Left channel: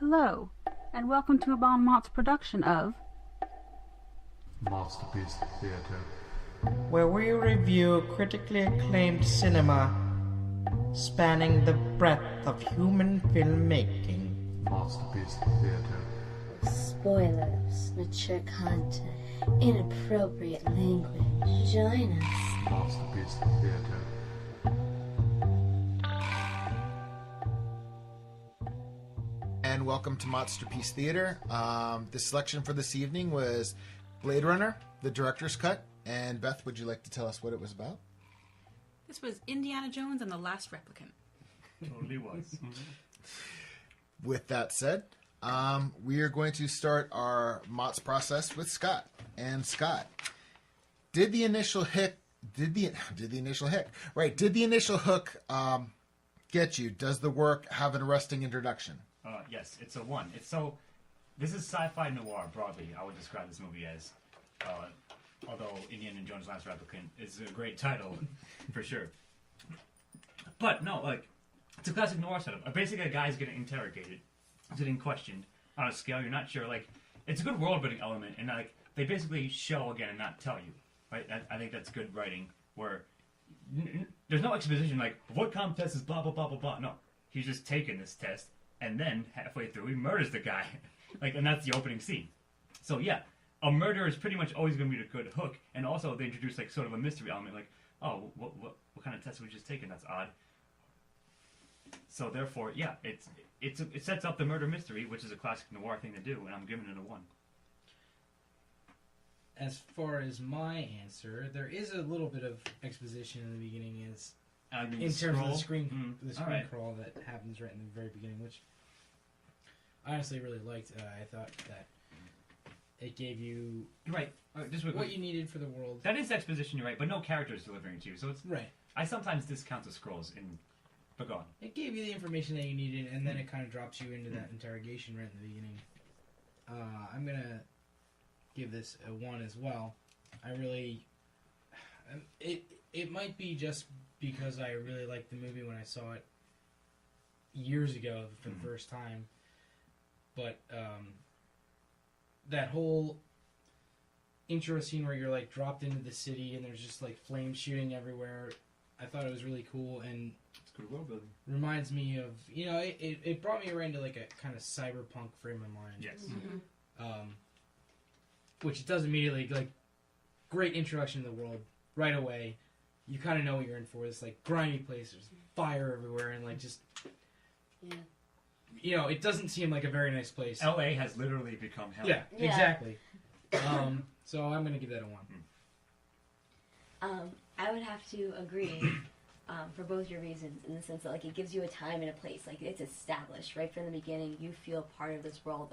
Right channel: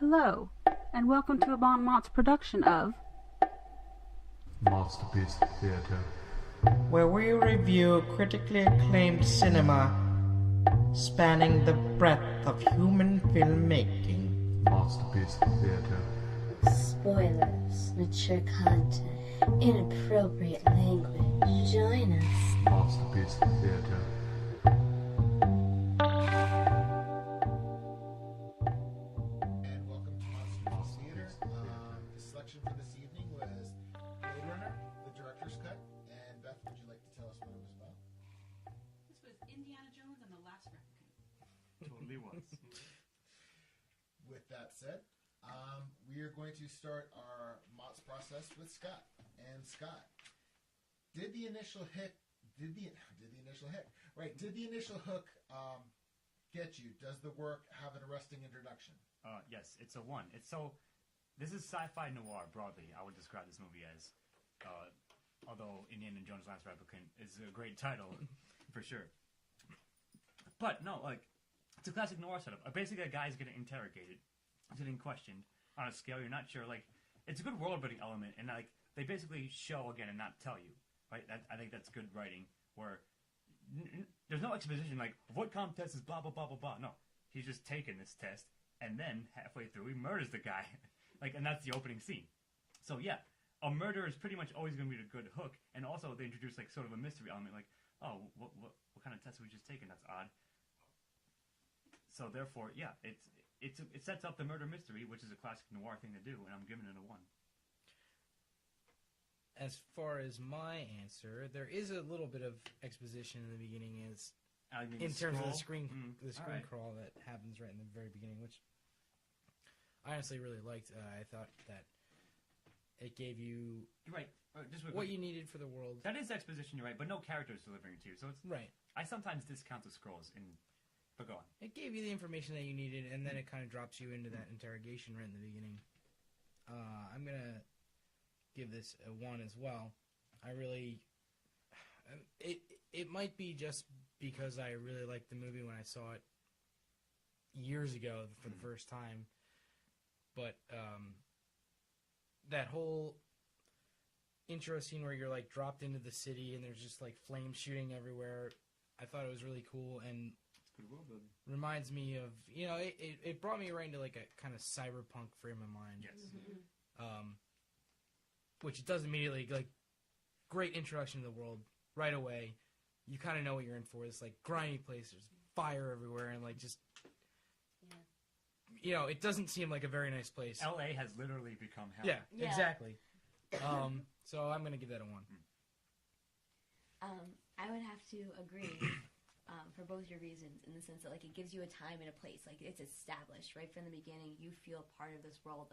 Hello, and welcome to a MOTS production of MOTSterpiece Theater, where we review critically acclaimed cinema spanning the breadth of human filmmaking. MOTSterpiece Theater, Spoilers, mature content, inappropriate language. Join us. MOTSterpiece Theater. And welcome to MOTSterpiece Theater. The selection for this evening was Blade Runner, the director's cut. And Beth, would you like to tell us what it was about? This was Indiana Jones and the Last Replicant. Totally was. With that said, we are going to start our MOTS process with Scott. And Scott, did the initial hook get you? Does the work have an arresting introduction? Yes, it's a 1. This is sci-fi noir broadly. I would describe this movie as, although Indiana Jones Last Replicant is a great title, for sure. But no, it's a classic noir setup. Basically, a guy's getting interrogated, getting questioned on a scale you're not sure. It's a good world-building element, and they basically show again and not tell you. Right? I think that's good writing, where there's no exposition what kind of test is blah blah blah blah blah. No, he's just taking this test, and then halfway through he murders the guy, and that's the opening scene. So yeah, a murder is pretty much always going to be a good hook, and also they introduce sort of a mystery element, what kind of test was just taken? That's odd. So therefore, yeah, it sets up the murder mystery, which is a classic noir thing to do, and I'm giving it a 1. As far as my answer, there is a little bit of exposition in the beginning, in terms of the screen crawl that happens right in the very beginning, which I honestly really liked. I thought that it gave you what you needed for the world. That is exposition, you're right, but no characters delivering it to you, so it's right. I sometimes discount the scrolls in Begone. It gave you the information that you needed, and then it kind of drops you into that interrogation right in the beginning. I'm gonna give this a 1 as well. It might be just because I really liked the movie when I saw it years ago for the first time, but that whole intro scene where you're dropped into the city and there's just flames shooting everywhere, I thought it was really cool, and it's good world building. Reminds me of, it brought me right into a kind of cyberpunk frame of mind. Yes. Mm-hmm. Which it does immediately, great introduction to the world right away. You kind of know what you're in for. This grimy place, there's fire everywhere, and it doesn't seem like a very nice place. LA has literally become hell. Yeah. Exactly. So I'm gonna give that a 1. I would have to agree for both your reasons, in the sense that it gives you a time and a place. It's established right from the beginning. You feel part of this world.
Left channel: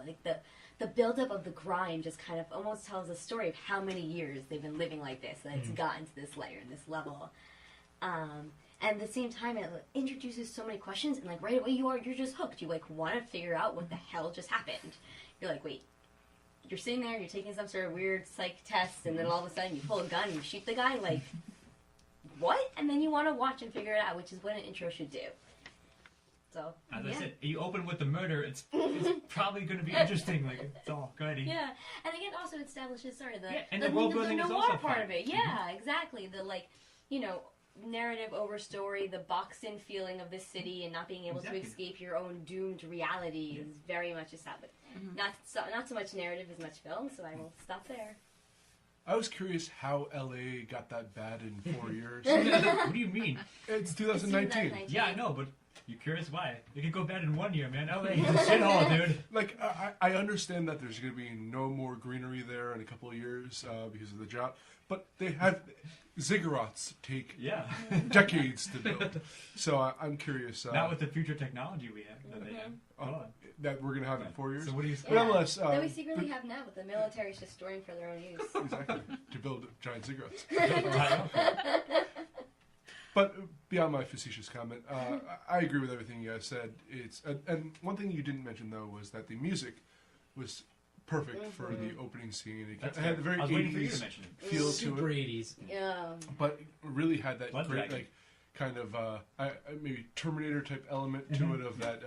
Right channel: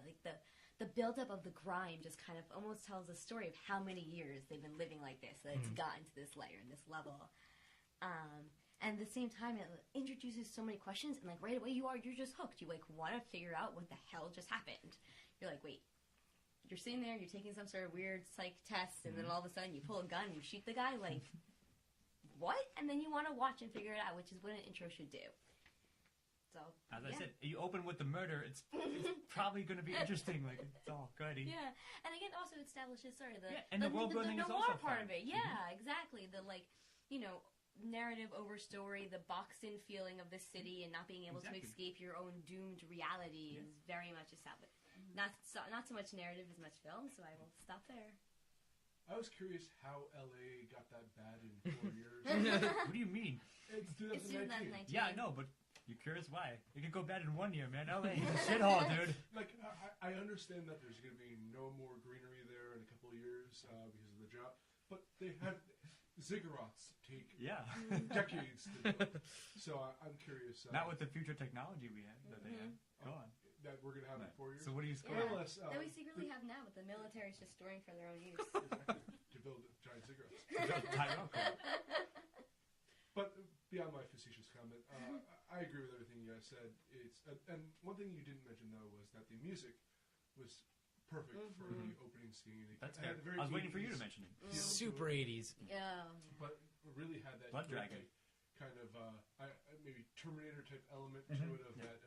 The buildup of the grime just kind of almost tells a story of how many years they've been living like this, and it's gotten to this layer and this level. And at the same time, it introduces so many questions, and right away you're just hooked. You want to figure out what the hell just happened. You're wait. You're sitting there, you're taking some sort of weird psych test, and then all of a sudden you pull a gun and you shoot the guy. What? And then you want to watch and figure it out, which is what an intro should do. So, as I said, you open with the murder, it's probably going to be interesting. It's all good. Yeah, and again, also establishes the world building is also part fun. of it. Yeah, exactly. The narrative over story, the boxed-in feeling of the city, and not being able to escape your own doomed reality is very much established. Not so much narrative as much film. So I will stop there. I was curious how LA got that bad in 4 years. What do you mean? It's 2019. Yeah, I know, but you're curious why. It could go bad in 1 year, man. LA is a shithole, dude. I understand that there's going to be no more greenery there in a couple of years because of the drought, but they have ziggurats take decades to build. So I'm curious. Not with the future technology we have. That they have. That we're going to have in 4 years. So what do you say? Nonetheless, that we secretly have now, but the military's just storing for their own use. Exactly. To build giant ziggurats. But beyond my facetious comment, I agree with everything you guys said. And one thing you didn't mention, though, was that the music was perfect for the opening scene. It had a very 80s feel to it. Super 80s. Yeah. But really had that great, kind of maybe Terminator type element to it of that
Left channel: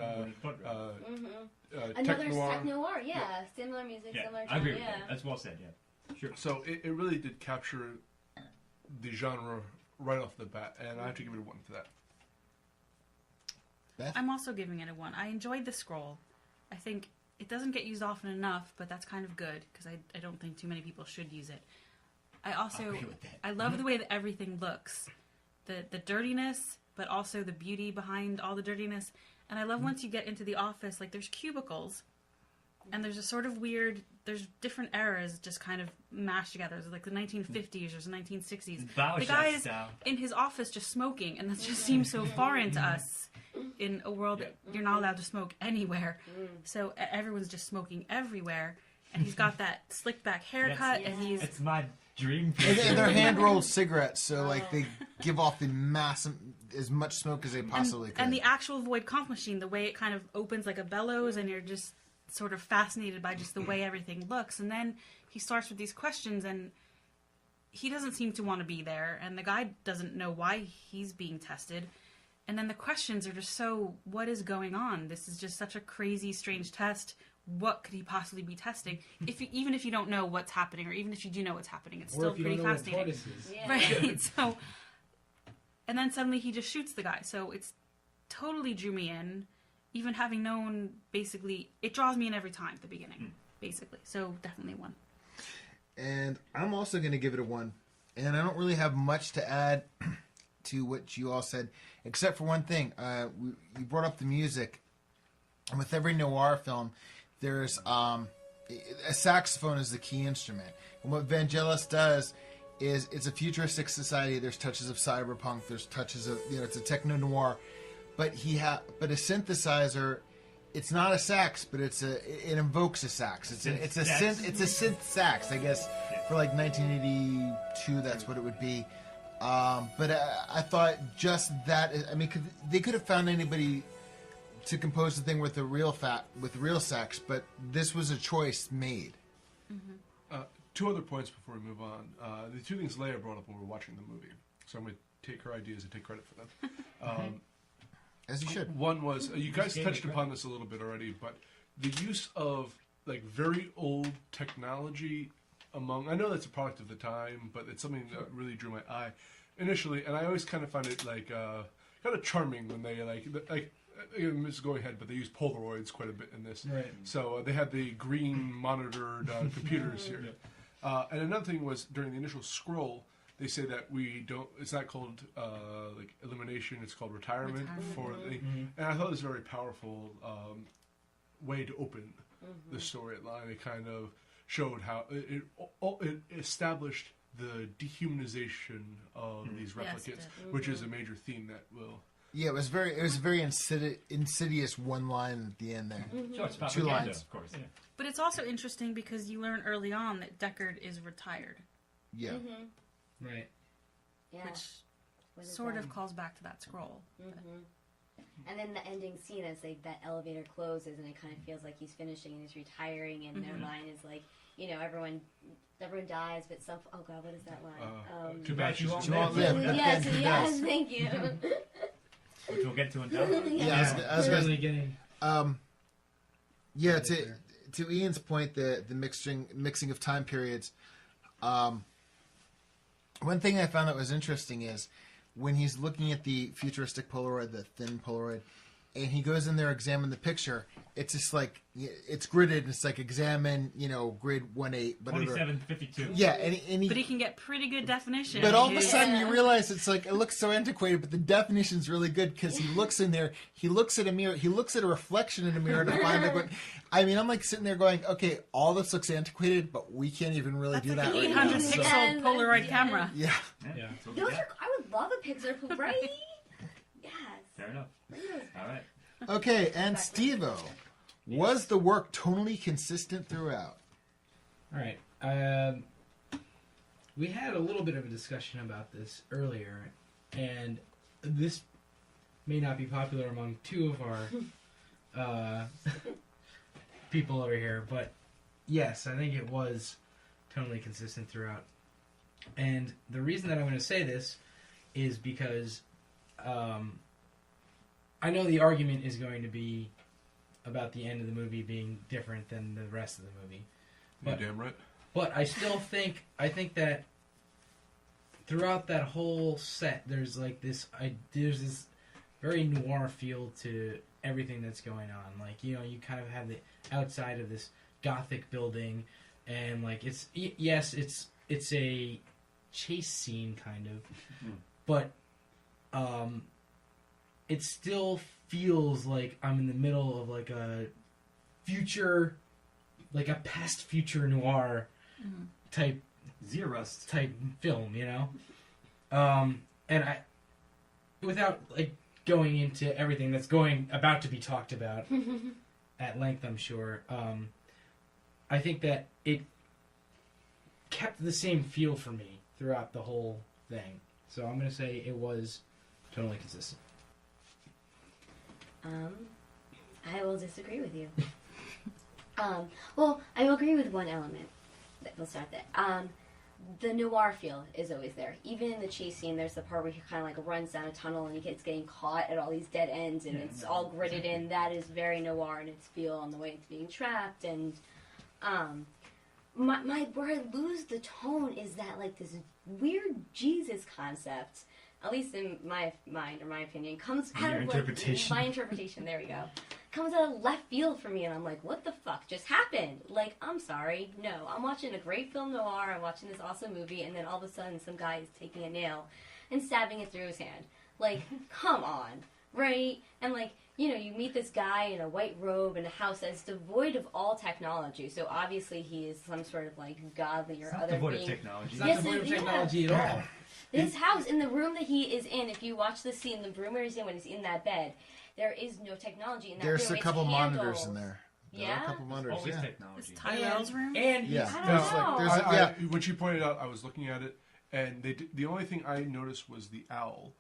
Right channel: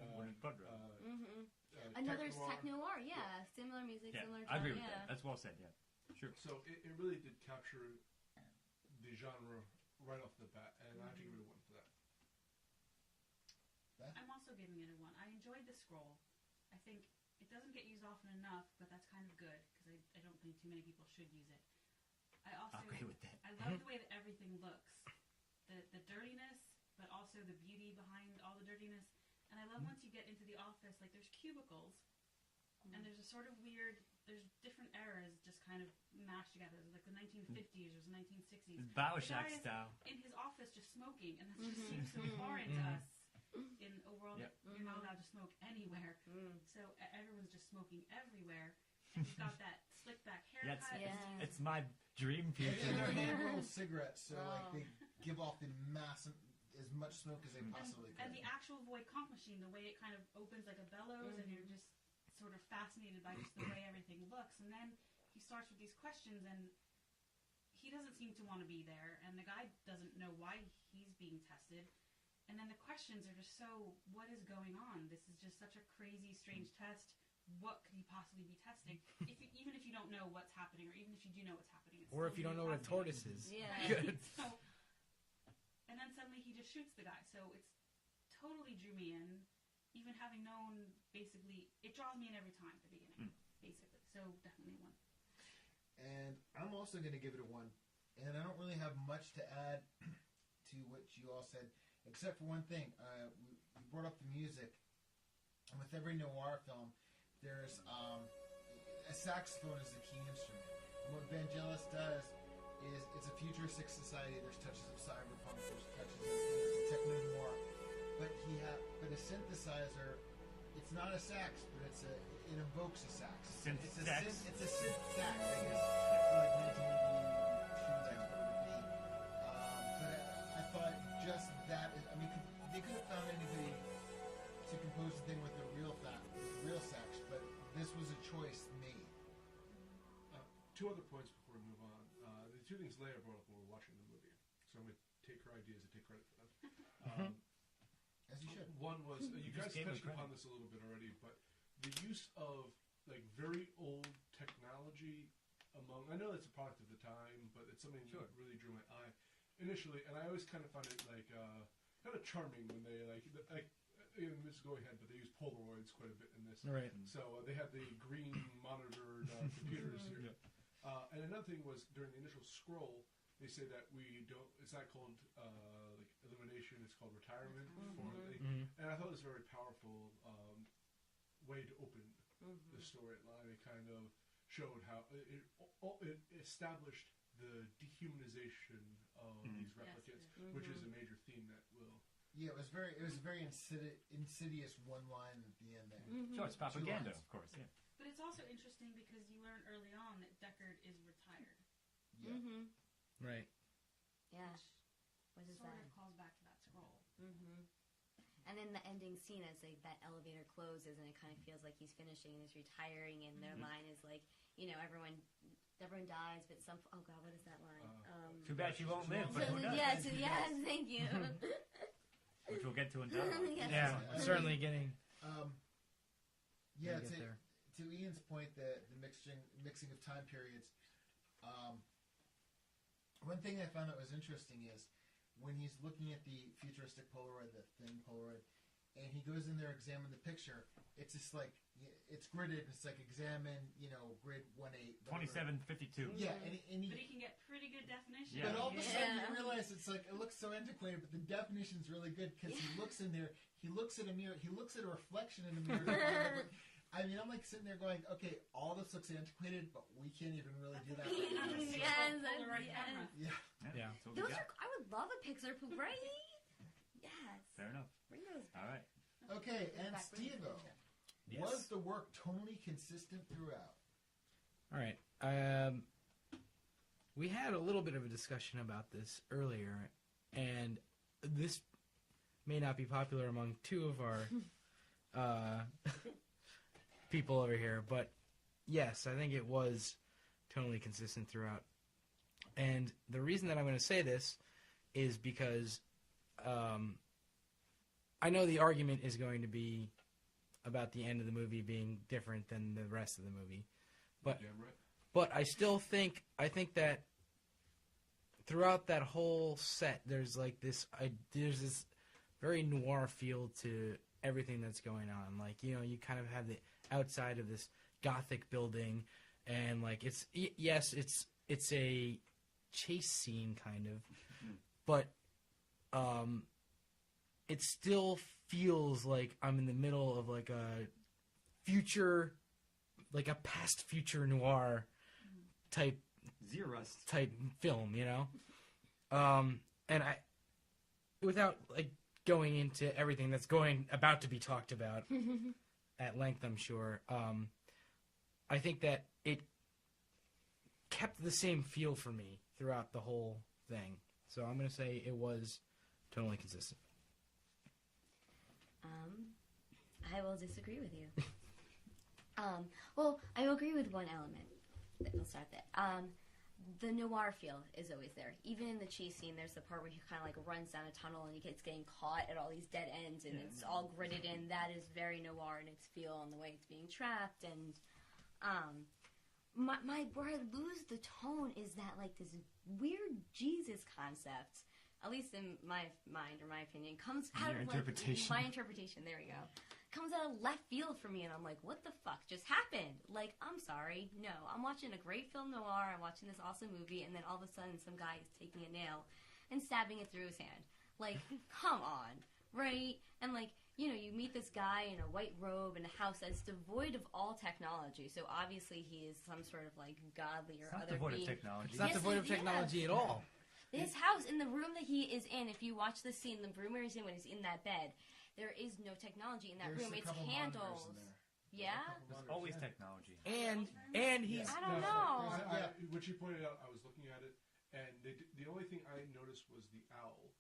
another tech noir. Tech noir, yeah. Similar music, similar. I agree with that. That's well said. Yeah, sure. So it really did capture the genre right off the bat, and I have to give it a 1 for that. Beth? I'm also giving it a 1. I enjoyed the scroll. I think it doesn't get used often enough, but that's kind of good because I don't think too many people should use it. I love the way that everything looks, the dirtiness, but also the beauty behind all the dirtiness. And I love once you get into the office, like there's cubicles, and there's a sort of weird. There's different eras just kind of mashed together. There's like the 1950s or the 1960s. The guy is in his office just smoking, and that just seems so foreign to us in a world that you're not allowed to smoke anywhere. So everyone's just smoking everywhere, and he's got that slicked back haircut, and he's... It's my dream. And they're hand-rolled cigarettes, so like they give off the massive, as much smoke as they possibly could. And the actual void conch machine, the way it kind of opens like a bellows, and you're just sort of fascinated by just the way everything looks. And then he starts with these questions, and he doesn't seem to want to be there, and the guy doesn't know why he's being tested. And then the questions are just so, what is going on? This is just such a crazy, strange test. What could he possibly be testing? Even if you don't know what's happening, or even if you do know what's happening, it's still pretty fascinating. What is. Yeah. Right. So, and then suddenly he just shoots the guy. So it's totally drew me in. Even having known, basically, it draws me in every time at the beginning, basically. So definitely 1. And I'm also going to give it a 1. And I don't really have much to add to what you all said, except for one thing. You brought up the music. And with every noir film, there's a saxophone is the key instrument. And what Vangelis does is it's a futuristic society. There's touches of cyberpunk. There's touches of, it's a techno noir. But a synthesizer, it's not a sax, but it invokes a sax. It's a synth sax, I guess. For like 1982, that's what it would be. But I thought just that. I mean, they could have found anybody to compose the thing with the real sax, but this was a choice made. 2 other points before we move on. The 2 things Leah brought up when we were watching the movie, so I'm going to take her ideas and take credit for them. As you should. One was, you guys touched upon this a little bit already, but the use of like very old technology I know that's a product of the time, but it's something that really drew my eye initially, and I always kind of found it like kind of charming when they again, this is going ahead, but they use Polaroids quite a bit in this. Right. So they had the green monitored computers here. And another thing was during the initial scroll, they say that it's not called like elimination, it's called retirement. And I thought it was a very powerful way to open the storyline. It kind of showed how it established the dehumanization of these replicants, which is a major theme that will... Yeah, it was a very insidious one line at the end there. Sure, it's 2 lines, of course. Yeah. But it's also interesting because you learn early on that Deckard is retired. Yeah. Right. Yeah. Which sort of calls back to that scroll. And then the ending scene as that elevator closes and it kind of feels like he's finishing and he's retiring, and their line is like, everyone dies, but some... Oh, God, what is that line? Too bad you won't live. Yes, thank you. Which we'll get to in down. I was really getting... to Ian's point, the mixing of time periods, one thing I found that was interesting is when he's looking at the futuristic Polaroid, the thin Polaroid, and he goes in there, examine the picture, it's just like, it's gridded, it's like examine, grid 1-8. 2752. Yeah, and but he can get pretty good definition. But all of a sudden you realize it's like, it looks so antiquated, but the definition's really good because he looks in there, he looks at a mirror, he looks at a reflection in a mirror to find out what... I mean, I'm like sitting there going, okay, all this looks antiquated, but we can't even really do that. That's like an 800 pixel Polaroid camera. Yeah. I would love a Pixar poop, right? Yes. Fair enough. All right. Okay, and Steve-O, was the work tonally consistent throughout? All right. We had a little bit of a discussion about this earlier, and this may not be popular among 2 of our people over here, but yes, I think it was tonally consistent throughout. And the reason that I'm going to say this is because I know the argument is going to be about the end of the movie being different than the rest of the movie. But, you're damn right. But I still think that throughout that whole set, there's like this very noir feel to everything that's going on. Like, you know, you kind of have the outside of this gothic building, and like it's a chase scene kind of, but it still feels like I'm in the middle of like a future, like a past future noir type Zerust type film, you know. And I, without like going into everything that's about to be talked about at length, I'm sure. I think that it kept the same feel for me throughout the whole thing. So I'm going to say it was totally consistent. I will disagree with you. Well, I will agree with one element. We'll start there. The noir feel is always there. Even in the chase scene, there's the part where he kind of like runs down a tunnel and he gets getting caught at all these dead ends, and it's all gridded in. That is very noir in its feel and the way it's being trapped. And where I lose the tone is that like this weird Jesus concept, at least in my mind or my opinion, comes out of interpretation. My interpretation. There we go. Comes out of left field for me, and I'm like, what the fuck just happened? Like, I'm sorry, no, I'm watching a great film noir, I'm watching this awesome movie, and then all of a sudden some guy is taking a nail and stabbing it through his hand. Like, come on, right? And like, you know, you meet this guy in a white robe in a house that's devoid of all technology, so obviously he is some sort of like godly or other devoid being. of technology. It's not devoid of technology at all. His house, in the room that he is in, if you watch the scene, the room where he's in when he's in that bed, there is no technology in that room. There's a couple monitors in there. Yeah? A couple monitors, Always yeah. technology. It's Tyrell's room? And he's Yeah. I don't know. When she pointed out, I was looking at it, and the only thing I noticed was the owl,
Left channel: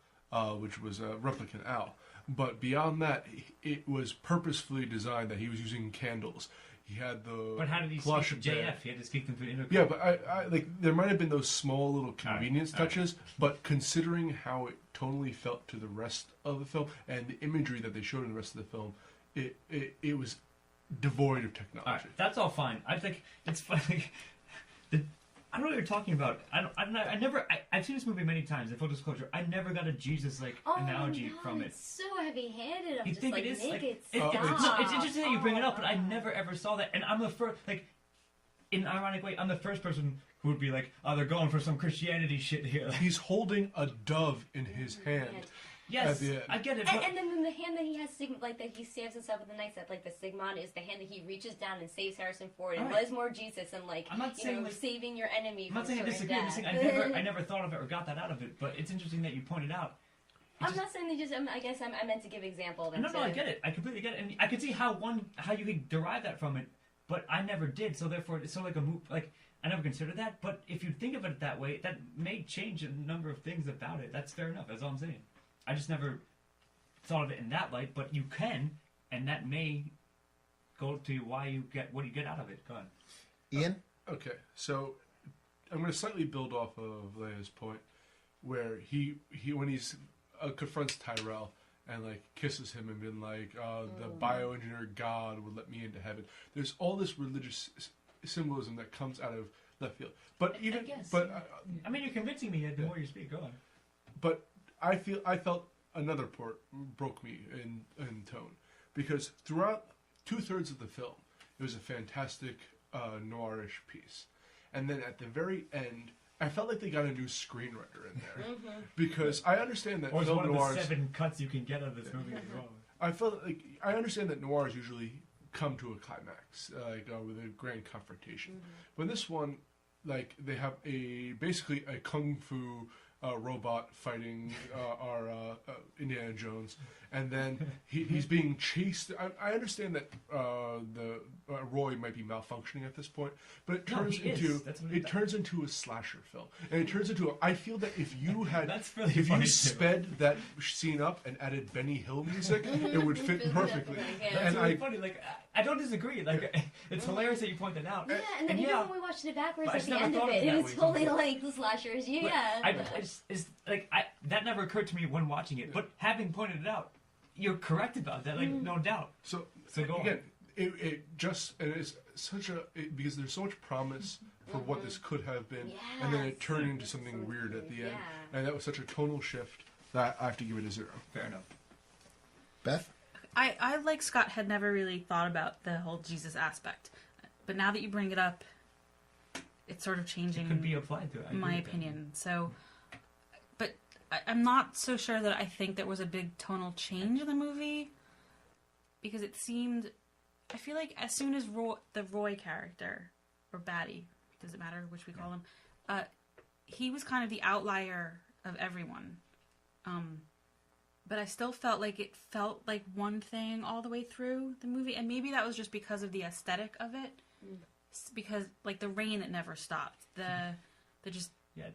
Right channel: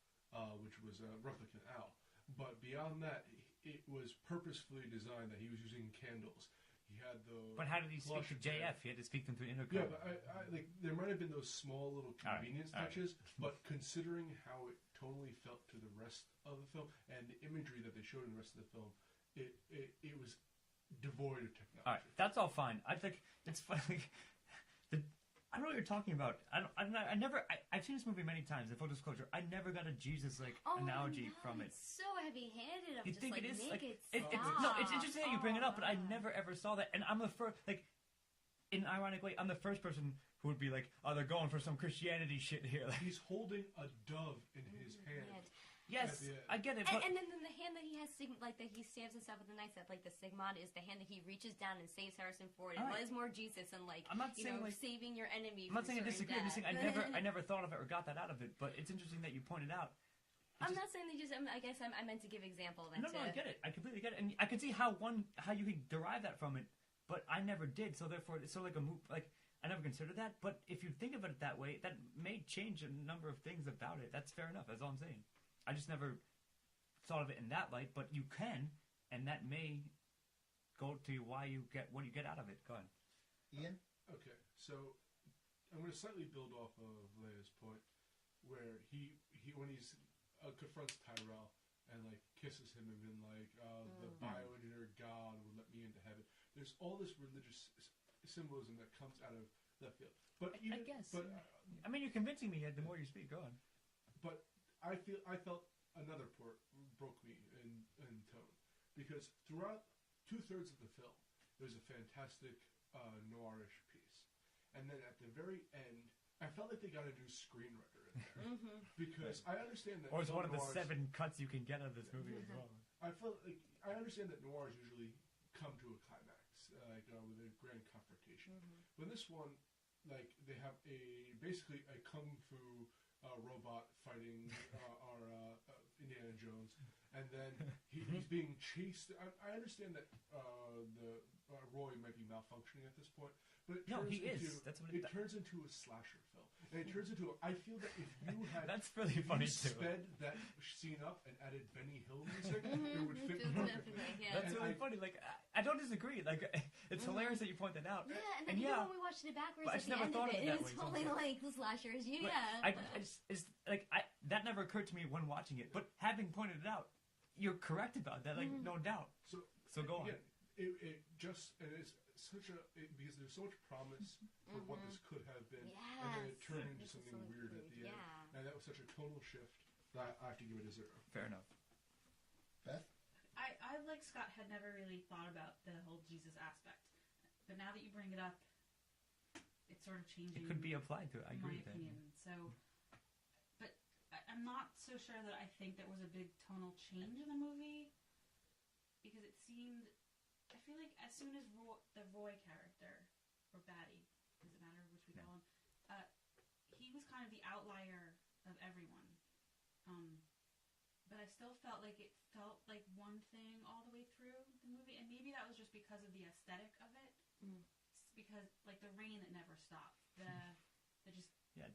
which was a replicant owl. But beyond that, it was purposefully designed that he was using candles. He had the But how did he plush speak to JF? He had to speak them through intercom. Yeah, but I like there might have been those small little convenience touches, but considering how it tonally felt to the rest of the film and the imagery that they showed in the rest of the film, it was devoid of technology. All right, that's all fine. I think it's funny. I don't know what you're talking about. I've seen this movie many times. In full disclosure, I never got a Jesus analogy from it. It's so heavy-handed. I'm You just think like, it is? make Like, it it's stop. interesting that you bring it up, but I never ever saw that. And I'm the first, like, in an ironic way, I'm the first person who would be like, "Oh, they're going for some Christianity shit here." He's holding a dove in his hand. Yes, I get it. And then the hand that he has, like that he stabs himself with the knife, that like the stigmata is the hand that he reaches down and saves Harrison Ford and was more Jesus and like I'm not saying, like, saving your enemy. I'm not saying I disagree. I'm just saying I never thought of it or got that out of it. But it's interesting that you pointed out. I'm not saying they just. I guess I meant to give example. No, I get it. I completely get it, and I can see how you could derive that from it, but I never did. So therefore, it's so like a move. Like I never considered that. But if you think of it that way, that may change a number of things about it. That's fair enough. That's all I'm saying. I just never thought of it in that light, but you can, and that may go to why you get what you get out of it. Go on, Ian. Okay, so I'm going to slightly build off of Leah's point, where he when he's confronts Tyrell and like kisses him and been like, the bioengineered God would let me into heaven. There's all this religious symbolism that comes out of left field. But even, I mean, you're convincing me the more you speak. Go on. But I felt another part broke me in tone, because throughout 2/3 of the film, it was a fantastic noirish piece, and then at the very end, I felt like they got a new screenwriter in there because I understand that or it's film one of noirs, the 7 cuts you can get out of this movie as well. I felt like I understand that noirs usually come to a climax, with a grand confrontation. But this one, like they have basically a kung fu robot fighting our Indiana Jones, and then he's being chased. I understand that Roy might be malfunctioning at this point, but it turns into a slasher film, and it turns into. I feel that if you had, if you sped that scene up and added Benny Hill music, it would fit perfectly. That's really funny. Like I don't disagree. Like it's hilarious that you point that out. Yeah, and then even when we watched it backwards at the end of it, it was totally like the slashers. That never occurred to me when watching it, but having pointed it out, you're correct about that. Like no doubt. So go again. on. It is such because there's so much promise for what this could have been, and then it turned into something weird at the end, and that was such a tonal shift that I have to give it a 0. Fair enough. Beth? I like Scott, had never really thought about the whole Jesus aspect, but now that you bring it up, it's sort of changing. It could be applied to it. My opinion. So, but I'm not so sure that I think there was a big tonal change in the movie, because it seemed. I feel like as soon as the Roy character, or baddie, does it matter which we call him, he was kind of the outlier of everyone. But I still felt like it felt like one thing all the way through the movie, and maybe that was just because of the aesthetic of it, because like the rain, it never stopped.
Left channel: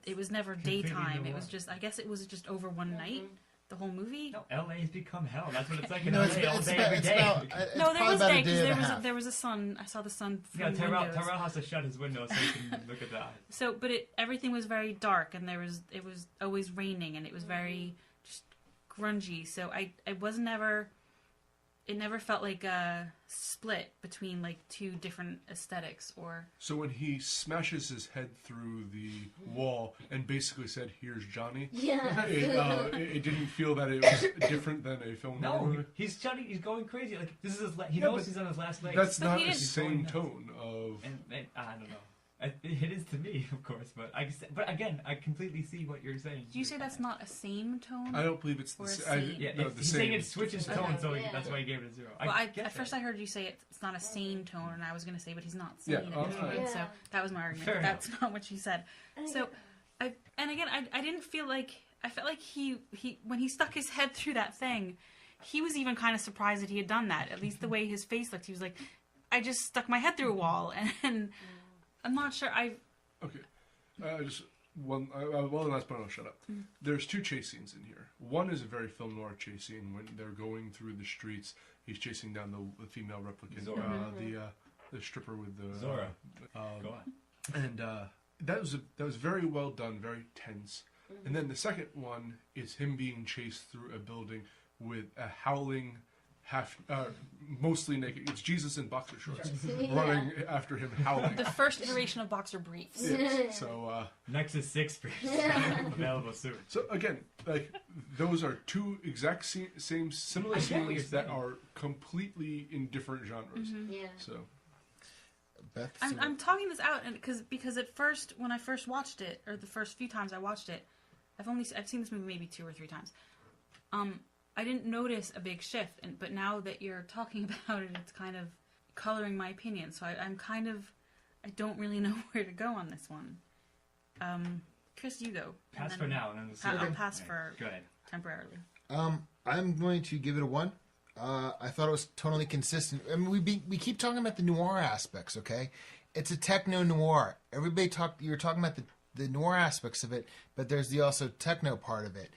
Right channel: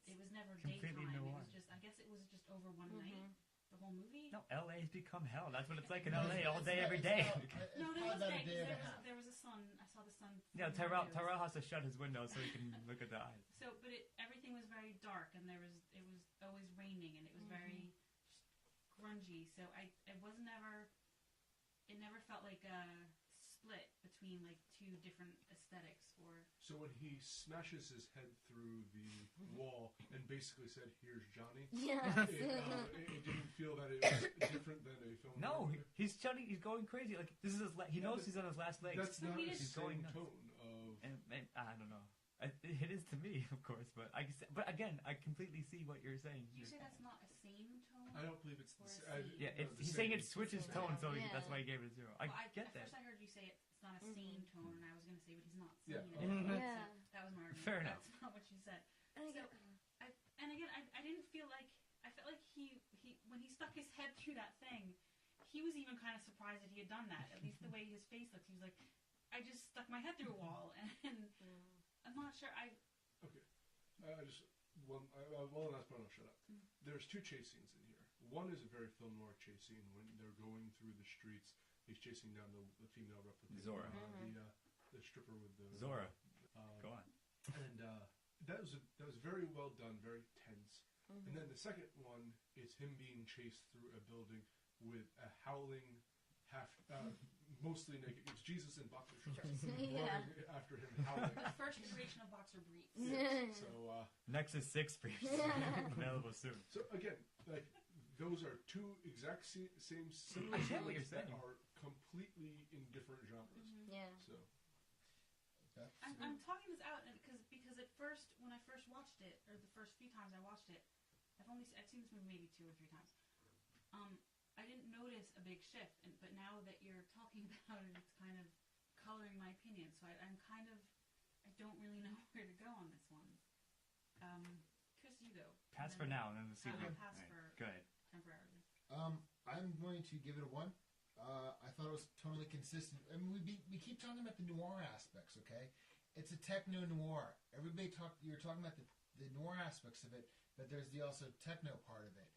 It was never daytime. It was just, I guess it was just over one night. The whole movie? No, LA's become hell. That's what it's like in LA all day, every day. No, there was day, because there was a sun. I saw the sun from the windows. Terrell has to shut his window so he can look at the eyes. So, but everything was very dark, and it was always raining, and it was very just grungy. So I was never. It never felt like a split between like two different aesthetics, or. So when he smashes his head through the wall and basically said, "Here's Johnny," it didn't feel that it was different than a film. No, he's going crazy. Like this is he knows he's on his last legs. That's not the same tone of. And I don't know. It is to me, of course, but again, I completely see what you're saying. Do you say that's not a same tone? I don't believe it's the same. He's saying it switches tone, so that's why he gave it a 0. Well, at first I heard you say it's not a sane tone, and I was going to say, but he's not sane at this point, so that was my argument. Fair that's not what you said. So, I didn't feel like, I felt like he when he stuck his head through that thing, he was even kind of surprised that he had done that. At least the way his face looked, he was like, I just stuck my head through a wall, and I'm not sure. Okay. Just one. Well, last point. I'll shut up. There's 2 chase scenes in here. One is a very film noir chase scene when they're going through the streets. He's chasing down the female replicant, the stripper with the Zora. Go on. And that was very well done, very tense. And then the second one is him being chased through a building with a howling. Mostly naked. It's Jesus in boxer shorts running after him, howling. The first iteration of boxer briefs. Yes. So Nexus 6 briefs available soon. So again, like those are 2 exact similar scenes that are completely in different genres. So, Beth, I'm talking this out, and because at first, when I first watched it, or the first few times I watched it, I've seen this movie maybe 2 or 3 times. I didn't notice a big shift, but now that you're talking about it, it's kind of coloring my opinion. So I don't really know where to go on this one. Chris, you go. Pass for now, and then I'll pass for go ahead. Temporarily. I'm going to give it a 1. I thought it was totally consistent. I mean, we keep talking about the noir aspects, okay? It's a techno noir. You're talking about the noir aspects of it, but there's the also techno part of it.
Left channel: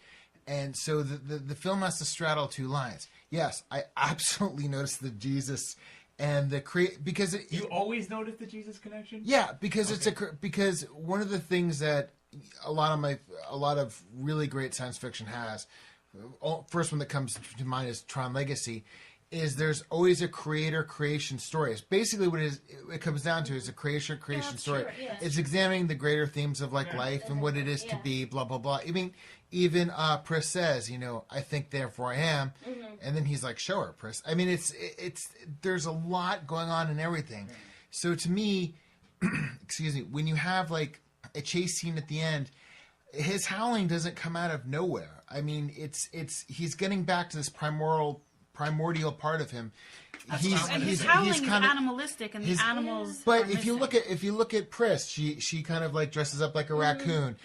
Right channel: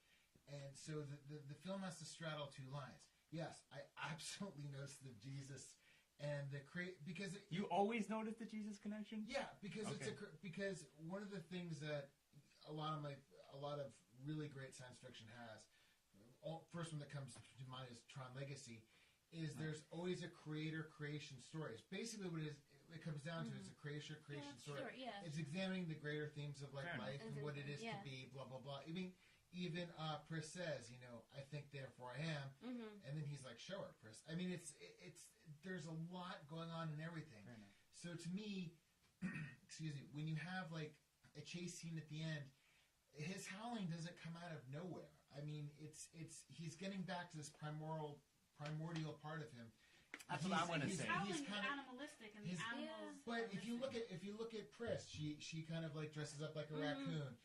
And so the film has to straddle 2 lines. Yes, I absolutely noticed the Jesus and the because you always notice the Jesus connection. Yeah, because because one of the things that a lot of really great science fiction has, first one that comes to mind is Tron Legacy, is there's always a creation story. It's basically what it comes down to is a creation story. True, yeah. It's examining the greater themes of like life and what it is to be, blah blah blah. I mean, even Pris says, I think therefore I am, and then he's like, show her, Pris. I mean, it's there's a lot going on in everything. So to me, excuse me, when you have like a chase scene at the end, his howling doesn't come out of nowhere. I mean, he's getting back to this primordial part of him. His howling is animalistic, and the animals. But if you look at Pris, she kind of like dresses up like a raccoon.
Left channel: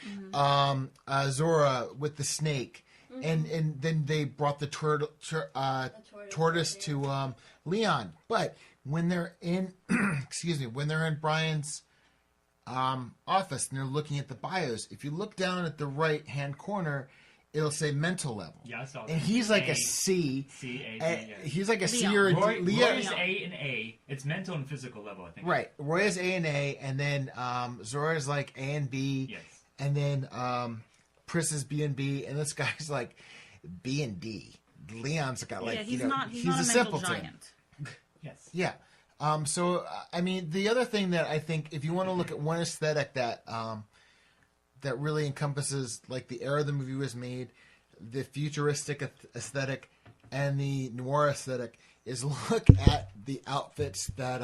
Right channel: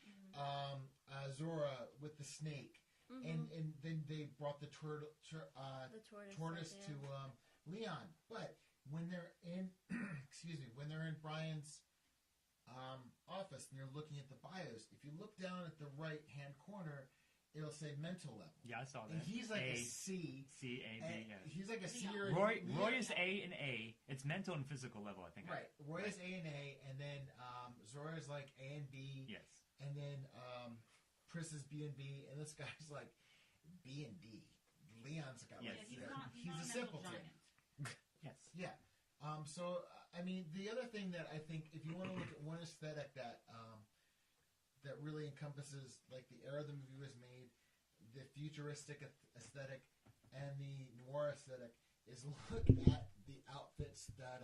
Zora with the snake, and then they brought the tortoise to Leon. But when they're in, excuse me, when they're in Brian's office and they're looking at the bios, if you look down at the right hand corner, it'll say mental level. Yeah, I saw that. And he's like a C. C-A-D, yeah. He's like a C Leon. or a D. Roy is A and A. It's mental and physical level, I think. Right. Roy is A and A, and then Zora is like A and B. Yes. And then Pris is B and B, and this guy's like B and D. Leon's got like, he's you know, not he's a a mental simpleton. giant. Yes. Yeah. So I mean, the other thing that I think, if you want to look at one aesthetic that that really encompasses like the era the movie was made, the futuristic aesthetic, and the noir aesthetic, is look at the outfits that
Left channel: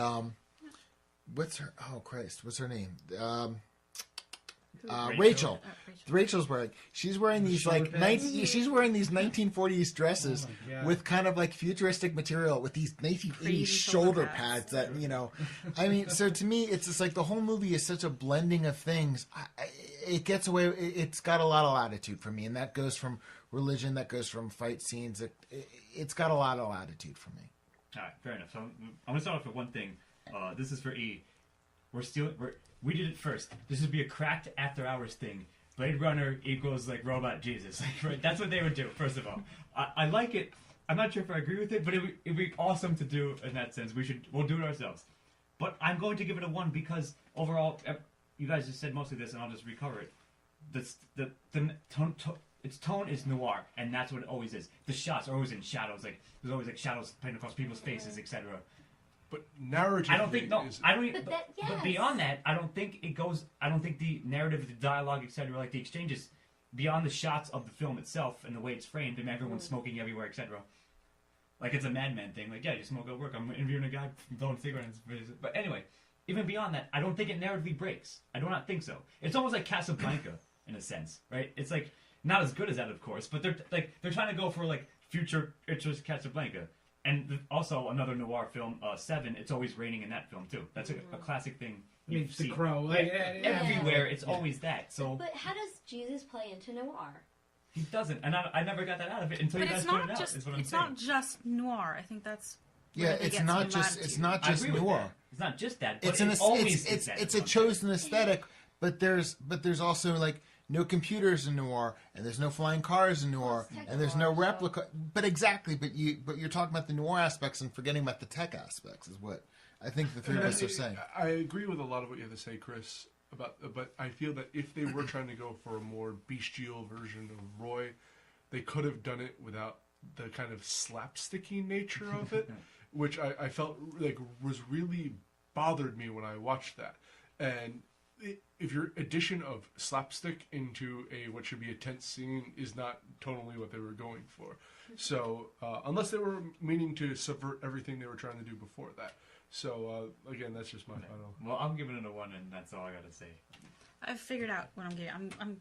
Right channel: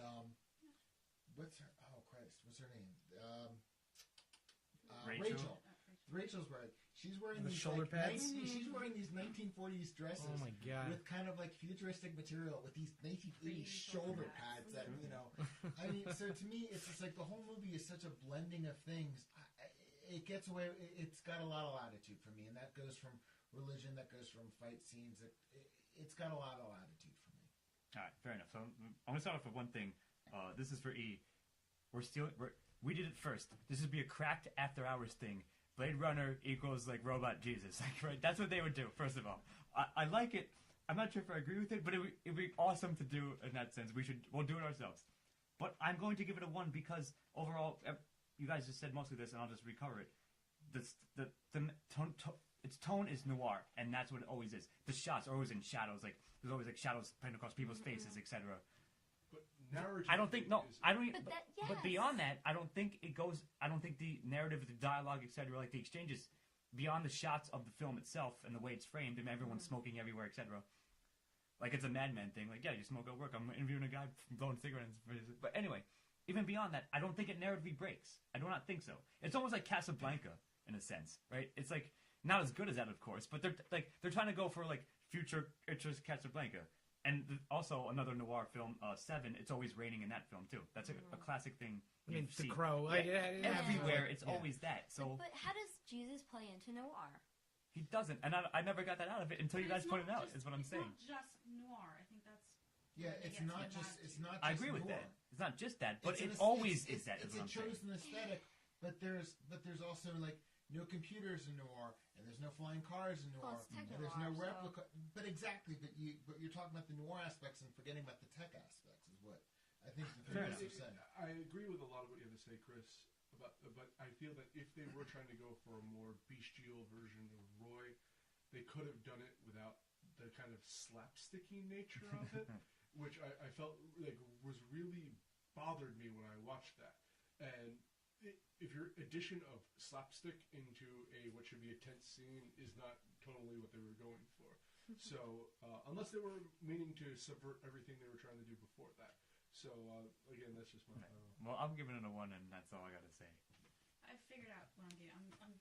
what's her name? Rachel. Rachel's wearing. She's wearing these like she's wearing these 1940s dresses with kind of like futuristic material with these 1980s shoulder pads that, you know. I mean, so to me, it's just like the whole movie is such a blending of things. It gets away. It's got a lot of latitude for me, and that goes from religion, that goes from fight scenes. It's got a lot of latitude for me. All right, fair enough. So I'm gonna start off with one thing. This is for E. We did it first. This would be a cracked after hours thing. Blade Runner equals like robot Jesus. Like, right? That's what they would do. First of all, I like it. I'm not sure if I agree with it, but it'd be awesome to do in that sense. We'll do it ourselves. But I'm going to give it a 1 because overall, you guys just said most of this, and I'll just recover it. The its tone is noir, and that's what it always is. The shots are always in shadows. Like there's always like shadows playing across people's faces, etc. But narratively, I don't think But but beyond that, I don't think it goes. I don't think the narrative, the dialogue, etc., like the exchanges, beyond the shots of the film itself and the way it's framed, and everyone's smoking everywhere, etc. Like it's a Mad Men thing. Like, yeah, you smoke at work. I'm interviewing a guy blowing cigarettes. But anyway, even beyond that, I don't think it narratively breaks. I do not think so. It's almost like Casablanca in a sense, right? It's like not as good as that, of course, but they're trying to go for like future interest Casablanca. And also another noir film, Seven. It's always raining in that film too. That's a classic thing. I mean, The Crow. Everywhere, it's always that. So, but how does Jesus play into noir? He doesn't, and I never got that out of it until you guys put it out. Is what I'm saying. It's not just noir. I think that's it's not just noir. It's not just that. But it's a chosen aesthetic, but there's also like no computers in noir, and there's no flying cars in noir, and there's no replica. But exactly, but you're talking about the noir aspects and forgetting about the tech aspects is what I think the three of us are saying. I agree with a lot of what you have to say, Chris. But I feel that if they were trying to go for a more bestial version of Roy, they could have done it without the kind of slapsticky nature of it, which I felt like was really bothered me when I watched that. And if your addition of slapstick into what should be a tense scene is not totally what they were going for. So unless they were meaning to subvert everything they were trying to do before that. So again, that's just my final. Well, I'm giving it a 1, and that's all I got to say. I've figured out what I'm getting. I'm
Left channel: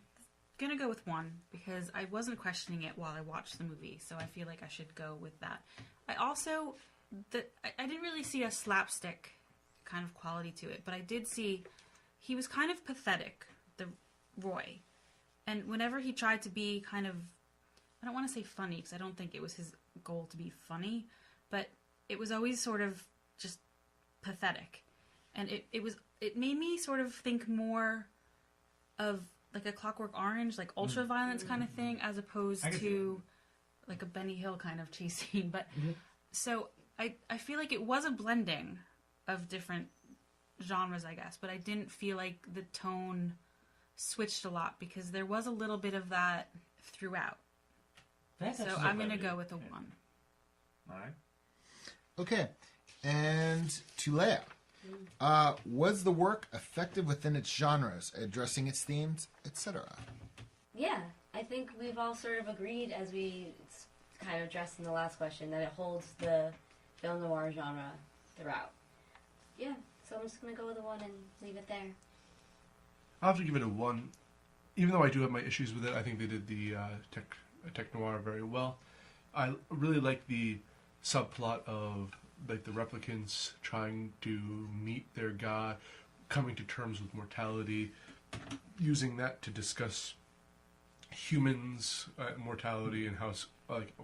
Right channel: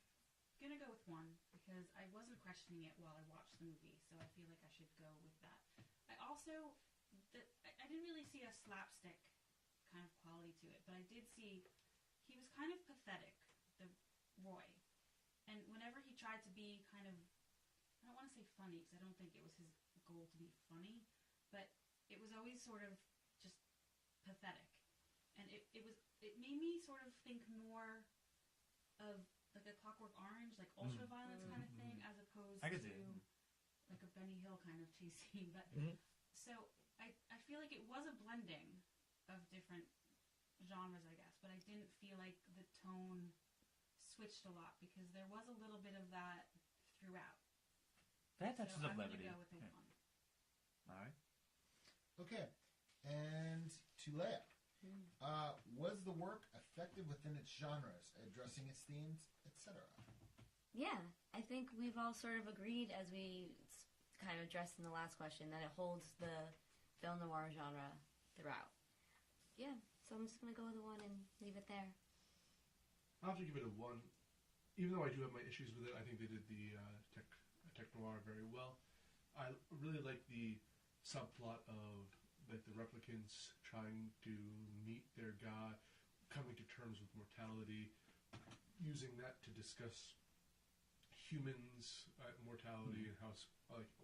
gonna go with 1 because I wasn't questioning it while I watched the movie, so I feel like I should go with that. I also I didn't really see a slapstick kind of quality to it, but I did see he was kind of pathetic, the Roy, and whenever he tried to be kind of, I don't want to say funny because I don't think it was his goal to be funny, but it was always sort of just pathetic, and it made me sort of think more of like a Clockwork Orange, like ultra violence kind of thing, as opposed to like a Benny Hill kind of chase scene. But so I feel like it was a blending of different genres, I guess, but I didn't feel like the tone switched a lot because there was a little bit of that throughout. So I'm gonna go with a 1. All right. Okay. And to Leah, was the work effective within its genres, addressing its themes, etc.? Yeah, I think we've all sort of agreed, as we kind of addressed in the last question, that it holds the film noir genre throughout. Yeah, so I'm just going to go with a 1 and leave it there. I'll have to give it a 1. Even though I do have my issues with it, I think they did the tech noir very well. I really like the subplot of like the replicants trying to meet their god, coming to terms with mortality, using that to discuss humans, mortality, and how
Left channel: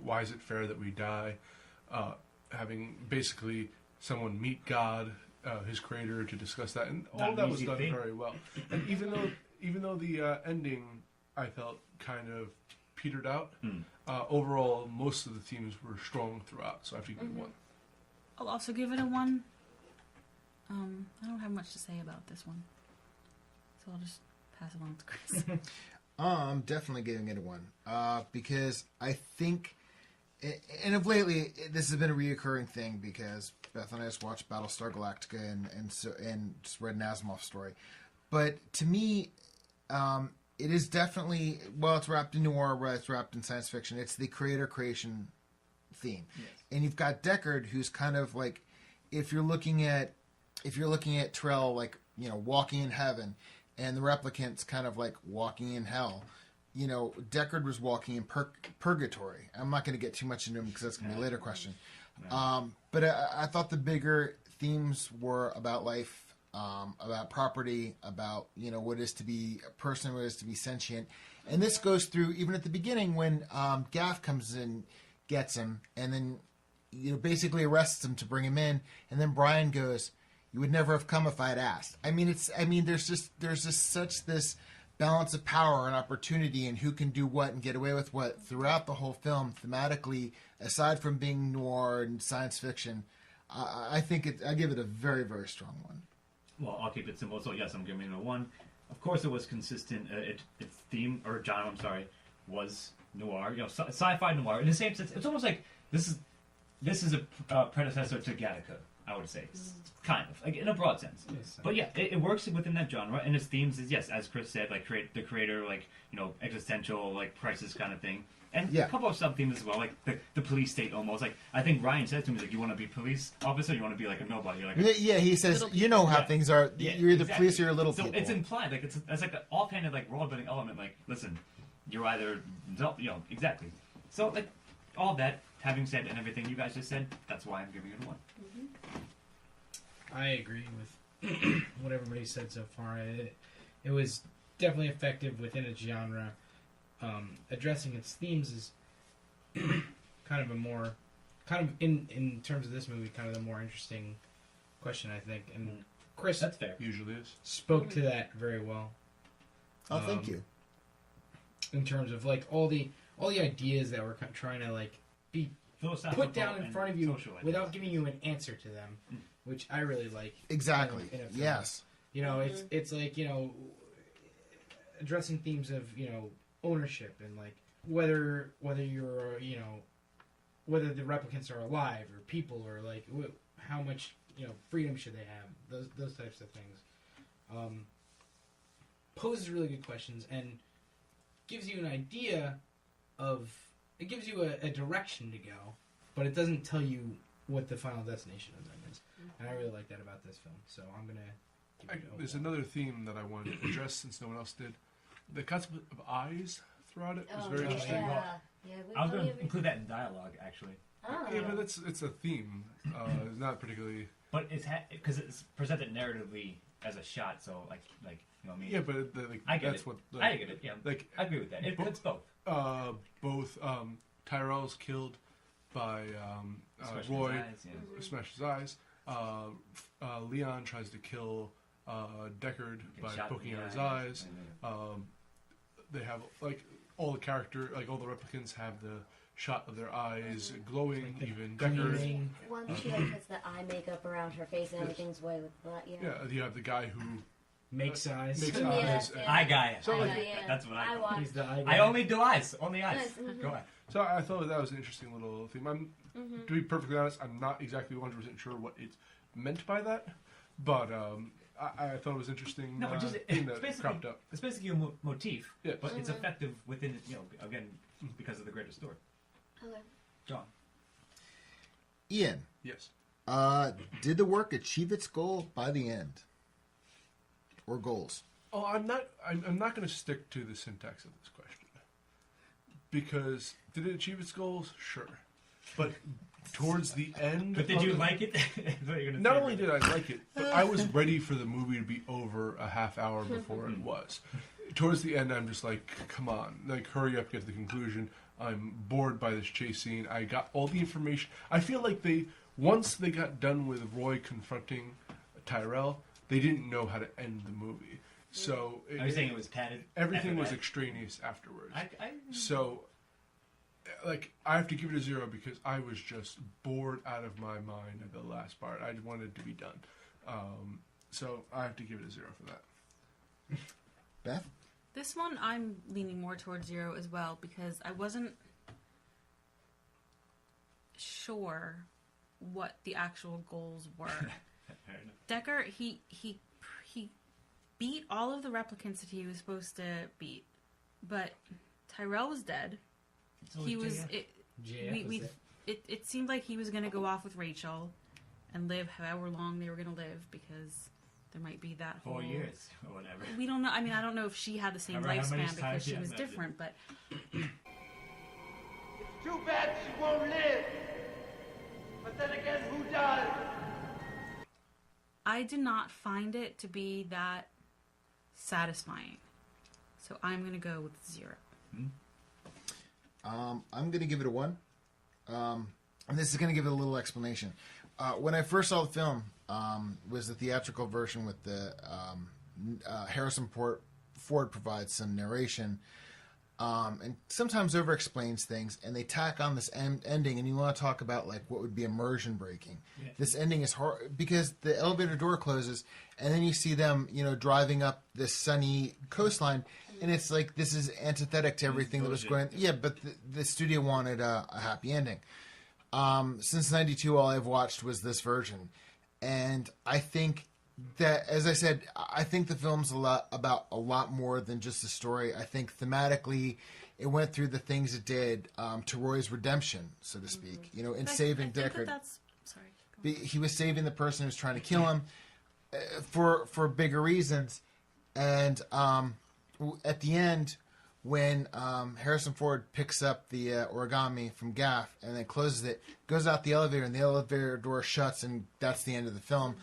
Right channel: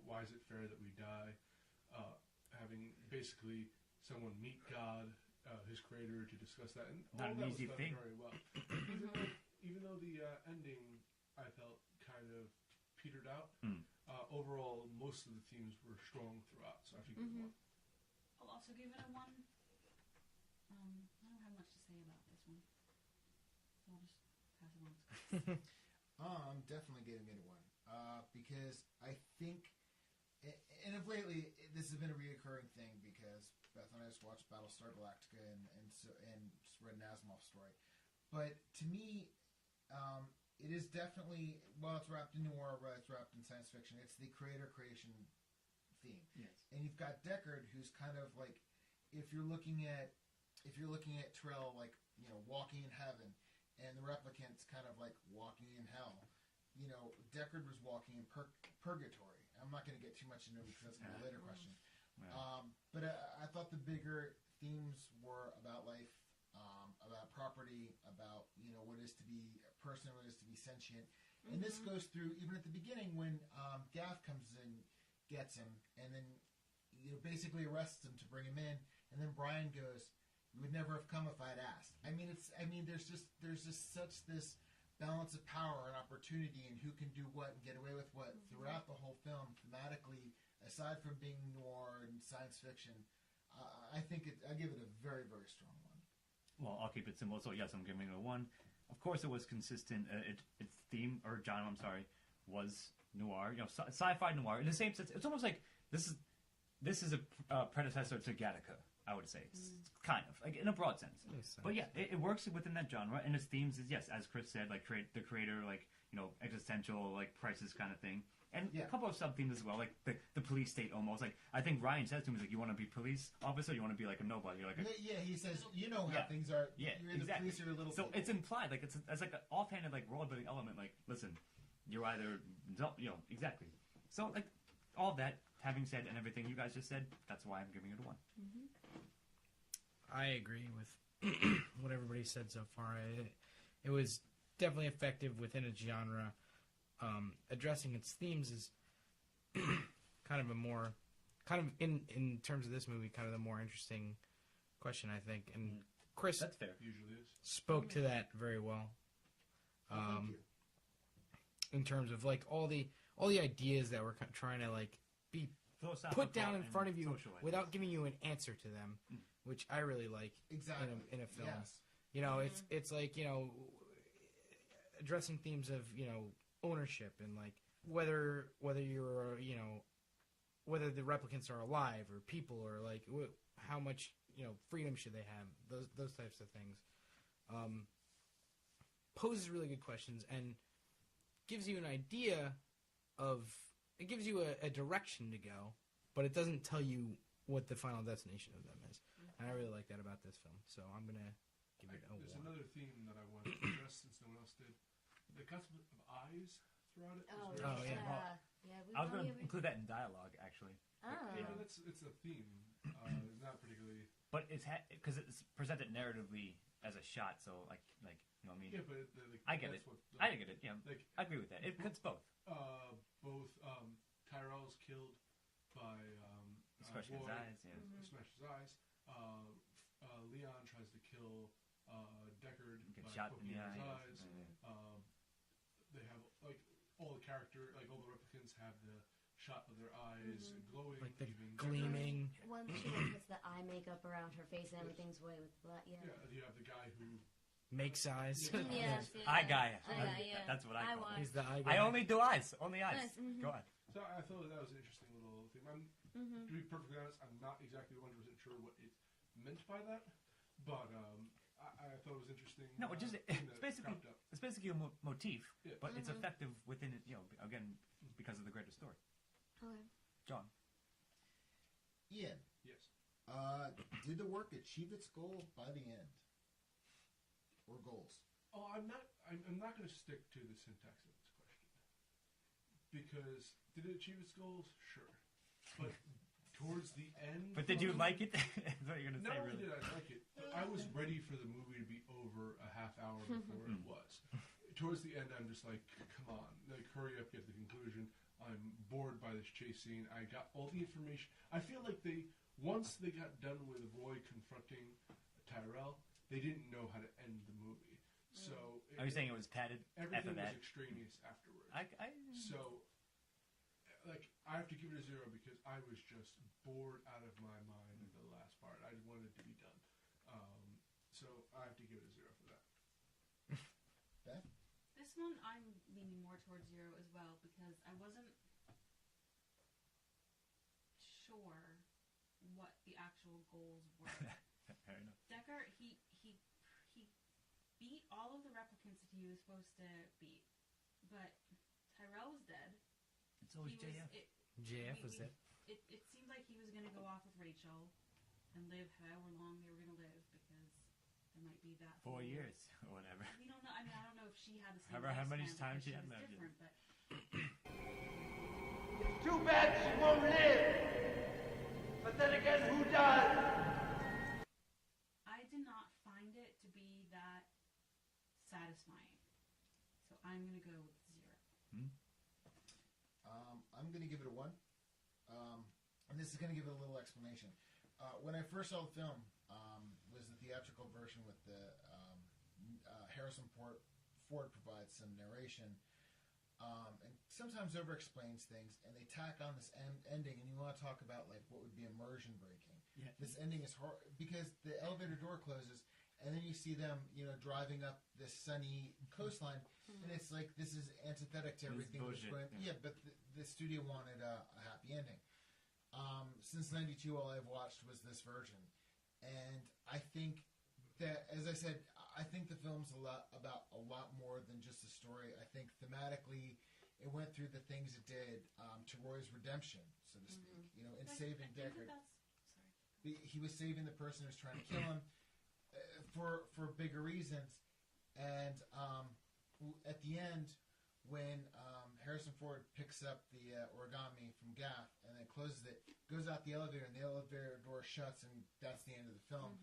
why is it fair that we die? Having basically someone meet God, his creator, to discuss that, and all that was done very well. And even though the ending I felt kind of petered out, overall most of the themes were strong throughout. So I have to give it 1. I'll also give it a 1. I don't have much to say about this one, so I'll just pass it on to Chris. I'm definitely giving it a 1 because I think, and of lately this has been a reoccurring thing because Beth and I just watched Battlestar Galactica and just read an Asimov story, but to me, it is definitely, well, it's wrapped in noir, it's wrapped in science fiction. It's the creator-creation theme, yes. And you've got Deckard, who's kind of like, if you're looking at Terrell, like, you know, walking in heaven, and the Replicants kind of like walking in hell. You know, Deckard was walking in purgatory. I'm not going to get too much into him because that's going to be a later question. But I thought the bigger themes were about life, about property, about, you know, what it is to be a person, what it is to be sentient. And this goes through even at the beginning when Gaff comes in, gets him, and then, you know, basically arrests him to bring him in. And then Brian goes, "You would never have come if I had asked." I mean, there's just such this balance of power and opportunity and who can do what and get away with what throughout the whole film thematically, aside from being noir and science fiction. I think I give it a very, very strong 1. Well, I'll keep it simple. So yes, I'm giving it a 1. Of course, it was consistent. Its theme or genre, was noir. You know, sci-fi noir. In the same sense, it's almost like this is a predecessor to Gattaca, I would say, kind of, like in a broad sense. Yes, but yeah, it works within that genre, and its themes is, yes, as Chris said, like the creator, like, you know, existential, like crisis kind of thing, and a couple of sub themes as well, like the police state almost. Like I think Ryan said to me, like, you want to be police officer, you want to be like a nobody. You're like he says, you know how things are. Yeah, you're either police or you're little people. So it's implied, like it's like an offhanded like world building element. Like, listen, you're either, you know, exactly. So like all that. Having said and everything you guys just said, that's why I'm giving it a 1. I agree with what everybody said so far. It was definitely effective within a genre. Addressing its themes is kind of in terms of this movie, kind of the more interesting question, I think. And Chris, that's fair. Usually is. Spoke to that very well. Oh, thank you. In terms of like all the ideas that we're trying to like be put down in front of you without giving you an answer to them, which I really like. Exactly. In a film. Yes. You know, it's like, you know, addressing themes of, you know, ownership and like whether you're, you know, whether the replicants are alive or people or like how much, you know, freedom should they have, those types of things. Poses really good questions and gives you an idea of. It gives you a direction to go, but it doesn't tell you what the final destination of them is. And I really like that about this film. So I'm going to give it There's another theme that I wanted to address since no one else did. The concept of eyes throughout it was very interesting. I was going to include that in dialogue, actually. Yeah, but it's a theme. It's not particularly... But it's because it's presented narratively as a shot, so like you know what I mean? Yeah, but I get that's it. what... I get it, yeah. Like, I agree with that. It's both. Both Tyrell's killed by Roy, smashed his eyes. Leon tries to kill Deckard by poking out his eyes. They have like all the character, like all the replicants have the shot of their eyes glowing. Like even Deckard. One she like puts the eye makeup around her face and everything's white with that. Yeah. Yeah, you have the guy who makes eyes. Eye guy. So that's what I call. He's the eye guy. I only do eyes. Only eyes. Nice. Go ahead. So I thought that was an interesting little theme. To be perfectly honest, I'm not exactly 100% sure what it's meant by that, but I thought it was interesting. No, it just thing that cropped up. It's basically a motif, but it's effective within, you know, again, because of the greater story. Okay. John. Ian. Yes. Did the work achieve its goal by the end? Or goals? Oh, I'm not going to stick to the syntax of this question. Because did it achieve its goals? Sure. But towards the end... But did you like it? Not only did I like it, but I was ready for the movie to be over a half hour before it was. towards the end, I'm just like, come on, like, hurry up, get to the conclusion. I'm bored by this chase scene. I got all the information. I feel like once they got done with Roy confronting Tyrell, they didn't know how to end the movie. So are you saying it was padded? Everything was extraneous afterwards. So, like, I have to give it a 0 because I was just bored out of my mind at the last part. I wanted it to be done. So I have to give it a 0 for that. Beth? This one, I'm leaning more towards 0 as well because I wasn't sure what the actual goals were. Decker, he beat all of the replicants that he was supposed to beat, but Tyrell was dead. He was it seemed like he was going to go off with Rachel and live however long they were going to live because there might be that whole 4 years or whatever. We don't know. I mean, I don't know if she had the same lifespan because she was different, but it's too bad she won't live. But then again, who does? I did not find it to be that satisfying. So I'm going to go with 0. I'm going to give it a 1. And this is going to give it a little explanation. When I first saw the film, was the theatrical version with the Harrison Ford provides some narration, and sometimes over-explains things, and they tack on this ending, and you want to talk about like what would be immersion breaking. Yeah. This ending is hard because the elevator door closes, and then you see them, driving up this sunny coastline, and it's like this is antithetic to everything that was going. Yeah, but the studio wanted a happy ending. Since '92, all I've watched was this version, and I think that, as I said, I think the film's about a lot more than just the story. I think thematically, it went through the things it did to Roy's redemption, so to speak. In saving Deckard. He was saving the person who was trying to kill him for bigger reasons, and at the end, when Harrison Ford picks up the origami from Gaff and then closes it, goes out the elevator, and the elevator door shuts, and that's the end of the film.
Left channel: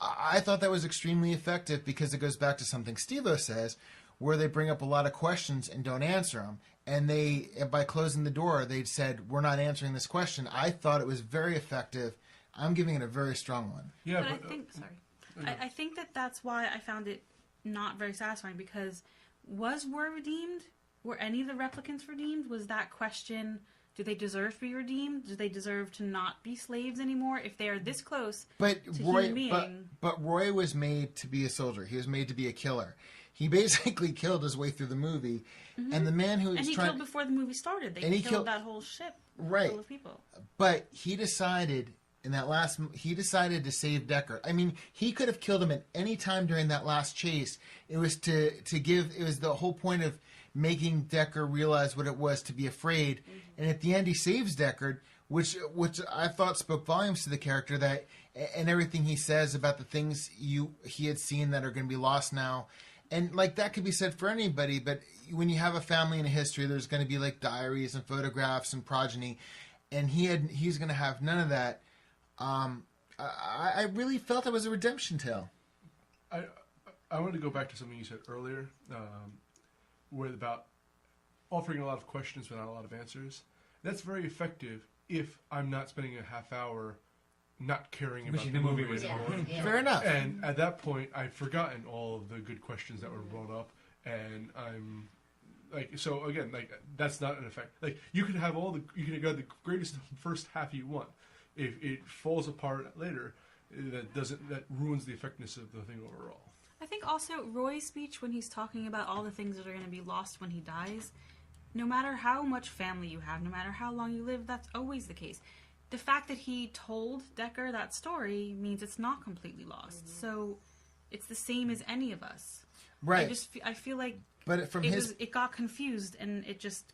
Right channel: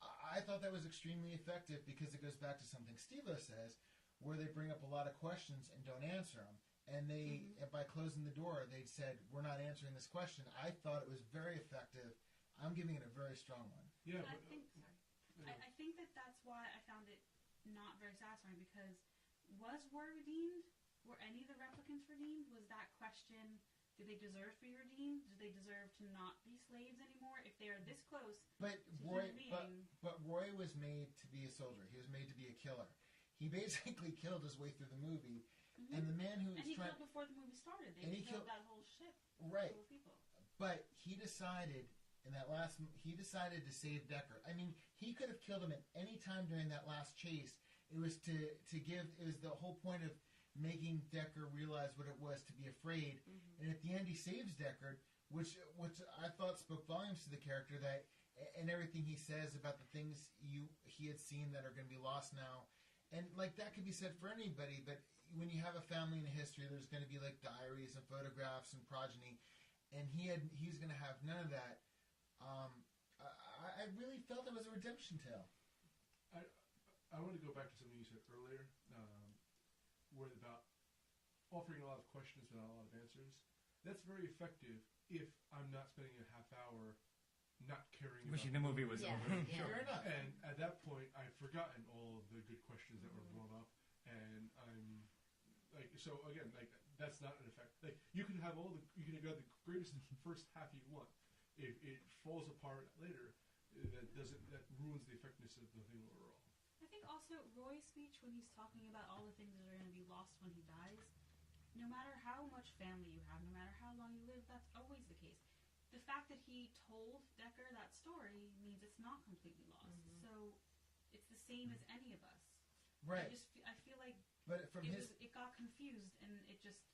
I thought that was extremely effective because it goes back to something Steve-O says, where they bring up a lot of questions and don't answer them. And by closing the door, they said, we're not answering this question. I thought it was very effective. I'm giving it a very strong one. Yeah, but I think that's why I found it not very satisfying, because was Roy redeemed? Were any of the replicants redeemed? Was that question, do they deserve to be redeemed? Do they deserve to not be slaves anymore if they are this close to human being? But Roy was made to be a soldier. He was made to be a killer. He basically killed his way through the movie. Mm-hmm. And the man who was killed before the movie started. They killed that whole ship full of people. But he decided in that he decided to save Deckard. I mean, he could have killed him at any time during that last chase. It was it was the whole point of making Deckard realize what it was to be afraid. Mm-hmm. And at the end, he saves Deckard, which I thought spoke volumes to the character, that and everything he says about the things he had seen that are going to be lost now. And like that could be said for anybody, but when you have a family and a history, there's going to be like diaries and photographs and progeny, and he's going to have none of that. I really felt it was a redemption tale. I want to go back to something you said earlier, where about offering a lot of questions but not a lot of answers. That's very effective if I'm not spending a half hour not caring about the movie was over. Yeah. Fair enough. And at that point, I've forgotten all of the good questions that were brought up, and I'm like, so again, like that's not an effect. Like you can have you can have the greatest first half you want. If it falls apart later, that ruins the effectiveness of the thing overall. I think also Roy's speech when he's talking about all the things that are going to be lost when he dies, no matter how much family you have, no matter how long you live, that's always the case. The fact that he told Deckard that story means it's not completely lost. Mm-hmm. So it's the same as any of us. Right. I feel like it got confused and it just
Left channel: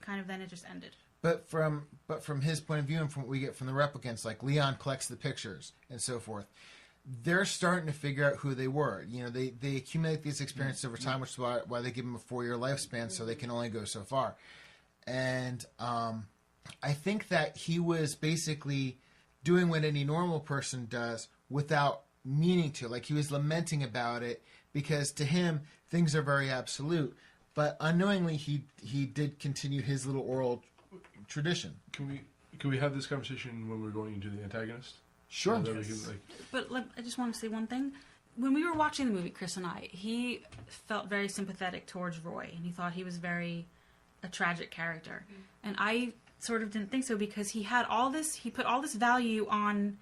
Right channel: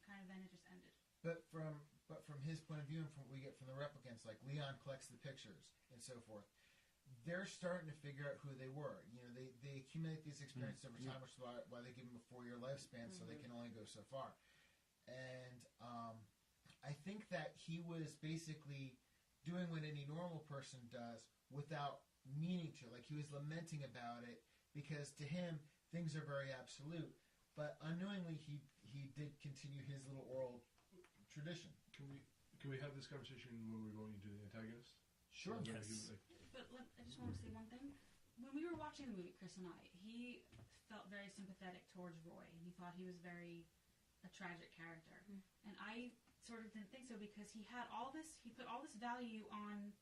ended. But from his point of view and from what we get from the replicants, like Leon collects the pictures and so forth, they're starting to figure out who they were. They accumulate these experiences over time, which is why they give them a 4-year lifespan, so they can only go so far. And I think that he was basically doing what any normal person does without meaning to. Like he was lamenting about it because to him things are very absolute. but unknowingly he did continue his little oral tradition. Can we have this conversation when we're going into the antagonist? Sure. But I just want to say one thing. When we were watching the movie, Chris and I, he felt very sympathetic towards Roy, and he thought he was a tragic character. And I sort of didn't think so, because he put all this value on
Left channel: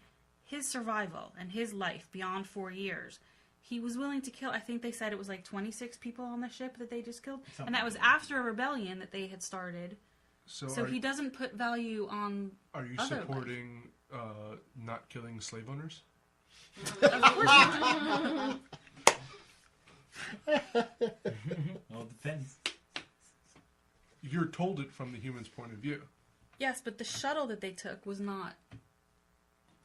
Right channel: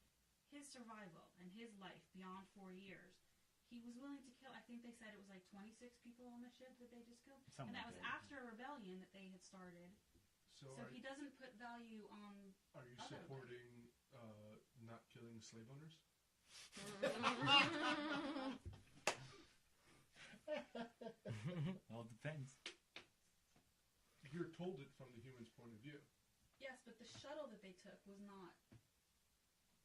his survival and his life beyond 4 years. He was willing to kill, I think they said it was like 26 people on the ship that they just killed. And that was after a rebellion that they had started. So he doesn't put value on Are you supporting not killing slave owners? Of course not. Well, it depends. You're told it from the human's point of view. Yes, but the shuttle that they took was not...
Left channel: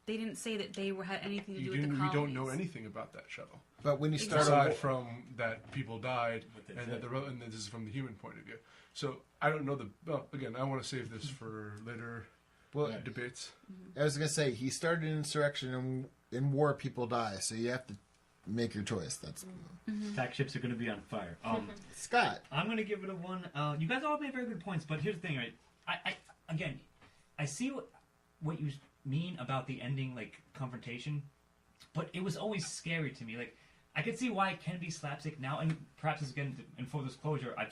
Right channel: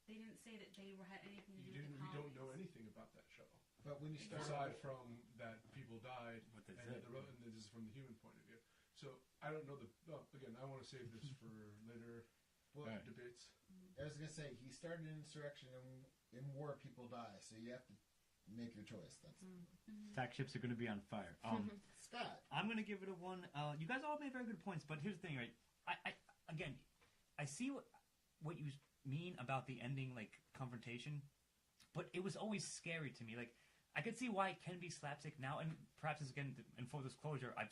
They didn't say that they had anything to do with the colonies. We don't know anything about that shuttle. But when you start aside from that people died, and this is from the human point of view. So I don't know again, I want to save this for later debates. I was going to say, he started an insurrection, and in war people die, so you have to make your choice. That's Attack ships are going to be on fire. Scott, I'm going to give it a 1. You guys all made very good points, but here's the thing, right? I see what you mean about the ending, like, confrontation, but it was always scary to me. Like, I could see why it can be slapstick now, and perhaps again, in full disclosure, I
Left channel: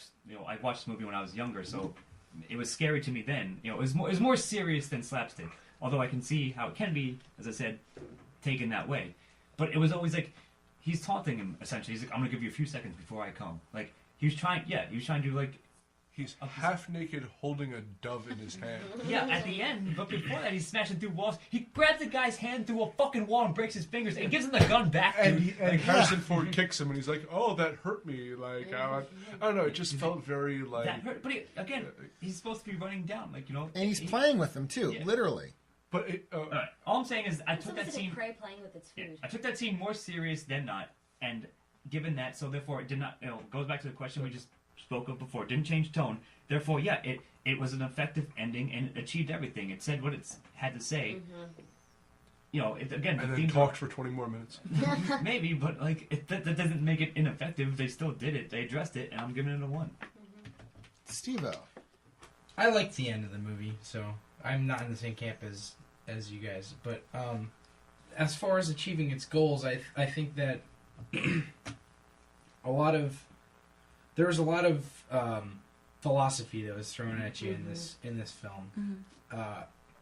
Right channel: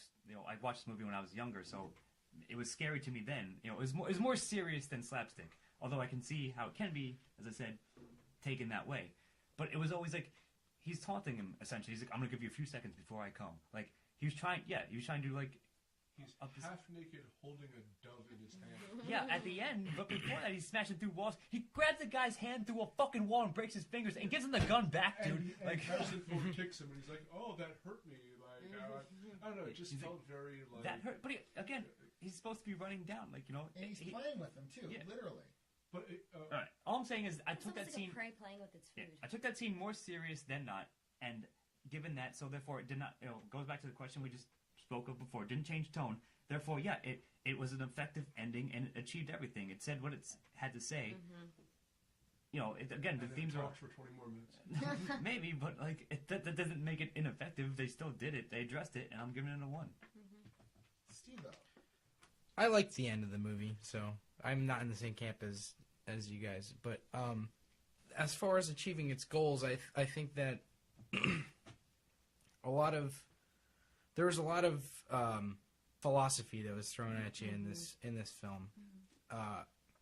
watched this movie when I was younger, so it was scary to me then. It was more serious than slapstick. Although I can see how it can be, as I said, taken that way. But it was always like, he's taunting him, essentially. He's like, I'm going to give you a few seconds before I come. Like, he was trying to, like... He's half naked holding a dove in his hand. Yeah, at the end, but before that, he's smashing through walls. He grabs the guy's hand through a fucking wall and breaks his fingers and gives him the gun back. And Harrison Ford kicks him, and he's like, "Oh, that hurt me." Like, I don't know. It just felt very like that hurt. But he's supposed to be running down, like, And he's playing with them too, literally. But all I'm saying is, I took that scene. Prey playing with its food. I took that scene more serious than not, and given that, so therefore it did not. Goes back to the question we just spoke of before. It didn't change tone. Therefore, it was an effective ending and it achieved everything. It said what it had to say. Again, and then talked for 20 more minutes. Maybe, but like that doesn't make it ineffective. They still did it. They addressed it, and I'm giving it a 1. Steve-O. I liked the end of the movie, so I'm not in the same camp as you guys. But as far as achieving its goals, I think that there was a lot of philosophy that was thrown at you in this film,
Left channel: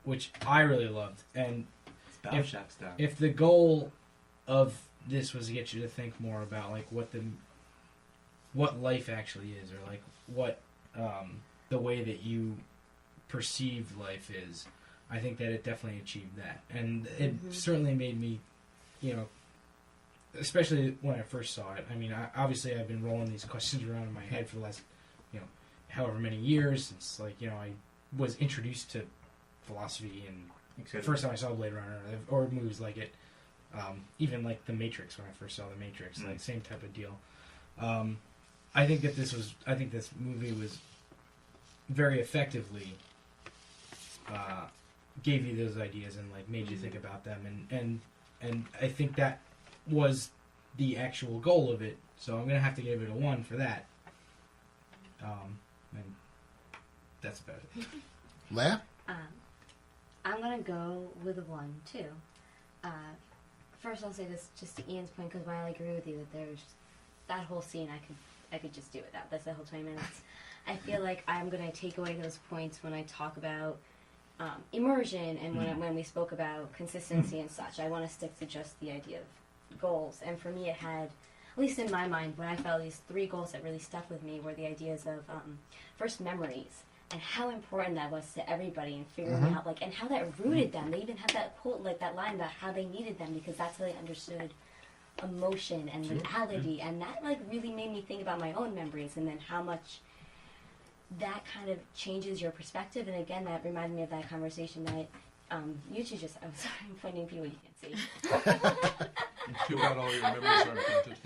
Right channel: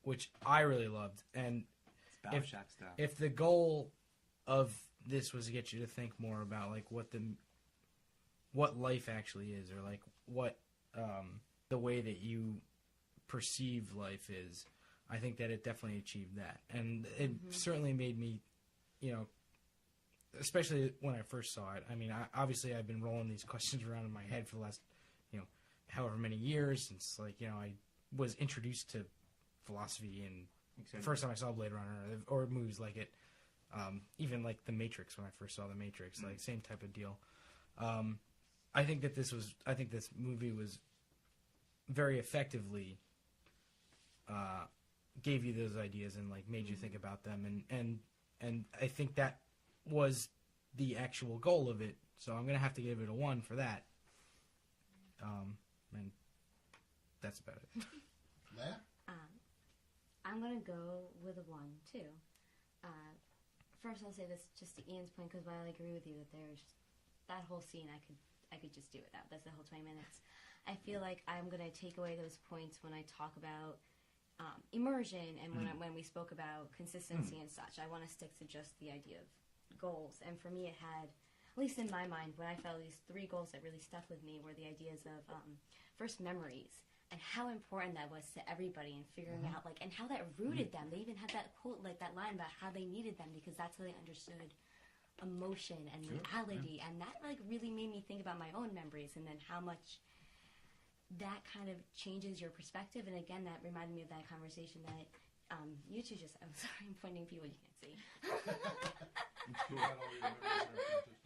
which I really loved. And if the goal of this was to get you to think more about like what life actually is, or like what the way that you perceive life is, I think that it definitely achieved that. And it certainly made me, especially when I first saw it. I mean, obviously I've been rolling these questions around in my head for the last, however many years since, like, I was introduced to philosophy, and the first time I saw Blade Runner or movies like it, even like The Matrix, when I first saw The Matrix, like same type of deal. I think this movie was very effectively gave you those ideas and like made you think about them, and I think that was the actual goal of it. So I'm gonna have to give it a 1 for that. And that's about it. Leah? I'm gonna go with a 1 too. First, I'll say this just to Ian's point, because while I agree with you that there's that whole scene, I could just do it. That's the whole 20 minutes. I feel like I'm gonna take away those points when I talk about immersion and when we spoke about consistency and such. I want to stick to just the idea of goals. And for me, it had, at least in my mind, when I felt these 3 goals that really stuck with me were the ideas of first memories, and how important that was to everybody, and figuring out and how that rooted them. They even had that quote, like that line about how they needed them because that's how they understood emotion and reality, and that really made me think about my own memories, and then how much that kind of changes your perspective. And again, that reminded me of that conversation that you two just, I'm sorry, I'm pointing people you can't see. You feel that all your memories are imprinted.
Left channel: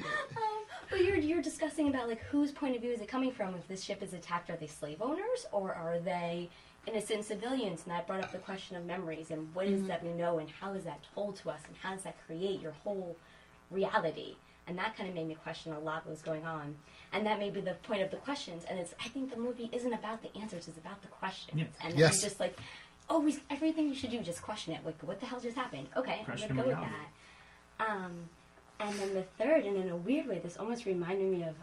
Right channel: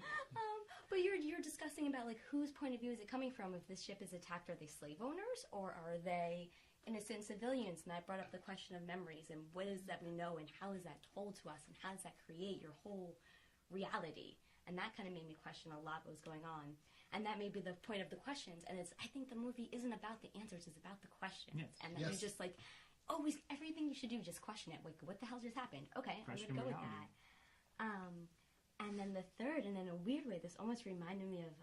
But you're discussing about whose point of view is it coming from? If this ship is attacked, are they slave owners or are they innocent civilians? And that brought up the question of memories and what is that we know, and how is that told to us, and how does that create your whole reality? And that kind of made me question a lot what was going on. And that may be the point of the questions. And I think the movie isn't about the answers, it's about the questions. Yes. And Yes. you're just like, always, everything you should do, just question it. Like, what the hell just happened? Okay, Question I'm going to go with reality. that. And then the third, and in a weird way, this almost reminded me of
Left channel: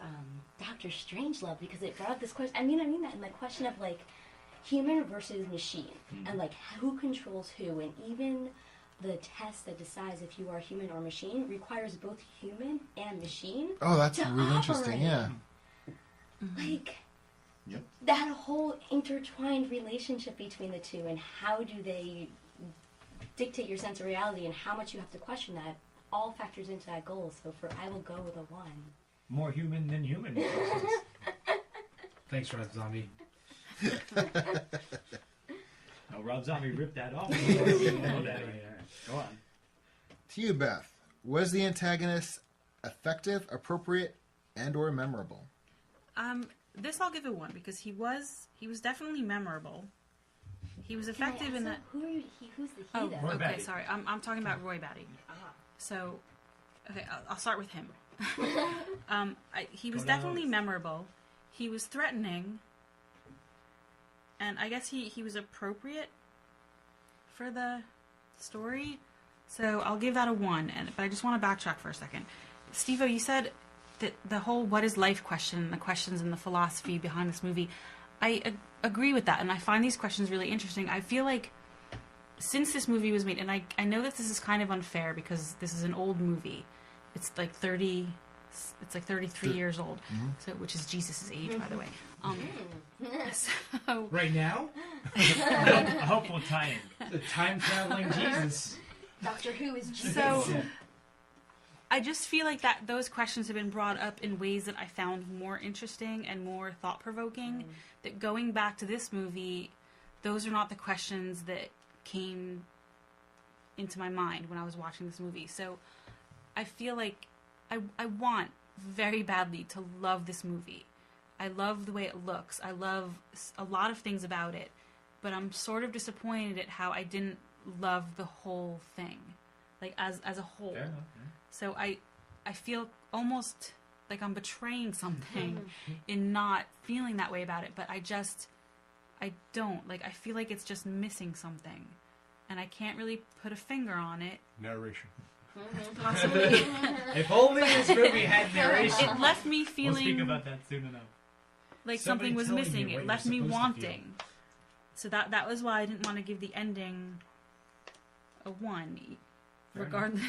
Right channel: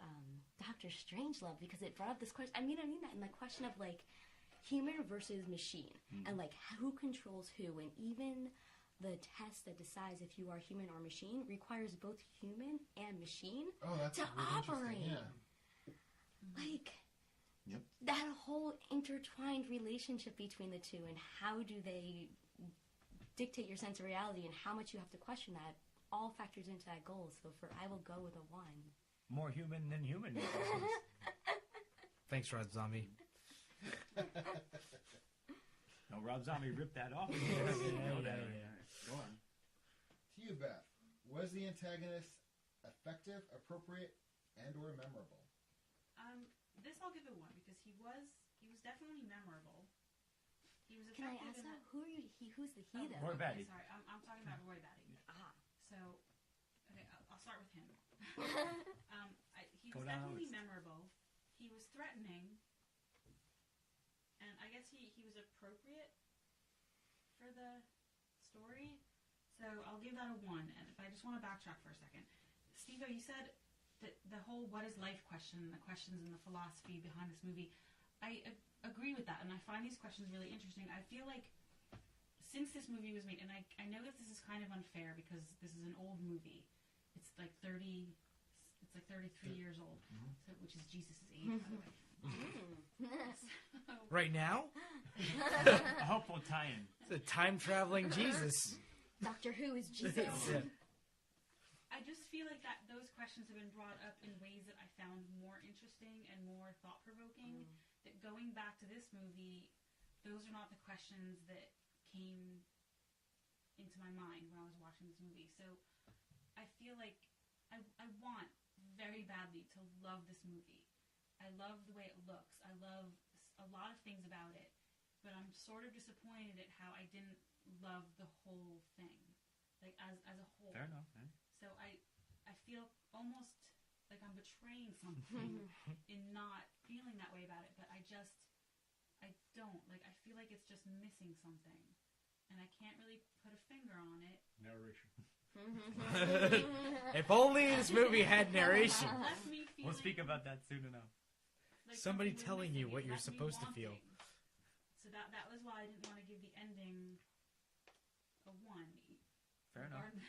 Dr. Strangelove, because it brought up this question. I mean that in the question of, like, human versus machine. And, like, who controls who. And even the test that decides if you are human or machine requires both human and machine. Oh, that's to really interesting. operate. Yeah. Like, Yep. that whole intertwined relationship between the two, and how do they dictate your sense of reality, and how much you have to question that, all factors into that goal. So I will go with a 1. More human than human. Thanks, Rob Zombie. No, Rob Zombie ripped that off. Go on. To you, Beth, was the antagonist effective, appropriate, and/or memorable? This I'll give a 1 because he was definitely memorable. He was effective in that. Who's the he Oh, though? okay, Batty. sorry. I'm talking about Roy Batty. So, okay, I'll start with him. He was Go down definitely the list. memorable. He was threatening, and I guess he was appropriate for the story. So I'll give that a 1. But I just want to backtrack for a second. Steve-O, you said that the whole "what is life" question, the questions and the philosophy behind this movie, I agree with that, and I find these questions really interesting. I feel like since this movie was made, and I know that this is kind of unfair because this is an old movie. It's like 33 years old, so which is Jesus' age, by the way. So Right now? A hopeful tie-in. The time-traveling Jesus. Doctor Who is Jesus. So I just feel like that those questions have been brought up in ways that I found more interesting and more thought-provoking. That going back to this movie, those are not the questions that came into my mind when I was watching this movie. So I feel like I want very badly to love this movie. I love the way it looks. I love a lot of things about it. But I'm sort of disappointed at how I didn't love the whole thing. Like, as a whole. Fair enough, yeah. So I feel almost like I'm betraying something in not feeling that way about it. But I don't. Like, I feel like it's just missing something. And I can't really put a finger on it. Narration. Possibly. If only this movie had narration. It left me feeling We'll speak about that soon enough. like Somebody something was telling missing. you what It left you're me supposed to wanting. So that was why I didn't want to give the ending a 1, regardless.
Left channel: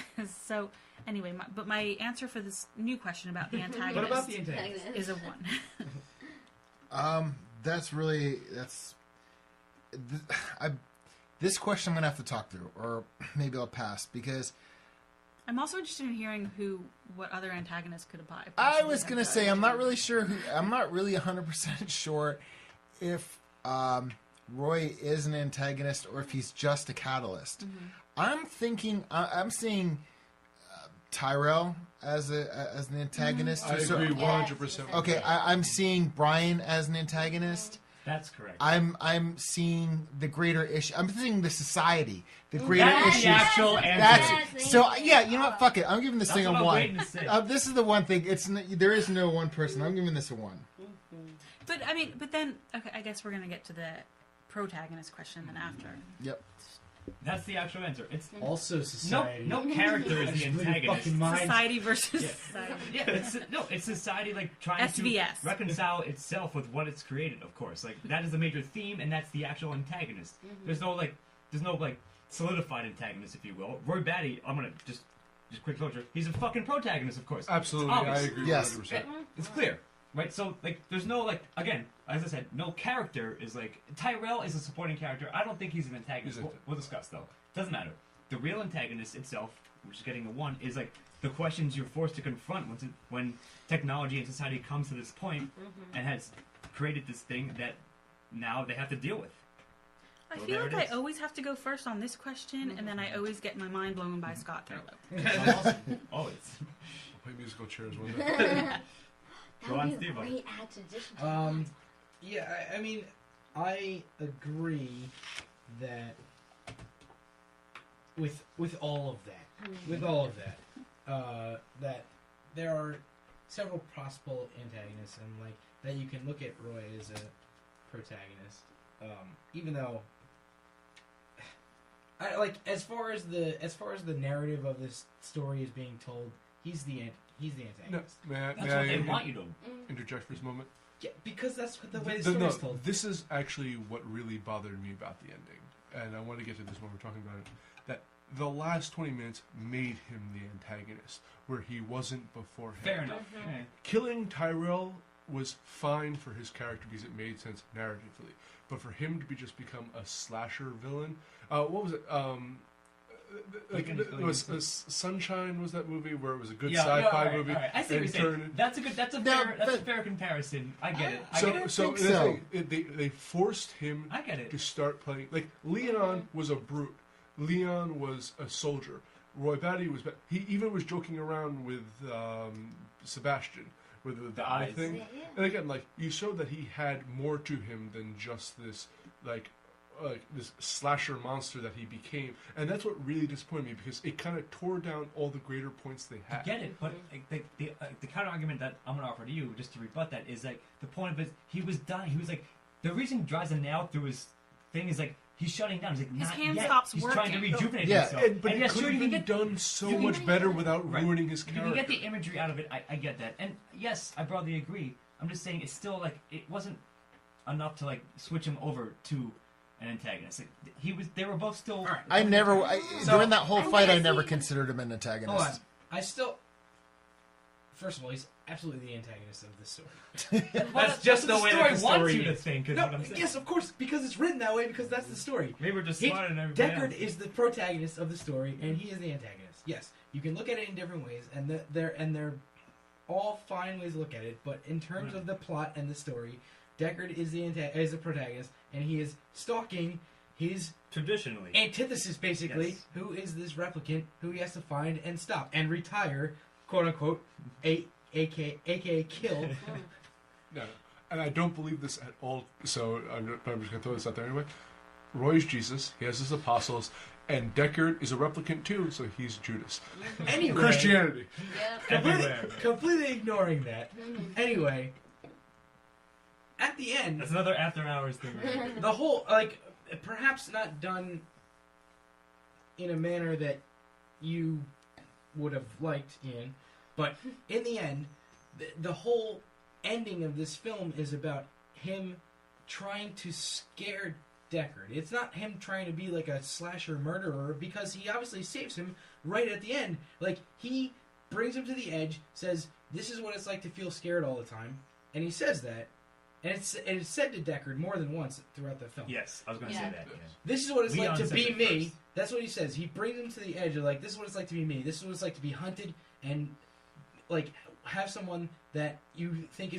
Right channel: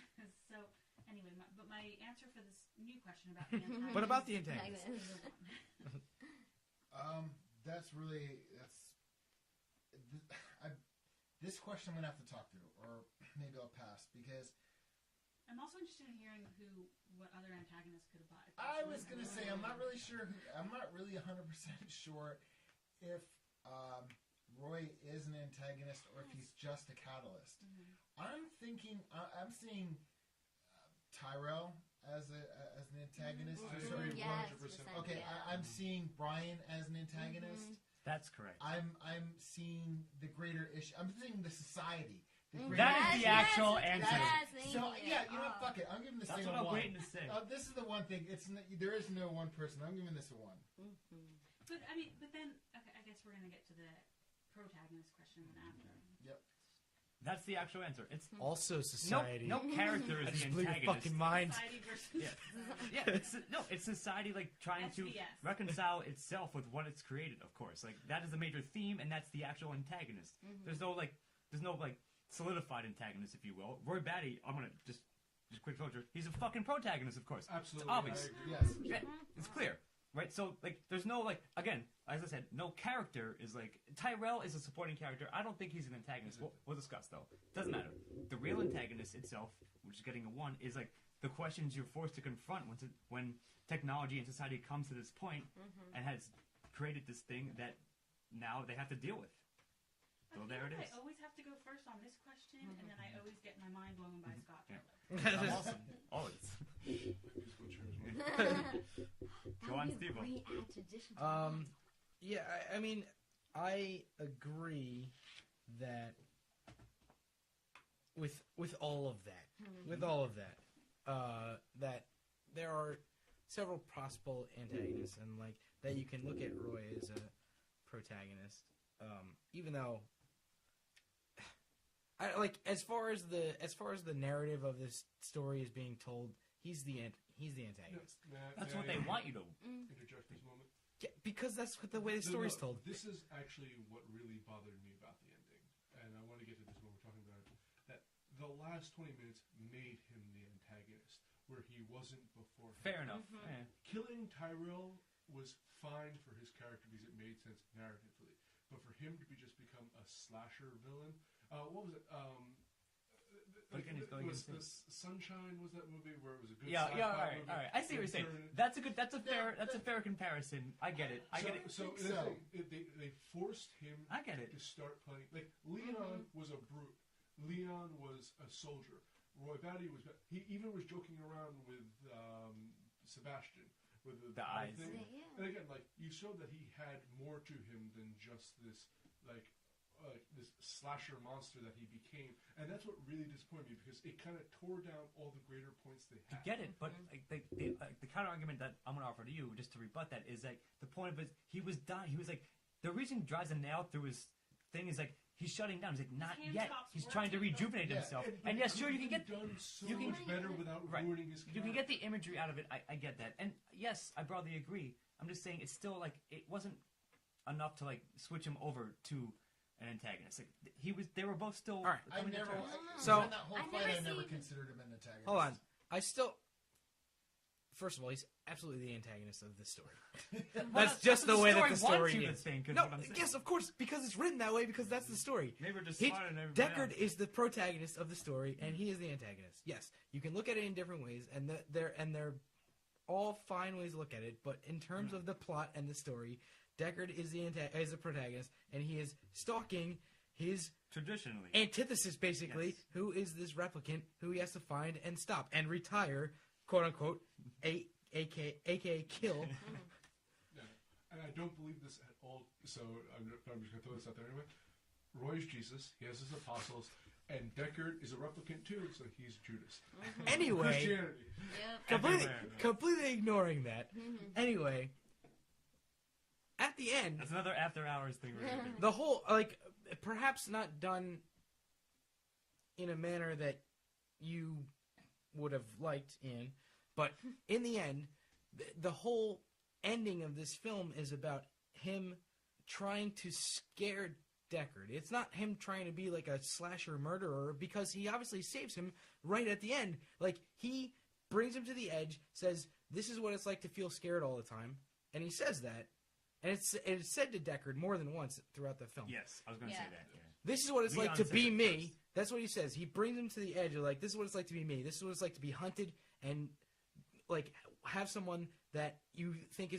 So anyway, my answer for this new question about the antagonist What about the antagonist? is a 1. This question I'm gonna have to talk through, or maybe I'll pass, because I'm also interested in hearing what other antagonists could apply. I was gonna say I'm not really sure. I'm not really 100% sure if Roy is an antagonist or if he's just a catalyst. I'm thinking. I'm seeing Tyrell as an antagonist. I agree 100%. Okay, I'm seeing Brian as an antagonist. That's correct. I'm seeing the greater issue. I'm seeing the society, the greater That's issues. the actual answer. That's so. Yeah, you know what? Fuck it. I'm giving this That's thing what a I'm 1. waiting to say. This is the one thing. There is no one person. I'm giving this a 1. But then okay, I guess we're gonna get to the protagonist question then after. Yep. That's the actual answer. It's Also society. no character is the Just blew your antagonist. fucking mind. Society versus Yeah. society. Yeah, it's society like trying SVS. to reconcile itself with what it's created. Of course, like that is the major theme, and that's the actual antagonist. There's no solidified antagonist, if you will. Roy Batty, I'm gonna just quick closure. He's a fucking protagonist, of course. Absolutely, Obvious. I agree. Yes. 100%. It's clear, right? So like, there's no like again, as I said, no character is like Tyrell is a supporting character. I don't think he's an antagonist. We'll discuss though. Doesn't matter. The real antagonist itself, which is getting a 1, is like the questions you're forced to confront when technology and society comes to this point and has created this thing that now they have to deal with. I So feel there like it I is. always have to go first on this question, and then I always get my mind blown by Scott Thurlow. Always. Play musical chairs one day. Go on, That'd be a Steve-O. great addition to Yeah, I mean, I agree that with all of that, that there are several possible antagonists, and like that you can look at Roy as a protagonist, even though. As far as the narrative of this story is being told, he's the antagonist. No, That's what they want you to interject for this moment. Yeah, because that's the way the story is told. This is actually what really bothered me about the ending, and I want to get to this when we're talking about it. That the last 20 minutes made him the antagonist, where he wasn't beforehand. Fair enough. Mm-hmm. Killing Tyrell was fine for his character because it made sense narratively, but for him to become a slasher villain. What was it? It was Sunshine. Was that movie where it was a good sci-fi movie? All right. I see what you're saying. That's a fair comparison. I get it. So they forced him. I get it. To start playing like Leon was a brute. Leon was a soldier. Roy Batty was. He even was joking around with Sebastian with the eye thing. Yeah. And again, like you showed that he had more to him than just this like this slasher monster that he became, and that's what really disappointed me because it kind of tore down all the greater points they had. I get it, but the counter argument that I'm going to offer to you, just to rebut that, is like the point of it. He was dying. He was like the reason he drives a nail through his thing is like he's shutting down. He's like his not hand yet. stops He's working. trying to rejuvenate himself. But and it could have been done so much better without ruining his character. You can get the imagery out of it. I get that, and yes, I broadly agree. I'm just saying it's still like it wasn't enough to like switch him over to an antagonist. Like, they were both still. Right. During that whole fight, I never considered him an antagonist. Hold on. First of all, he's absolutely the antagonist of this story. That's just the way that the story is. Yes, of course, because it's written that way. Because that's the story. Maybe we're just smart and everything. Deckard is the protagonist of the story, and he is the antagonist. Yes, you can look at it in different ways, and they're all fine ways to look at it. But in terms of the plot and the story, Deckard is the protagonist, and he is stalking his traditionally antithesis, basically, who is this replicant who he has to find and stop and retire, quote unquote, aka kill. No, and I don't believe this at all. So I'm just going to throw this out there anyway. Roy's Jesus. He has his apostles. And Deckard is a replicant too, so he's Judas. Anyway, Christianity. Completely ignoring that. Anyway, at the end, that's another after hours thing. The whole perhaps not done in a manner that you would have liked, Ian, but in the end, the whole ending of this film is about him trying to scare Deckard. It's not him trying to be like a slasher murderer, because he obviously saves him right at the end. Like, he brings him to the edge, says, this is what it's like to feel scared all the time, and he says that, and it's said to Deckard more than once throughout the film. Yes, I was going to say that. Yeah. This is what it's Leon like to be me. First. That's what he says. He brings him to the edge of like, this is what it's like to be me. This is what it's like to be hunted and like have someone that you think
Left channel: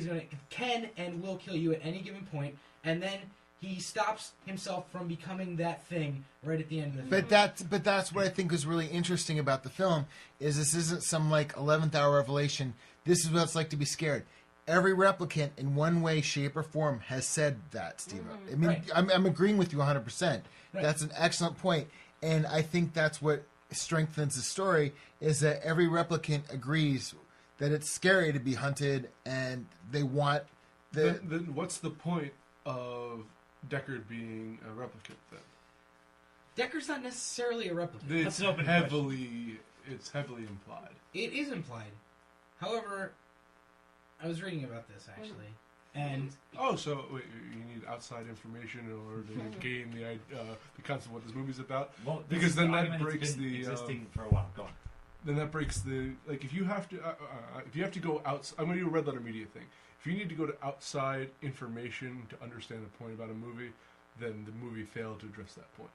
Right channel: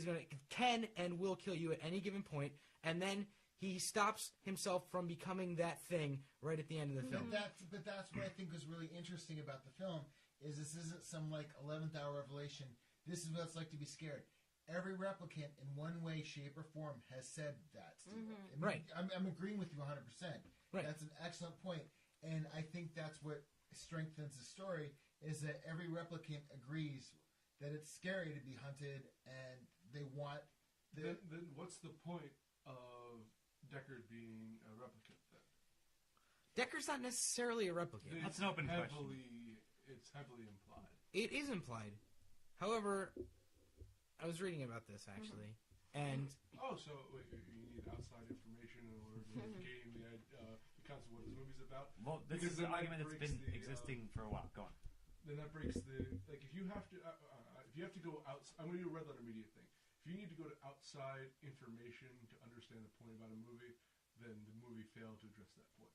can and will kill you at any given point, and then he stops himself from becoming that thing right at the end of the film. But that's what I think was really interesting about the film, is this isn't some like 11th hour revelation. This is what it's like to be scared. Every replicant in one way, shape, or form has said that, Steve. I mean, right. I'm agreeing with you 100%. Right. That's an excellent point. And I think that's what strengthens the story, is that every replicant agrees that it's scary to be hunted, and they want the... Then what's the point of Deckard being a replicant, then? Deckard's not necessarily a replicant. It's heavily implied. It is implied. However, I was reading about this, actually, and... Oh, so wait, you need outside information in order to gain the concept of what this movie's about? Well, because then that breaks the... existing for a while. Go on. Then that breaks the... Like, if you have to go outside... I'm going to do a red letter media thing. If you need to go to outside information to understand a point about a movie, then the movie failed to address that point.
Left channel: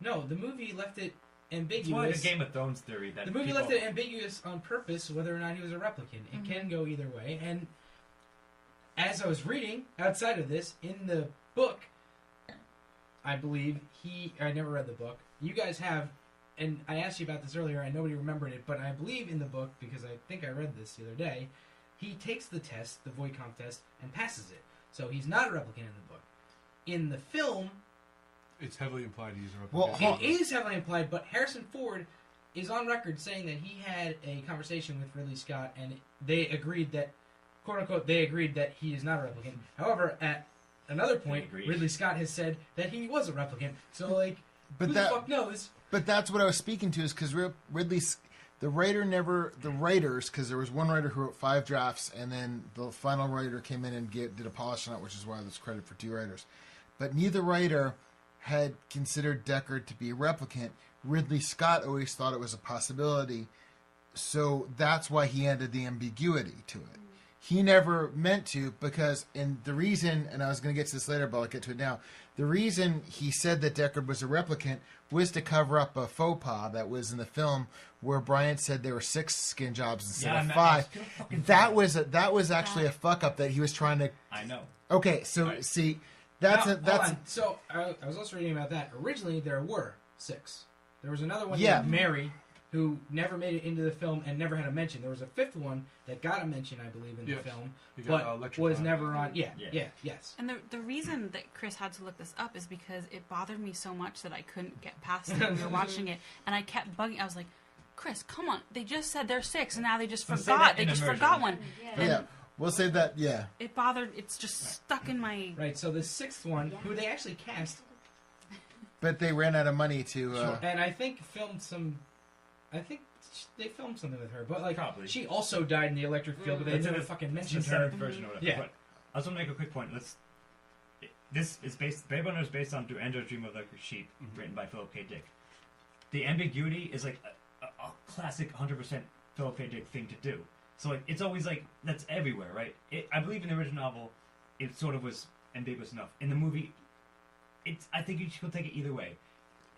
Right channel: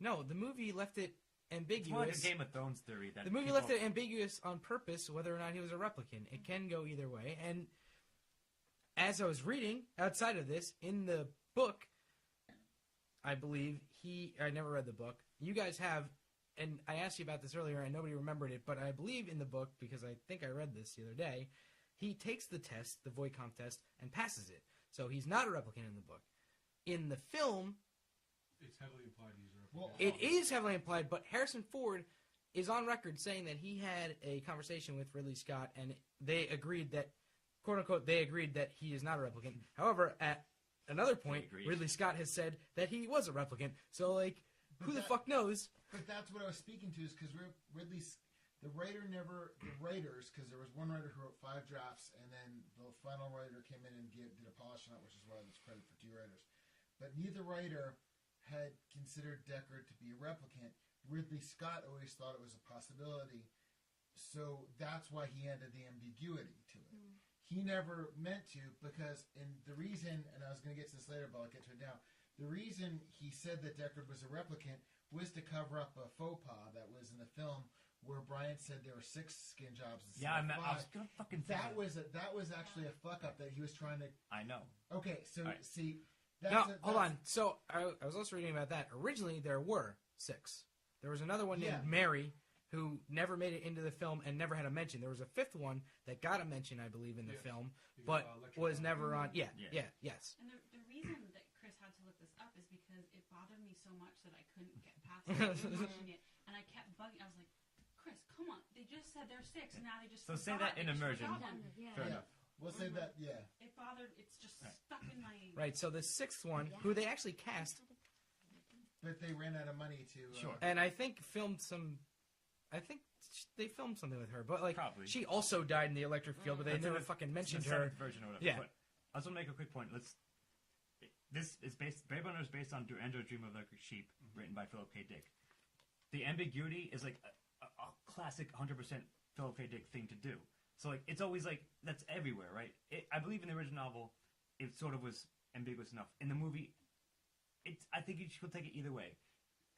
No, the movie left it ambiguous. It's more like a Game of Thrones theory. That the movie left it ambiguous on purpose whether or not he was a replicant. It can go either way. And as I was reading, outside of this, in the book, I believe I never read the book. You guys have, and I asked you about this earlier and nobody remembered it, but I believe in the book, because I think I read this the other day, he takes the test, the Voight-Kampff test, and passes it. So he's not a replicant in the book. In the film... It's heavily implied he's a replicant. Well, it is heavily implied, but Harrison Ford is on record saying that he had a conversation with Ridley Scott, and they agreed that, quote unquote, they agreed that he is not a replicant. However, at another point, Ridley Scott has said that he was a replicant. So, like, who the fuck knows? But that's what I was speaking to, is because the writers, because there was one writer who wrote 5 drafts, and then the final writer came in and did a polish on it, which is why there's credit for 2 writers. But neither writer had considered Deckard to be a replicant. Ridley Scott always thought it was a possibility, so that's why he added the ambiguity to it. He never meant to, because, and the reason, and I was going to get to this later, but I'll get to it now, the reason he said that Deckard was a replicant was to cover up a faux pas that was in the film where Bryant said there were 6 skin jobs instead of 5. That was actually a fuck up that he was trying to... I know. Okay, so see, that's... Hold on. So, I was also reading about that. Originally, there were 6. There was another one named Mary, who never made it into the film and never had a mention. There was a 5th one that got a mention, I believe, in the film, but was never on... Yes. And the reason that Chris had to look this up is because it bothered me so much that I couldn't get past it when we were watching it, and I kept bugging. I was like, Chris, come on. They just said there's 6, and now they just forgot. They just forgot one. Yeah. We'll save that, yeah. It bothered... It's just stuck in my... Right, so the 6th one, who they actually cast... But they ran out of money to... And I think filmed some... I think they filmed something with her, but like Probably. she also died in the electric field, but they never fucking mentioned her. Version of it. Yeah. But I just want to make a quick point. This is based. Blade Runner is based on "Do Androids Dream of Electric Sheep," written by Philip K. Dick. The ambiguity is like a classic 100% Philip K. Dick thing to do. So like it's always like that's everywhere, right? I believe in the original novel, it sort of was ambiguous enough. In the movie, I think you should take it either way.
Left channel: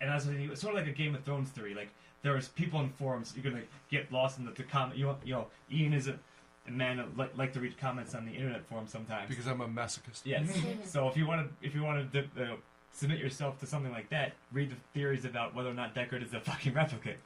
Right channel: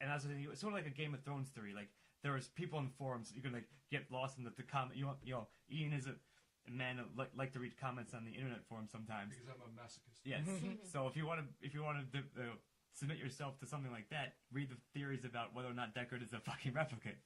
And as it's sort of like a Game of Thrones theory, like. There was people in forums. You're gonna get lost in the comment. Ian is a man that like to read comments on the internet forum sometimes. Because I'm a masochist. Yes. So if you want to submit yourself to something like that, read the theories about whether or not Deckard is a fucking replicant.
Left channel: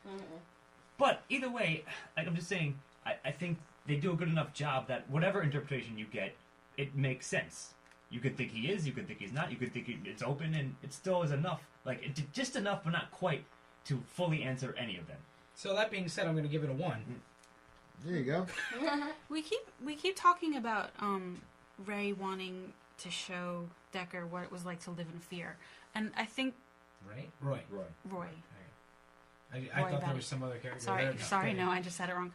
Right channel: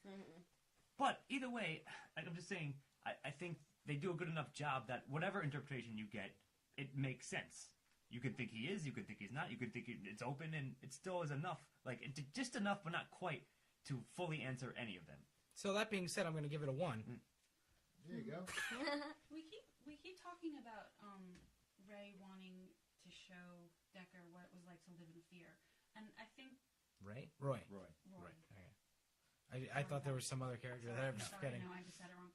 But either way, like I'm just saying, I think they do a good enough job that whatever interpretation you get, it makes sense. You could think he is. You could think he's not. You could think it's open, and it still is enough. Like just enough, but not quite. To fully answer any of them. So that being said, I'm going to give it a 1. There you go. We keep talking about Ray wanting to show Deckard what it was like to live in fear, and I think Roy. I thought there was some other character. Sorry, no, I just said it wrong.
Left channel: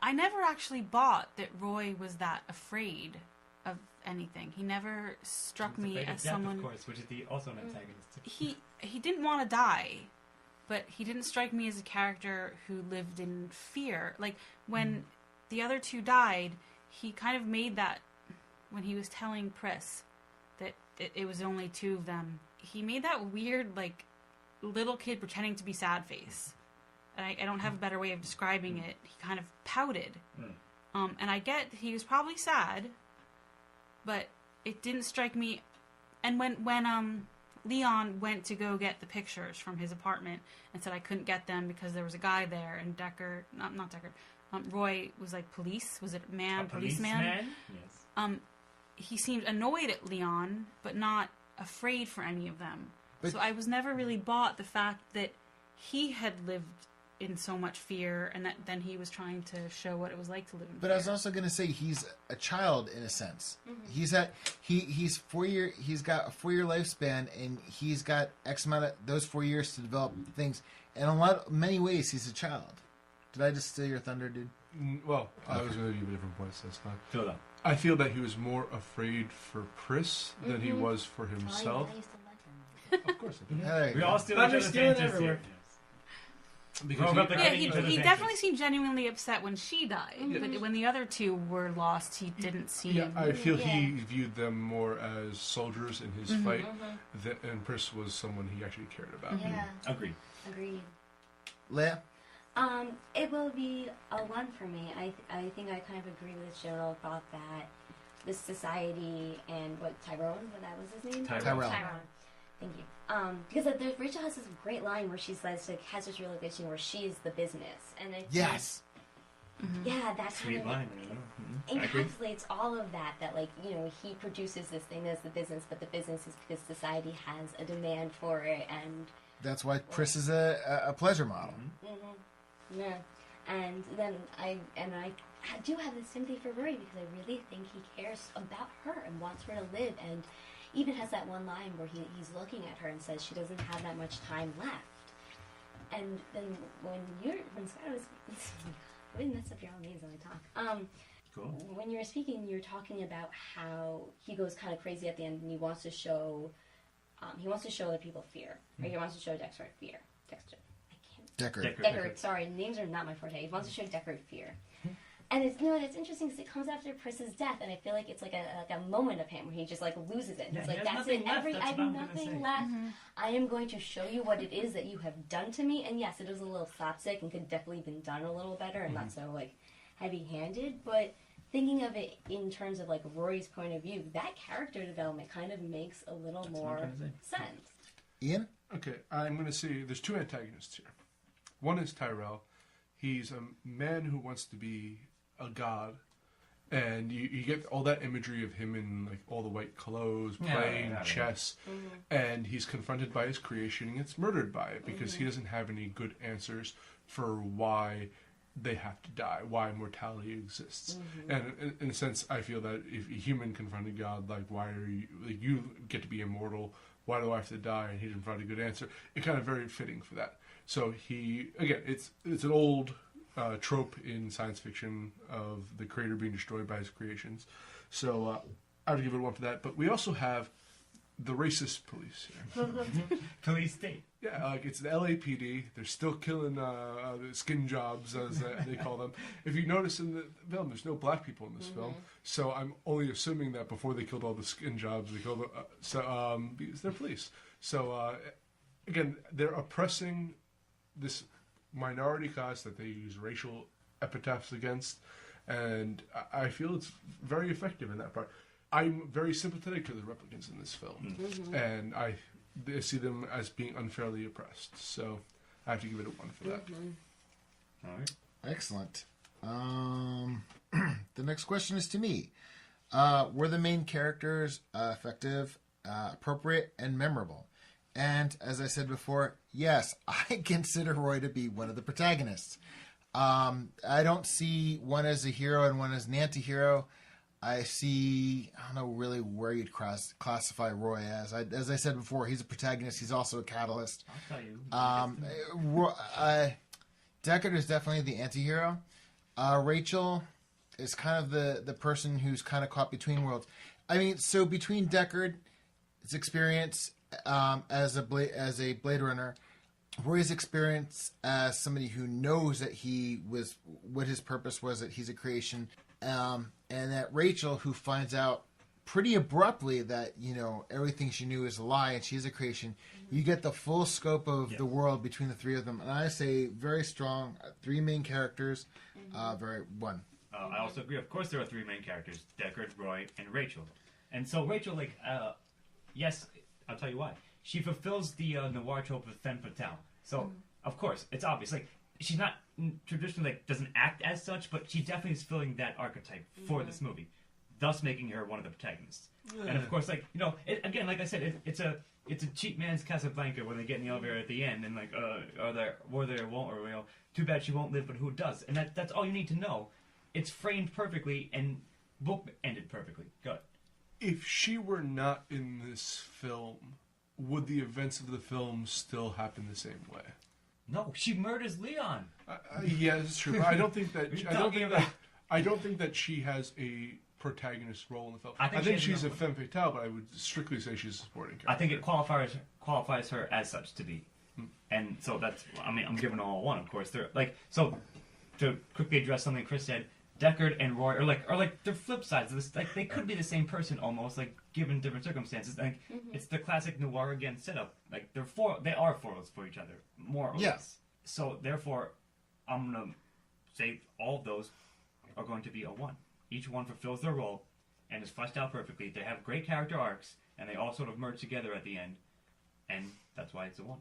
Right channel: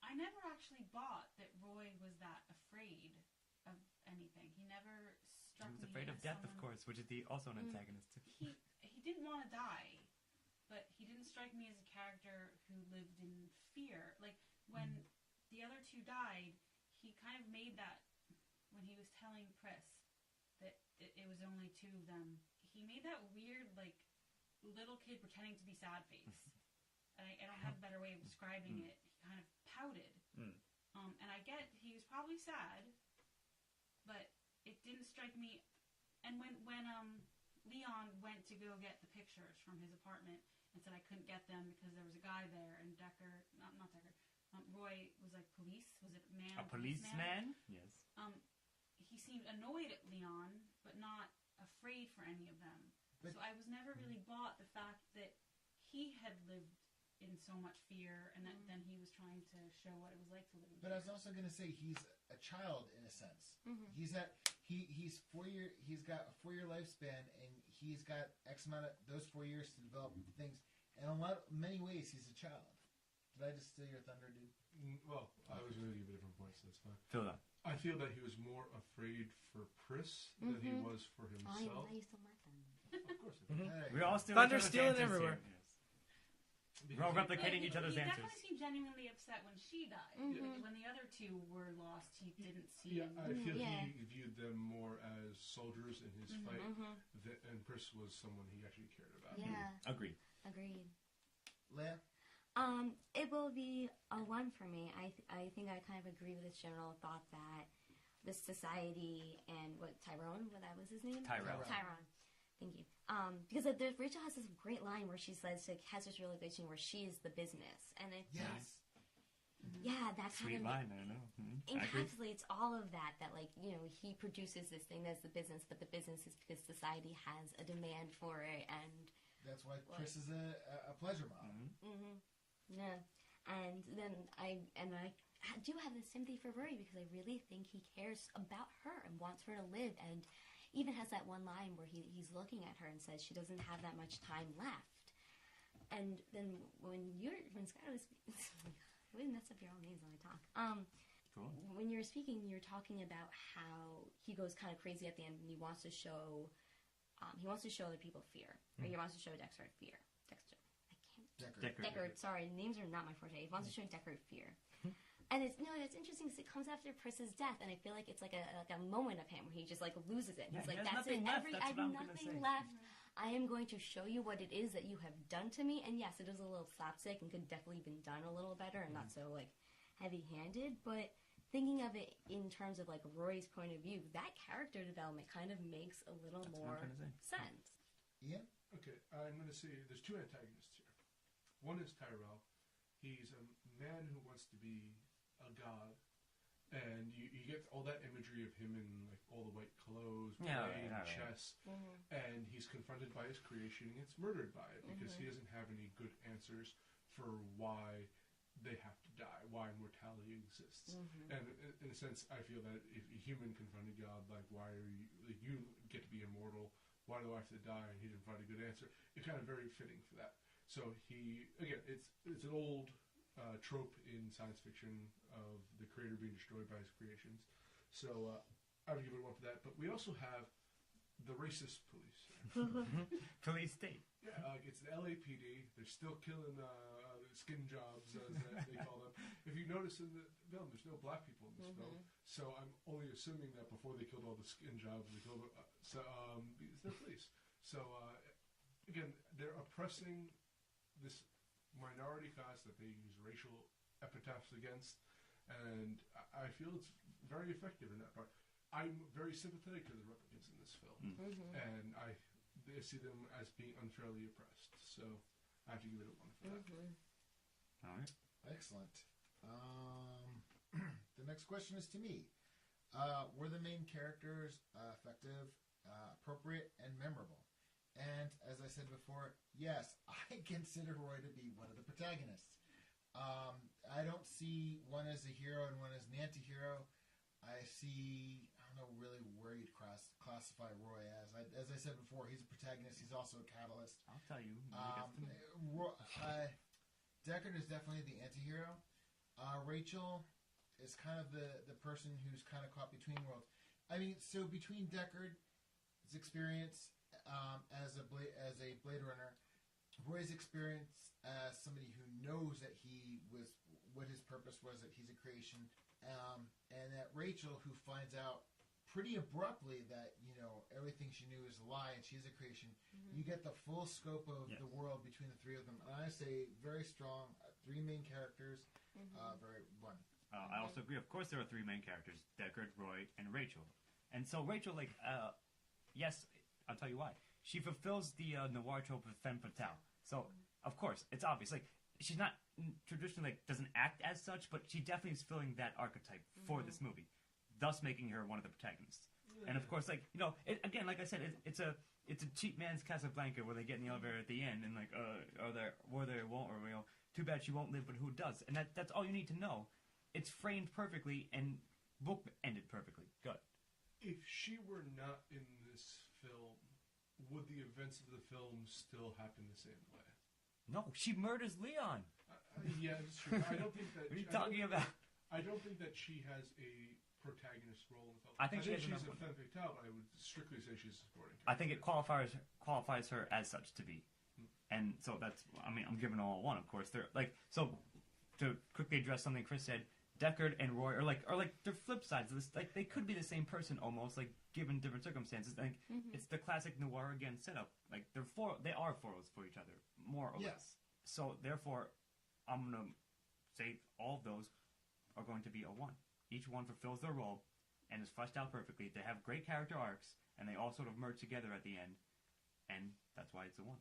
I never actually bought that Roy was that afraid of anything. He never struck me as someone. Of course, which is also an antagonist. He didn't want to die, but he didn't strike me as a character who lived in fear. Like when the other 2 died, he kind of made that when he was telling Pris that it was only 2 of them. He made that weird like little kid pretending to be sad face. And I don't have a better way of describing it. He kind of pouted, and I get he was probably sad. But it didn't strike me. And when Leon went to go get the pictures from his apartment and said I couldn't get them because there was a guy there, and Deckard, not Deckard, Roy was like police. Was it policeman? Yes. He seemed annoyed at Leon, but not afraid for any of them. So I was never really bought the fact that he had lived in so much fear, and that then he was trying to show what it was like to live in fear. But I was also going to say he's a child in a sense. He's 4 year. He's got a 4-year lifespan, and he's got X amount of those 4 years to develop things. And many ways, he's a child. Did I just steal your thunder, dude? Well, I was going to give a different point, so that's fine. Fill it up. I feel that he was more afraid for Pris than he was for himself. Of course, we all steal each other's answers here. He definitely seemed genuinely upset when she died, but when the other 2 were lost, he didn't seem... Yeah, I feel he viewed them more as soldiers in his fight, and Pris was someone he actually cared about. Yeah. Agreed. Leah? It will be a 1 for me. I think I kind of agree with the general thought that this society and Tyrone, that was his name? Tyrone. Thank you. Because Rachel has this great line where she says, like, has this realization where she is the business, and I think, yeah, that sweet kind of line. encapsulates all of that. That like he produces this thing as the business, but the business is because society has a demand for it, and that's why Pris is a pleasure model. Yeah, and then I do have this sympathy for Rory because I really think he cares about her and wants her to live, and even has that one line where he's looking at her and says she doesn't have that much time left. And then when Scott was, I didn't mess up your own names when I talk. Cool. When you were speaking, you were talking about how he goes kind of crazy at the end, and he wants to show other people fear, or he wants to show Dexter fear. Deckard. Sorry, names are not my forte. He wants to show Deckard fear. And it's interesting because it comes after Pris's death, and I feel like it's like a moment of him where he just like loses it. It's like that's it. I have nothing left. I am going to show you what it is that you have done to me. And yes, it is a little slapstick and could definitely have been done a little better and not so like heavy-handed. But thinking of it in terms of like Rory's point of view, that character development kind of makes a little more sense. Ian? Okay, I'm going to say there's two antagonists here. One is Tyrell. He's a man who wants to be a god, and you get all that imagery of him in like all the white clothes, playing chess, and he's confronted by his creation and gets murdered by it because he doesn't have any good answers for why they have to die, why mortality exists. And in a sense, I feel that if a human confronted God, like, why are you, like, you get to be immortal, why do I have to die? And he didn't provide a good answer. It's kind of very fitting for that. So he, again, it's an old trope in science fiction of the creator being destroyed by his creations. So I would give it one for that. But we also have the racist police here. Police state. Yeah, like it's the LAPD. They're still killing skin jobs, as they call them. If you notice in the film, there's no black people in this film. So I'm only assuming that before they killed all the skin jobs, they killed because they're police. So again, they're oppressing this minority class that they use racial epitaphs against, and I feel it's very effective in that part. I'm very sympathetic to the replicants in this film, and I see them as being unfairly oppressed. So I have to give it a 1 for that. All right. Excellent. The next question is to me. Were the main characters effective, appropriate, and memorable? And as I said before, yes, I consider Roy to be one of the protagonists. I don't see one as a hero and one as an anti-hero. I don't know really where you'd classify Roy as. As I said before, he's a protagonist. He's also a catalyst. I'll tell you. Deckard is definitely the anti-hero. Rachel is kind of the person who's kind of caught between worlds. I mean, so between Deckard's experience as a Blade Runner, Roy's experience as somebody who knows that what his purpose was, that he's a creation, and that Rachel, who finds out pretty abruptly that, everything she knew is a lie and she's a creation. You get the full scope of the world between the three of them. And I say very strong, 3 main characters, one. I also agree. Of course, there are 3 main characters, Deckard, Roy, and Rachel. And so Rachel, yes, I'll tell you why. She fulfills the noir trope of femme fatale. So, of course, it's obvious. She's not traditionally, doesn't act as such, but she definitely is filling that archetype for this movie, thus making her one of the protagonists. And of course, again, like I said, it's a cheap man's Casablanca when they get in the elevator at the end and too bad she won't live, but who does? And that's all you need to know. It's framed perfectly and book ended perfectly. Good. If she were not in this film, would the events of the film still happen the same way? No, she murders Leon. Yeah, that's true. But I don't think that. I don't think that she has a protagonist role in the film. I think she's a femme fatale, but I would strictly say she's a supporting character. I think it qualifies her as such to be, and so that's. I'm giving all 1, of course. They're to quickly address something Chris said. Deckard and Roy are they're flip sides of this. They could be the same person almost, given different circumstances. It's the classic noir again setup. They are foils for each other, more or less. So therefore, I'm gonna say all of those are going to be a 1. Each one fulfills their role and is fleshed out perfectly. They have great character arcs, and they all sort of merge together at the end, and that's why it's a 1.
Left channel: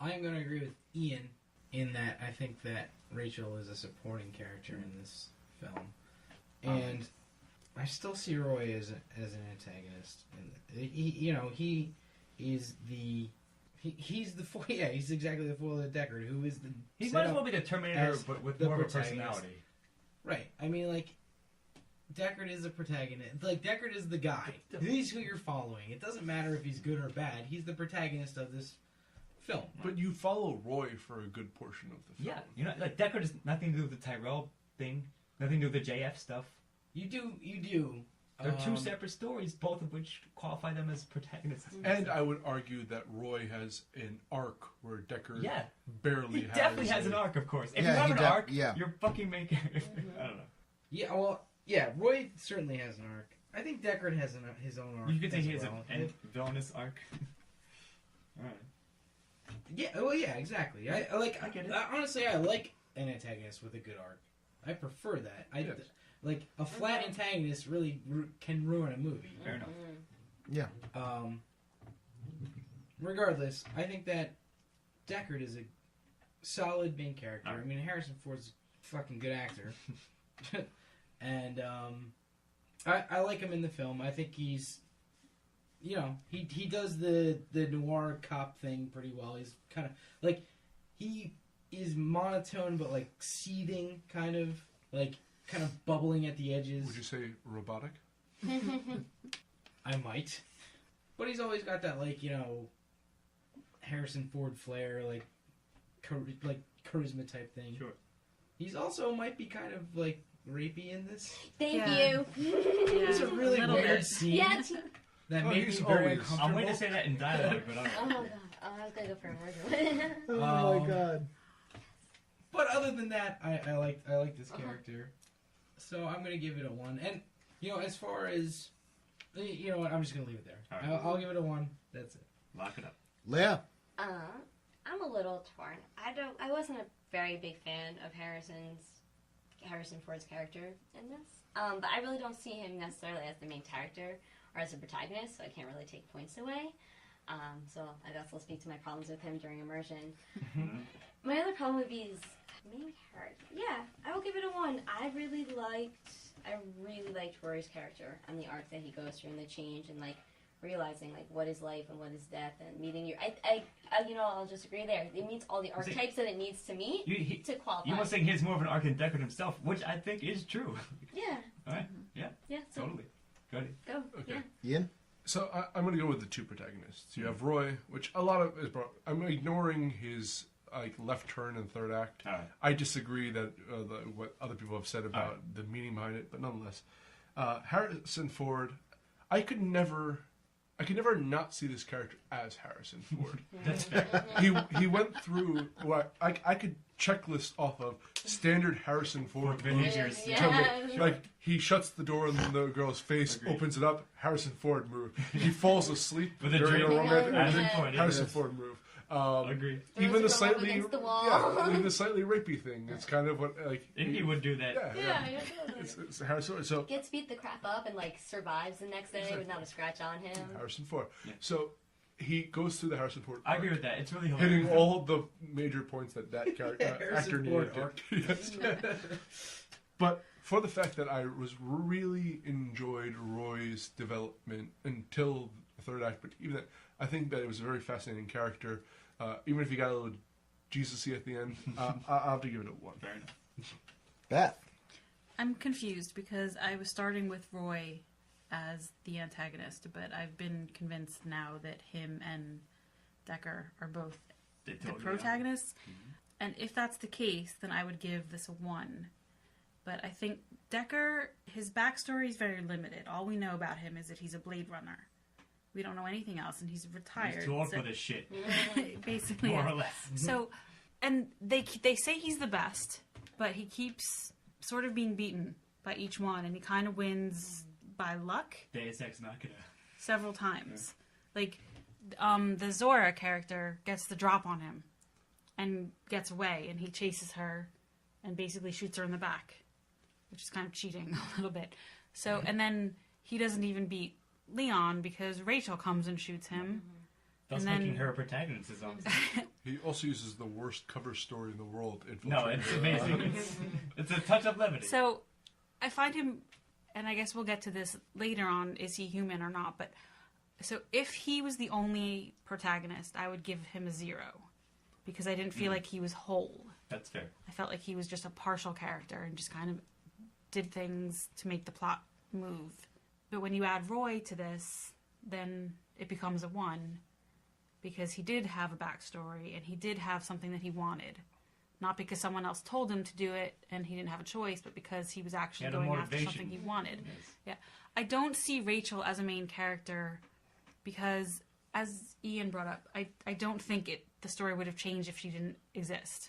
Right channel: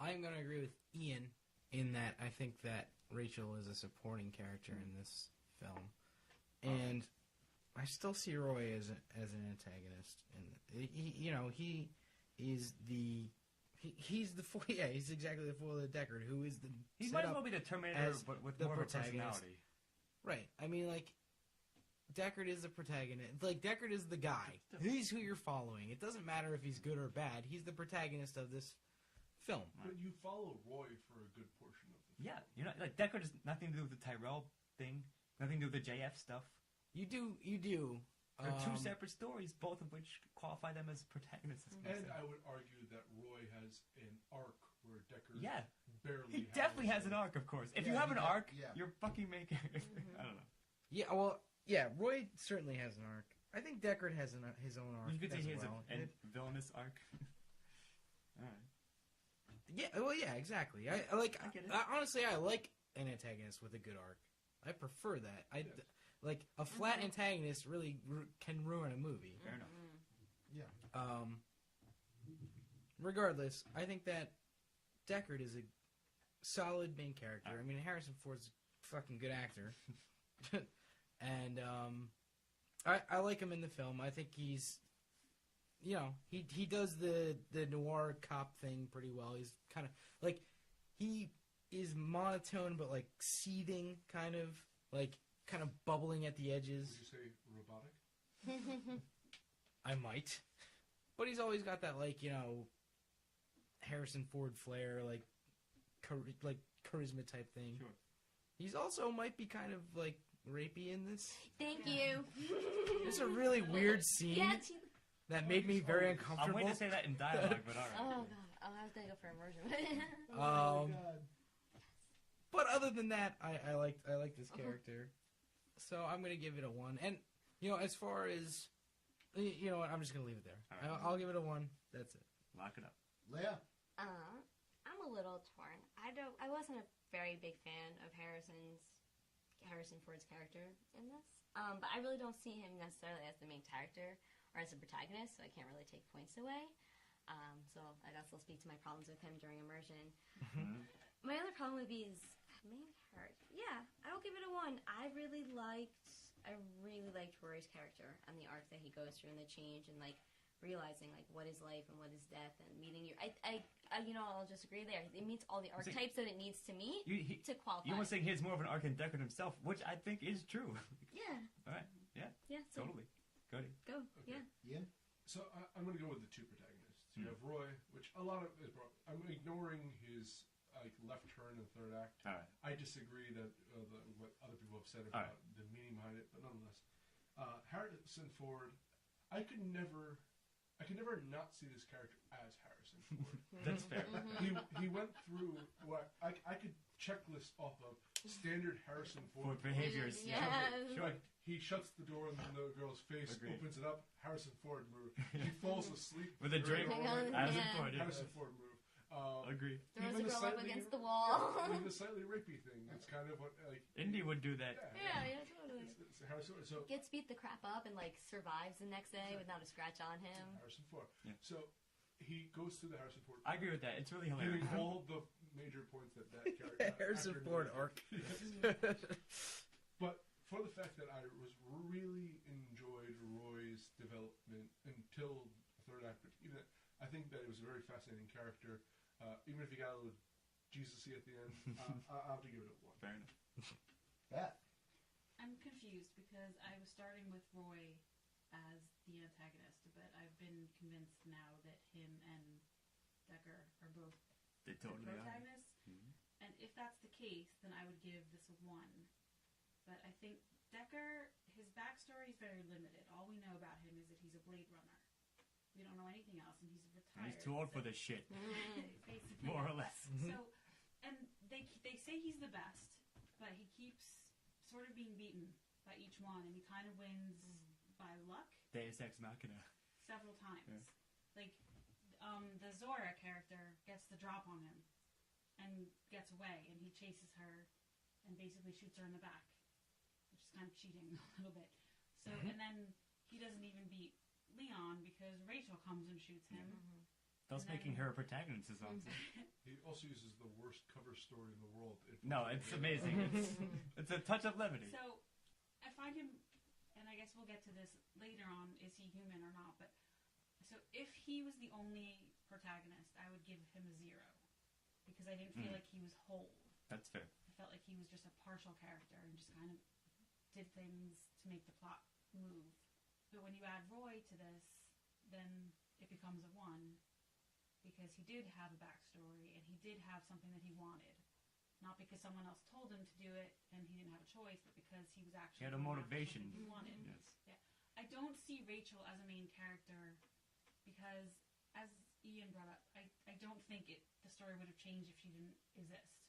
I'm going to agree with Ian in that I think that Rachel is a supporting character in this film, and I still see Roy as an antagonist, and he is the He's the foil. Yeah, he's exactly the foil of Deckard, who is the. He might as well be the Terminator, but with more of a personality. Right. I mean, like, Deckard is the protagonist. Like, Deckard is the guy. He's who you're following. It doesn't matter if he's good or bad. He's the protagonist of this film. But you follow Roy for a good portion of the film. Yeah, you know, like Deckard has nothing to do with the Tyrell thing, nothing to do with the JF stuff. You do. They're two separate stories, both of which qualify them as protagonists. And I would argue that Roy has an arc where Deckard barely has. He definitely has an arc, of course. If you have an arc, you're fucking making. I don't know. Yeah, well, yeah, Roy certainly has an arc. I think Deckard has his own arc. You could say he has a villainous arc. Alright. Yeah, well, yeah, exactly. I get it. Honestly, I like an antagonist with a good arc. I prefer that. Like, a flat antagonist really can ruin a movie. Fair enough. Yeah. Regardless, I think that Deckard is a solid main character. I mean, Harrison Ford's a fucking good actor. And, I like him in the film. I think he's, you know, he does the noir cop thing pretty well. He's kind of, like, he is monotone, but, like, seething, kind of bubbling at the edges. Would you say robotic? I might. But he's always got that, like, you know, Harrison Ford flair, like charisma type thing. Sure. He's also might be kind of, like, rapey in this. Thank you. It's a really weird scene. Yeah, that made me very uncomfortable. I'm waiting to say that in dialogue, but I don't know. Oh, God. Oh, I was going to go for a murder. Oh, my God. But other than that, I like this character. So I'm going to give it a 1. And, you know, as far as... You know what? I'm just going to leave it there. Right. I'll give it a 1. That's it. Lock it up. Leah? I'm a little torn. I wasn't a very big fan of Harrison Ford's character in this. But I really don't see him necessarily as the main character or as a protagonist, so I can't really take points away. So I guess I'll speak to my problems with him during immersion. My other problem would be his main character. Yeah, I will give it a 1. I really liked Rory's character and the arc that he goes through and the change and, like, realizing, like, what is life and what is death and meeting your... you know, I'll just agree there. It meets all the archetypes that it needs to meet to qualify. You must think he has more of an arc than Deckard himself, which I think is true. Yeah. Alright, yeah. Yeah, so totally. Go ahead. Go, okay. Yeah. Ian? So I'm going to go with the two protagonists. You have Roy, which a lot of is brought... I'm ignoring his, like, left turn in the third act. All right. I disagree that what other people have said about the meaning behind it, but nonetheless. Harrison Ford, I could never not see this character as Harrison Ford. That's fair. He went through what I could checklist off of standard Harrison Ford behaviors. Like, he shuts the door in the girl's face, opens it up, Harrison Ford move. He falls asleep with a during drink. a romantic Harrison Ford move. Agree. Even the slightly even the slightly rapey thing. It's kind of what, like, Indy would do that. Yeah. It's Harrison Ford. So gets beat the crap up and, like, survives the next day with not a scratch on him. Harrison Ford. Yeah. So he goes through the Harrison Ford. I agree with that. It's really hilarious. Hitting all the major points that character actor needed. Yes. But for the fact that I really enjoyed Roy's development until the third act, but even that, I think that it was a very fascinating character. Even if he got a little Jesus-y at the end, I'll have to give it a 1. Fair enough. Beth? I'm confused because I was starting with Roy as the antagonist, but I've been convinced now that him and Deckard are both the protagonists. And if that's the case, then I would give this a 1. But I think Deckard, his backstory is very limited. All we know about him is that he's a Blade Runner. We don't know anything else, and he's retired. He's too old for this shit. Basically, more or less. So, and they say he's the best, but he keeps sort of being beaten by each one, and he kind of wins by luck. Deus Ex Machina. Several times. Yeah. Like, the Zora character gets the drop on him and gets away, and he chases her and basically shoots her in the back, which is kind of cheating a little bit. So, and then he doesn't even beat Leon because Rachel comes and shoots him. Thus making her a protagonist is awesome. He also uses the worst cover story in the world. No, it's amazing. It's a touch of levity. So, I find him, and I guess we'll get to this later on, is he human or not, but So if he was the only protagonist, I would give him a 0. Because I didn't feel like he was whole. That's fair. I felt like he was just a partial character and just kind of did things to make the plot move. But when you add Roy to this, then it becomes a 1. Because he did have a backstory and he did have something that he wanted. Not because someone else told him to do it and he didn't have a choice, but because he was actually going after something he wanted. Yes. Yeah. I don't see Rachel as a main character because, as Ian brought up, I don't think the story would have changed if she didn't exist.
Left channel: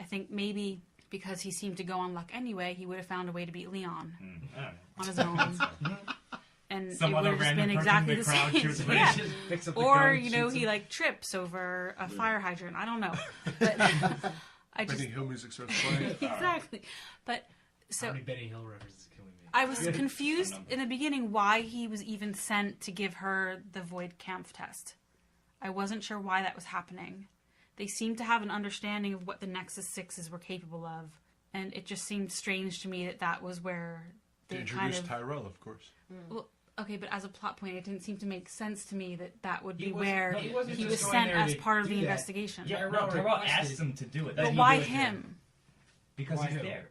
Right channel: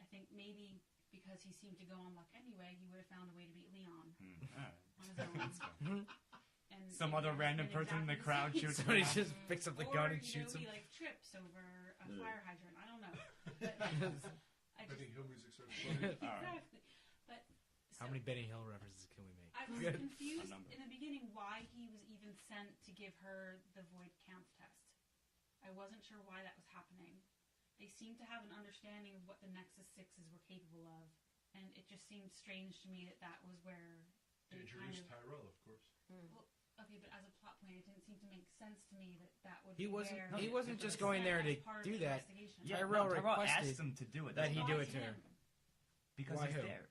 I think maybe because he seemed to go on luck anyway, he would have found a way to beat Leon on his own. And some it would other have just random been person exactly in the the crowd same. shoots Yeah. Picks up the Or, gun, you know, shoots he him. like trips over a fire hydrant. I don't know. But I just... Benny Hill music starts playing. Exactly. But so... How many Benny Hill references can we make? I was confused in the beginning why he was even sent to give her the Void Kampf test. I wasn't sure why that was happening. They seemed to have an understanding of what the Nexus 6s were capable of, and it just seemed strange to me that that was where they kind of... Tyrell, of course. Well, okay, but as a plot point, it didn't seem to make sense to me that that would be He wasn't- where no, he wasn't he just was going sent there as to part of do the that. investigation. Yeah, Tyrell Tyrell requested- asked him to do it. But He why did it. him? Because Why he's who? there.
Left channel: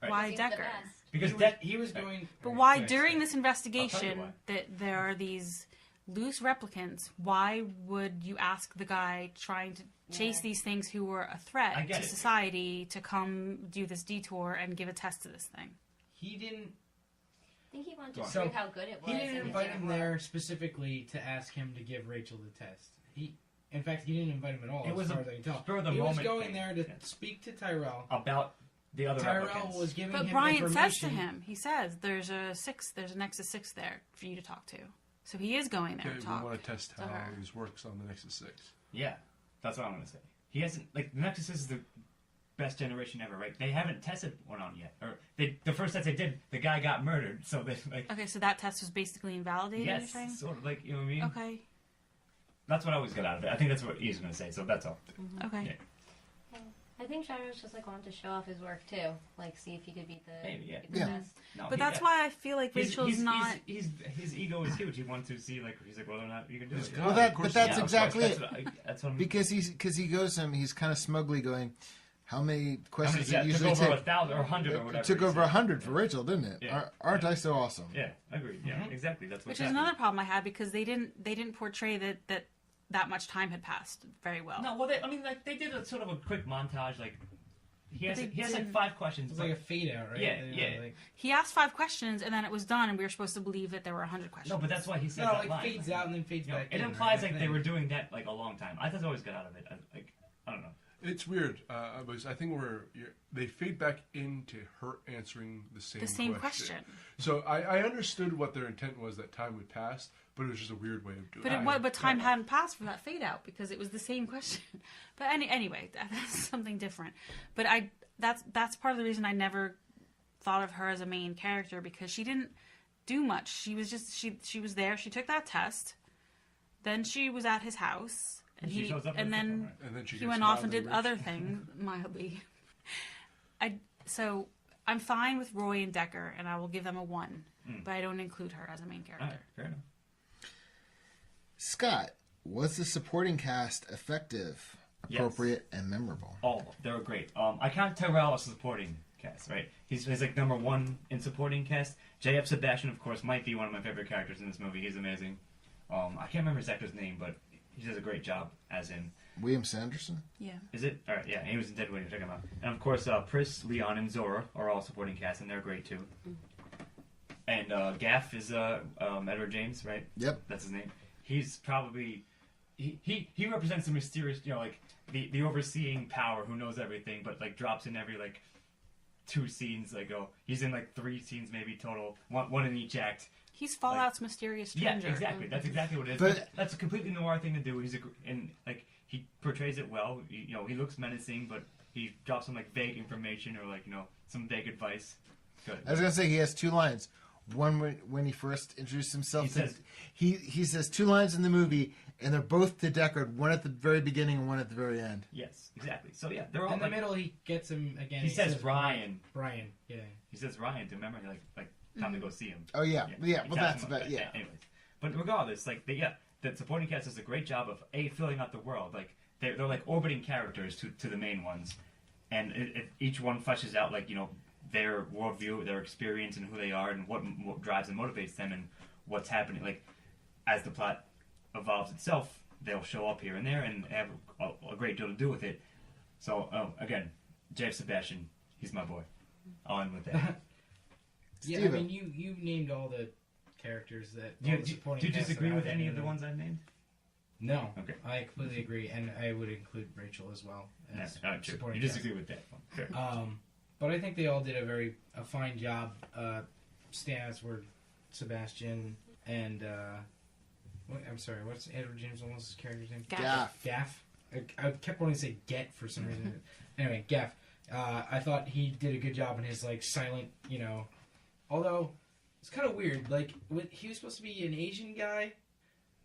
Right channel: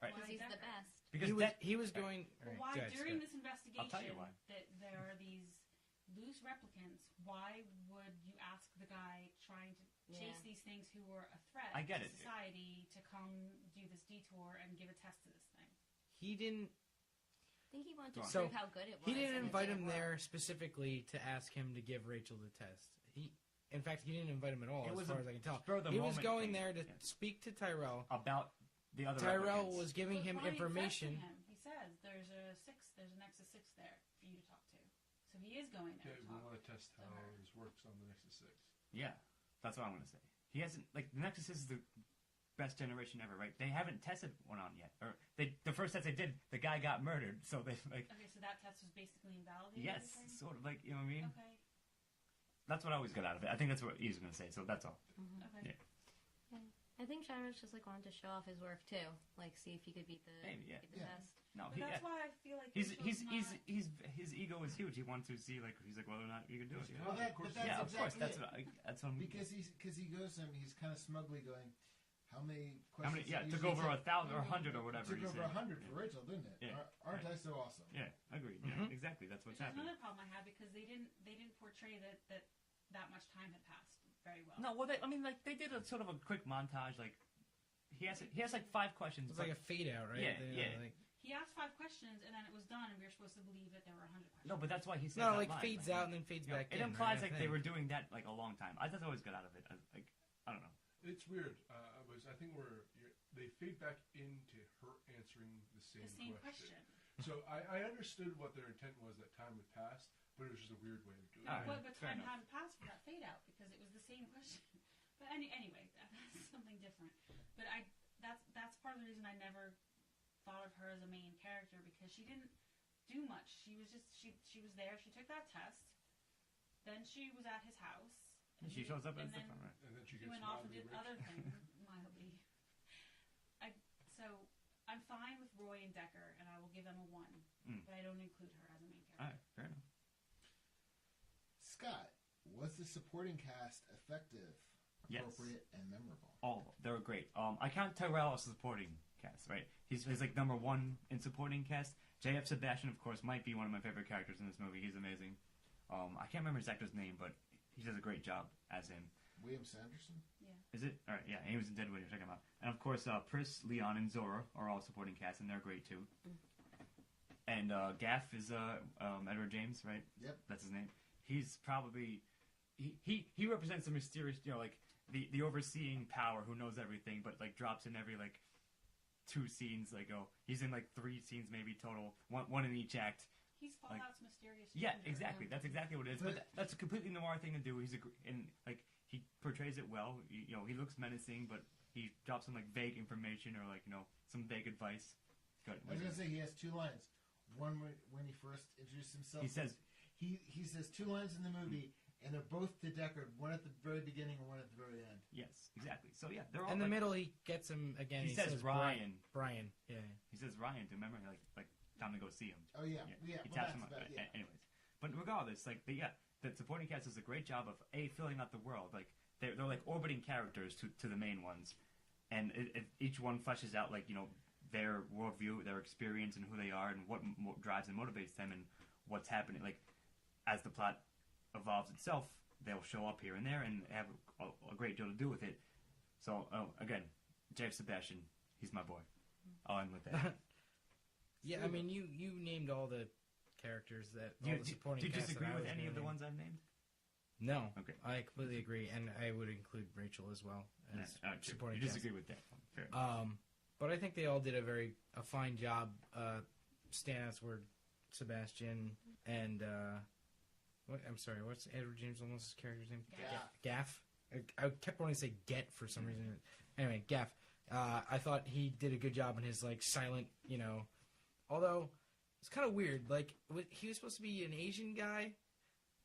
Right. Why Seems the Decker? best. Because He was going... But Right, why, sorry, during sorry. this investigation, why. that there are these loose replicants, why would you ask the guy trying to chase these things who were a threat I get to it. society to come do this detour and give a test to this thing? He didn't... I think he wanted to So, prove how good it was. He didn't and it invite didn't him work. there specifically to ask him to give Rachel the test. In fact, he didn't invite him at all. It as was far a as I can tell. spur of the he was moment going thing. there to Yeah. speak to Tyrell. About the other Tyrell replicants. was giving But him Brian says information. to him, he says, there's a Nexus 6 there for you to talk to. So he is going there Okay, to we talk. want to test to how her. this works on the Nexus 6. Yeah, that's what I'm going to say. He hasn't, like, the Nexus is the best generation ever, right? They haven't tested one on yet. Or the first test they did, the guy got murdered, so they, like... Okay, so that test was basically invalidated, Yes, you're saying? sort of, like, you know what I mean? Okay. That's what I always get out of it. I think that's what he's going to say, so that's all. Okay. Yeah. I think Shiro's just like wanted to show off his work too, like see if he could beat the, Maybe, yeah. beat the Yeah. best. No, But that's why I feel like Rachel's not... his ego is huge. He wants to see, like, he's like, whether or not you can do He's it. God. Well, Of course but that's Yeah, of exactly course. it. That's what I'm... Because he goes to him, he's kind of smugly going, how many How many, questions yeah, it took usually over take? 1,000 or 100 or whatever. It took he over said. 100 for Rachel, didn't it? Yeah. Aren't I so awesome? Yeah, agreed. Yeah, exactly. That's Which what's is another problem I had because they didn't portray that much time had passed very well. No, well, they did a sort of a quick montage, like, he has like didn't- 5 questions. It's like a fade out, right? Yeah, You know, yeah. Like, He asked 5 questions and then it was done and we were supposed to believe that there were 100 questions. No, but that's why he says no, that like line. fades out and then fades You know, back it in. implies right? like they were doing that like a long time. I just always got out of it. I don't know. It's weird. I think they fade back into her answering the same question. So I understood what their intent was that time would pass, but it was just a weird way of doing it. But time hadn't passed for that fade out because it was the same question. But anyway, that's something different. But that's part of the reason I never thought of her as a main character because she didn't do much. She was just she was there. She took that test. Then she was at his house, and She shows up at and the then second, right? And then she he gets went off and mildly did rich. other things mildly. So I'm fine with Roy and Decker, and I will give them a 1, but I don't include her as a main character. All right, fair enough. Scott, was the supporting cast effective, appropriate, and memorable? All of them. They were great. I count Tyrell as supporting cast, right? He's like number 1 in supporting cast. J.F. Sebastian, of course, might be one of my favorite characters in this movie. He's amazing. I can't remember his actor's name, but he does a great job as him. William Sanderson? Yeah. Is it? All right, yeah, he was in Dead Weight. Check him out. And of course, Pris, Leon, and Zora are all supporting cast, and they're great too. And Gaff is Edward James, right? Yep. That's his name. He's probably he represents the mysterious, you know, like the overseeing power who knows everything, but like drops in every like 2 scenes. Like he's in like 3 scenes maybe total, one in each act. He's Fallout's mysterious stranger. Yeah, exactly. That's exactly what it is. But- That's a completely noir thing to do. And like he portrays it well. You know, he looks menacing, but he drops some like vague information or like some vague advice. Good. I was going to say he has 2 lines. One when he first introduced himself. He says 2 lines in the movie, and they're both to Deckard. One at the very beginning and one at the very end. Yes, exactly. So yeah, they're all In the middle, he gets him again. He says Ryan. Brian, yeah. He says Ryan to remember like time to go see him. Oh yeah, yeah. He Well, taps that's him up. about yeah. Anyways, But regardless, like the supporting cast does a great job of filling out the world. Like they're like orbiting characters to the main ones, and each one fleshes out like their worldview, their experience, and who they are, and what drives and motivates them, and what's happening. Like as the plot evolves itself, they'll show up here and there and have a great deal to do with it. So again, Jeff Sebastian, he's my boy. I'll end with that. Yeah, I mean, you named all the characters that. Do you disagree with any of the ones I've named? No. Okay. I completely agree, and I would include Rachel as well as supporting. You disagree with that one. Fair. But I think they all did a fine job. Standouts were Sebastian and I'm sorry, what's Edward James Olmos' character's name? Gaff. I kept wanting to say Get for some reason. Anyway, Gaff. I thought he did a good job in his like silent, although it's kind of weird. Like he was supposed to be an Asian guy,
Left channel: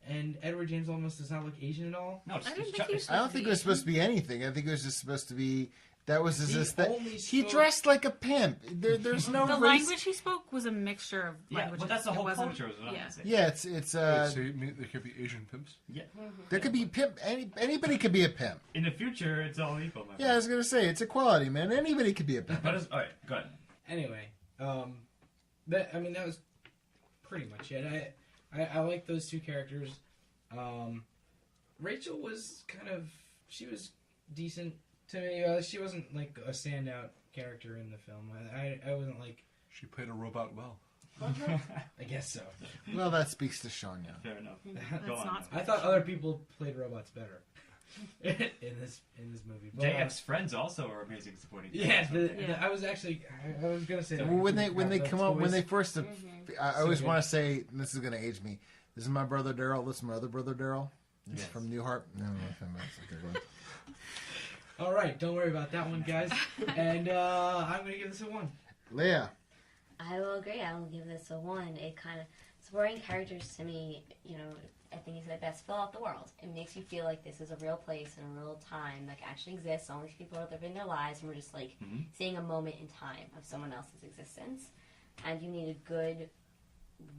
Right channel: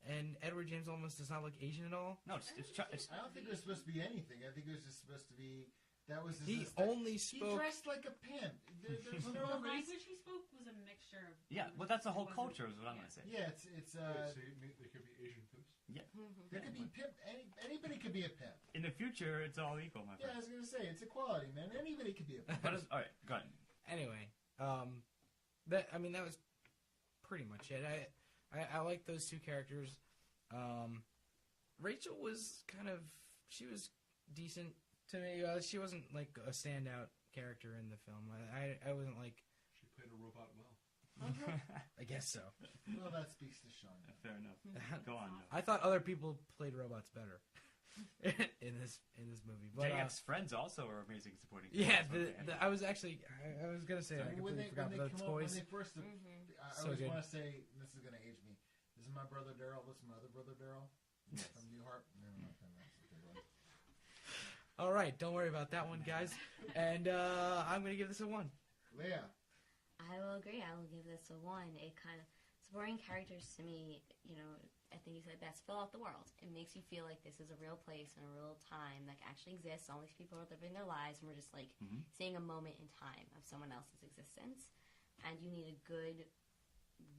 and Edward James Olmos does not look Asian at all. No, I don't think it was supposed to be anything. I think it was just supposed to be. That was his aesthetic. He dressed like a pimp. There's no the race. language he spoke was a mixture of languages. Well, that's the whole culture. Is what I'm saying. Yeah, it's. So you mean there could be Asian pimps? Yeah, there could be pimp. Anybody could be a pimp. In the future, it's all equal. My friend. Yeah, I was gonna say it's equality, man. Anybody could be a pimp. All right, go ahead. Anyway, that was pretty much it. I like those two characters. Rachel was she was decent to me. She wasn't like a standout character in the film. I wasn't like. She played a robot well. I guess so. Well, that speaks to Sean. Yeah. Fair enough. Go on. I thought other people played robots better in this movie. But, JF's friends also are amazing supporting. Yeah, I was gonna say that. Well, when they come up, when they first, I always want to say, and this is gonna age me. This is my brother Daryl. This is my other brother Daryl. Yes. From Newhart. No, all right, don't worry about that one, guys. And I'm going to give this a 1. Leah. I will agree. I will give this a 1. It kind of supporting characters to me, I think you said best fill out the world. It makes you feel like this is a real place and a real time that actually exists. All these people are living their lives, and we're just like seeing a moment in time of someone else's existence. And you need a good,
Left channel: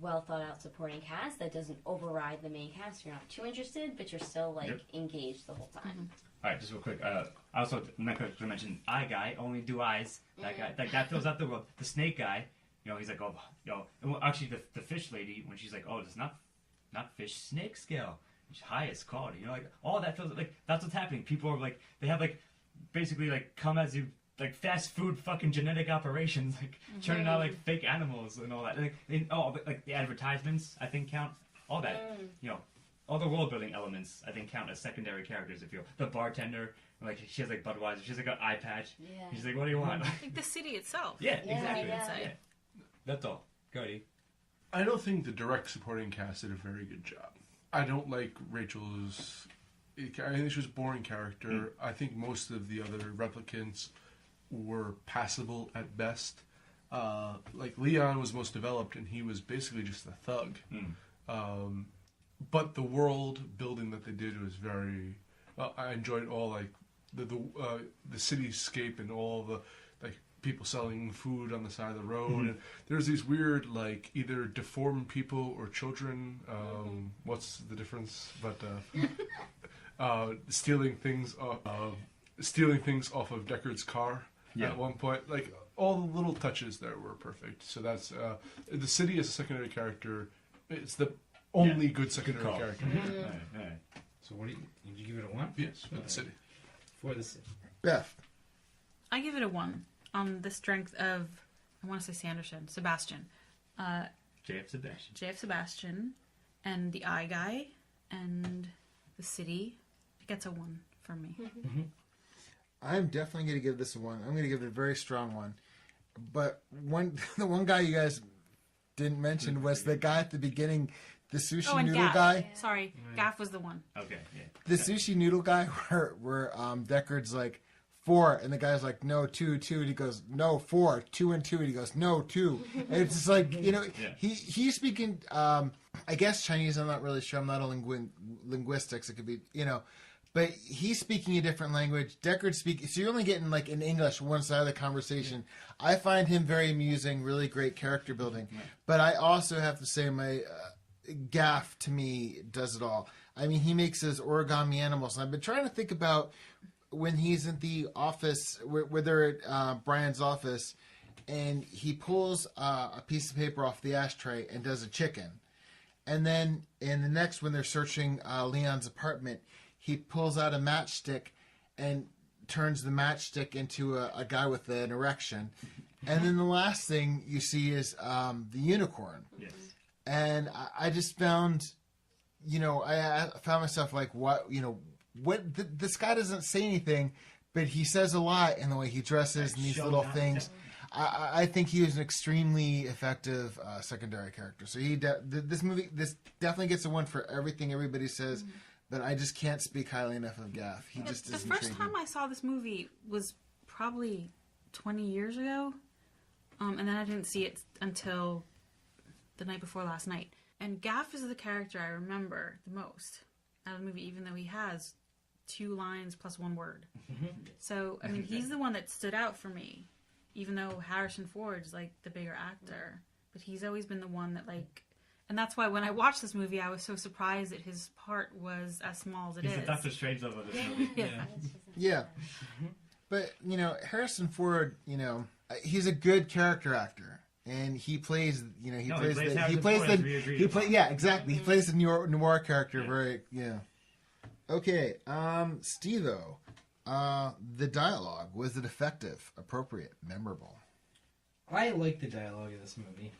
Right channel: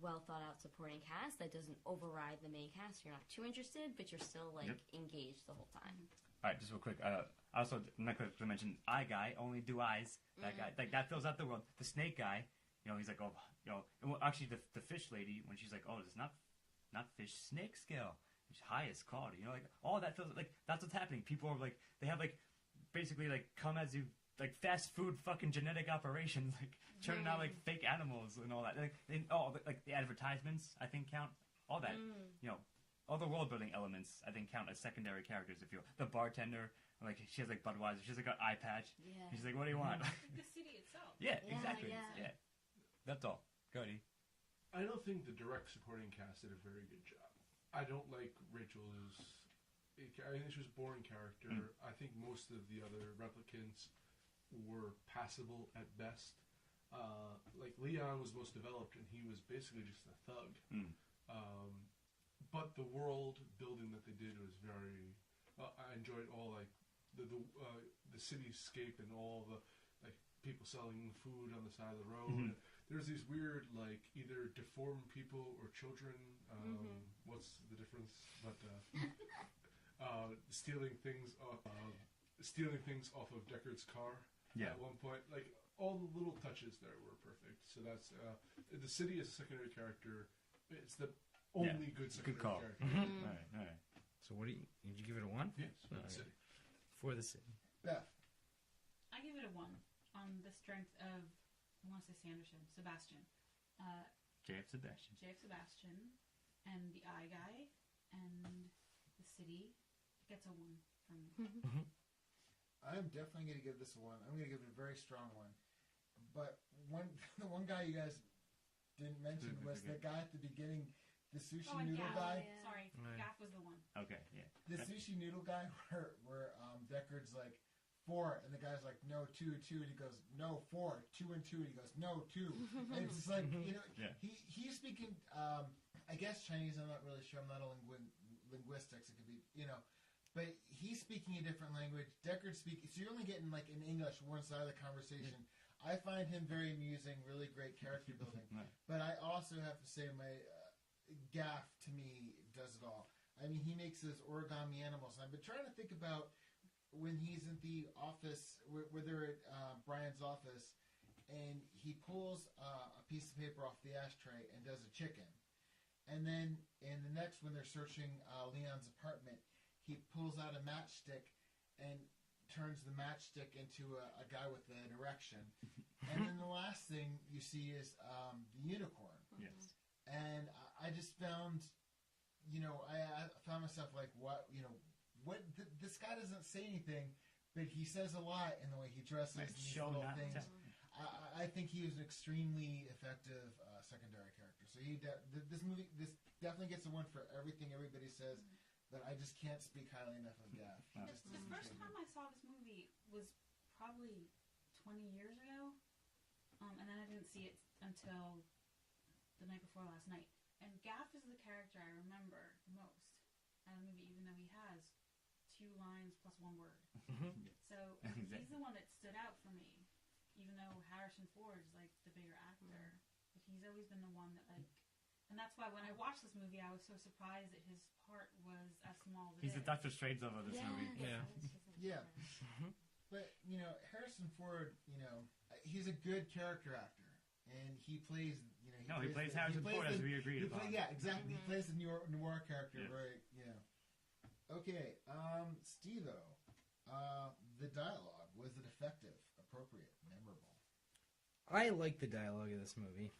well thought out supporting cast that doesn't override the main cast. You're not too interested, but you're still engaged the whole time. All right, just real quick. I also not going to mention Eye Guy. Only do eyes. That guy, like that fills out the world. The snake guy, he's like, well, actually, the fish lady, when she's like, it's not fish, snake scale. It's highest quality. Like all that feels like that's what's happening. People are like, they have like basically like come as you. Like fast food fucking genetic operations, like churning out like fake animals and all that. Like the advertisements, I think count. All that, all the world building elements, I think count as secondary characters. If the bartender, like she has like Budweiser, she's like an eye patch. Yeah. She's like, what do you want? Like the city itself. Yeah, exactly. Yeah. That's all. Go ahead. I don't think the direct supporting cast did a very good job. I don't like Rachel's. I think she was a boring character. I think most of the other replicants were passable at best. Like Leon was most developed, and he was basically just a thug. But the world building that they did was very. I enjoyed all like the cityscape and all the like people selling food on the side of the road. And there's these weird like either deformed people or children. What's the difference? But stealing things off of Deckard's car. Yeah. At one point, like all the little touches there were perfect. So that's the city as a secondary character. It's the only good secondary character. All right. So what did you give it a 1? Yes, for the city. For the city. Beth. I give it a 1 on the strength of I want to say Sebastian. JF Sebastian, and the Eye Guy, and the city. It gets a 1 for me. I'm definitely going to give this a 1. I'm going to give it a very strong 1. But the one guy you guys didn't mention was the guy at the beginning, the sushi noodle Gaff. guy. Sorry, Gaff was the one. Okay, yeah. The sushi noodle guy where Deckard's like 4, and the guy's like, no, 2, and he goes, no, 4, 2 and 2, and he goes, no, 2. And it's just like, he's speaking, I guess Chinese, I'm not really sure. I'm not a linguistics. It could be, but he's speaking a different language. Deckard speaking, so you're only getting like in English one side of the conversation. I find him very amusing, really great character building. But I also have to say Gaff, to me, does it all. I mean, he makes his origami animals. And I've been trying to think about when he's in the office, where they're at Brian's office, and he pulls a piece of paper off the ashtray and does a chicken. And then in the next, when they're searching Leon's apartment, he pulls out a matchstick and turns the matchstick into a guy with an erection. And then the last thing you see is the unicorn. Yes. And I just found, I found myself like, this guy doesn't say anything, but he says a lot in the way he dresses and these little things. I think he was an extremely effective secondary character. So this definitely gets a one for everything everybody says, but I just can't speak highly enough of Gaff. He just is intriguing. The first time I saw this movie was probably 20 years ago, and then I didn't see it until the night before last night. And Gaff is the character I remember the most out of the movie, even though he has 2 lines plus 1 word. So, I mean, he's the one that stood out for me, even though Harrison Ford's, like, the bigger actor. But he's always been the one that, like... And that's why when I watched this movie, I was so surprised that his part was as small as it is. He's the Dr. Strangelove of this movie. Yeah. But, Harrison Ford, he's a good character actor. And he plays, he plays the noir character very, Okay, Steve-O, the dialogue, was it effective, appropriate, memorable? I like the dialogue of this movie.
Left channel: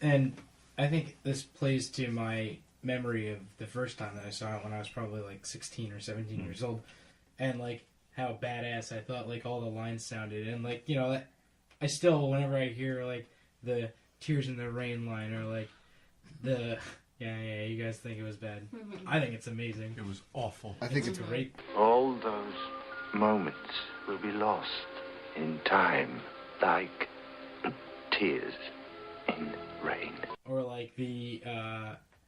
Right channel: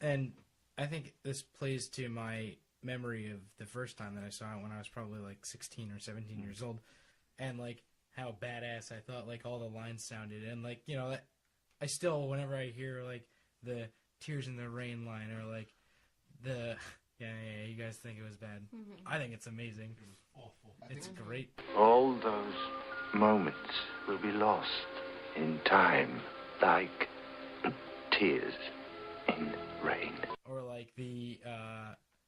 And I think this plays to my memory of the first time that I saw it when I was probably like 16 or 17 years old. And like how badass I thought like all the lines sounded. And like, I still, whenever I hear, like, the Tears in the Rain line, or, like, the... Yeah, you guys think it was bad. I think it's amazing. It was awful. I think it's great. All those moments will be lost in time, like tears in rain. Or, like, the,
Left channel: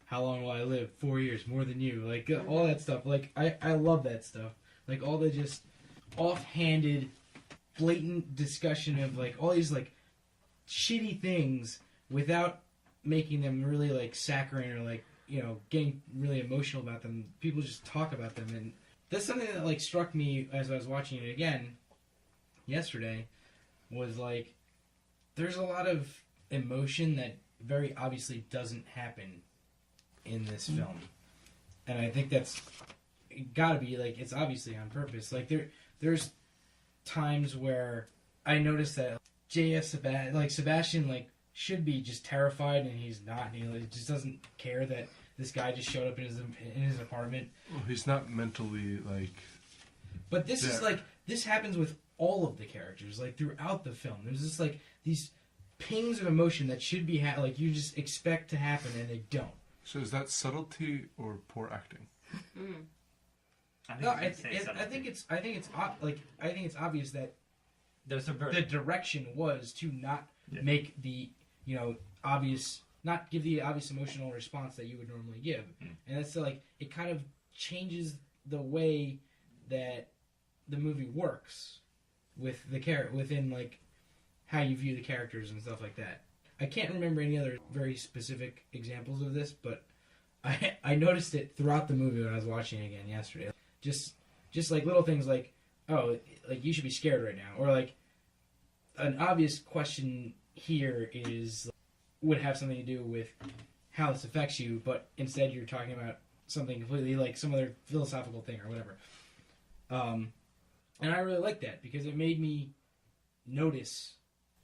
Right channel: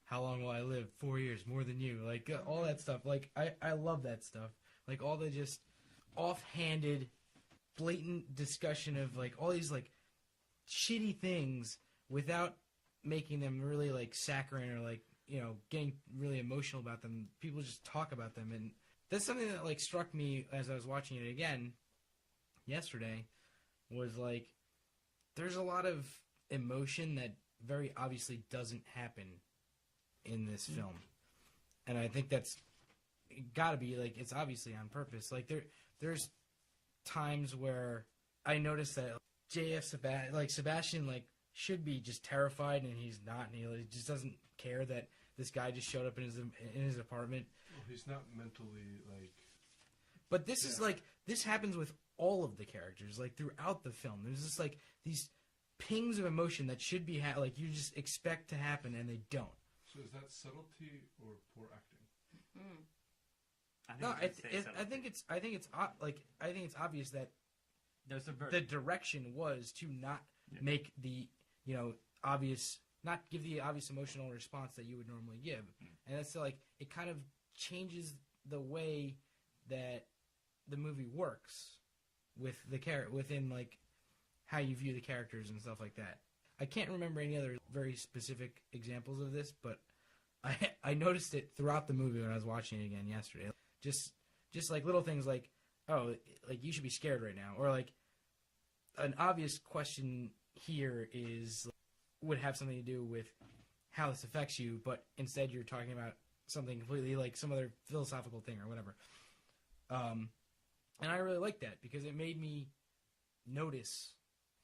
How Long Will I Live? 4 years, more than you. Like, all that stuff. Like, I love that stuff. Like, all the just offhanded... blatant discussion of like all these like shitty things without making them really like saccharine or like getting really emotional about them. People just talk about them, and that's something that like struck me as I was watching it again yesterday. Was like there's a lot of emotion that very obviously doesn't happen in this film, and I think that's gotta be like it's obviously on purpose. Like there's times where I noticed that Sebastian like should be just terrified, and he's not. He just doesn't care that this guy just showed up in his apartment. Well, he's not mentally like. But this is like this happens with all of the characters like throughout the film. There's just like these pings of emotion that should be like you just expect to happen, and they don't. So is that subtlety or poor acting? I think it's obvious that the direction was to not make the obvious, not give the obvious emotional response that you would normally give, and it's like it kind of changes the way that the movie works with the within like how you view the characters and stuff like that. I can't remember any other very specific examples of this, but I noticed it throughout the movie when I was watching it again yesterday. Just like little things like, oh, like you should be scared right now, or like an obvious question here is would have something to do with how this affects you, but instead you're talking about something completely like some other philosophical thing or whatever. And I really liked that because it made me notice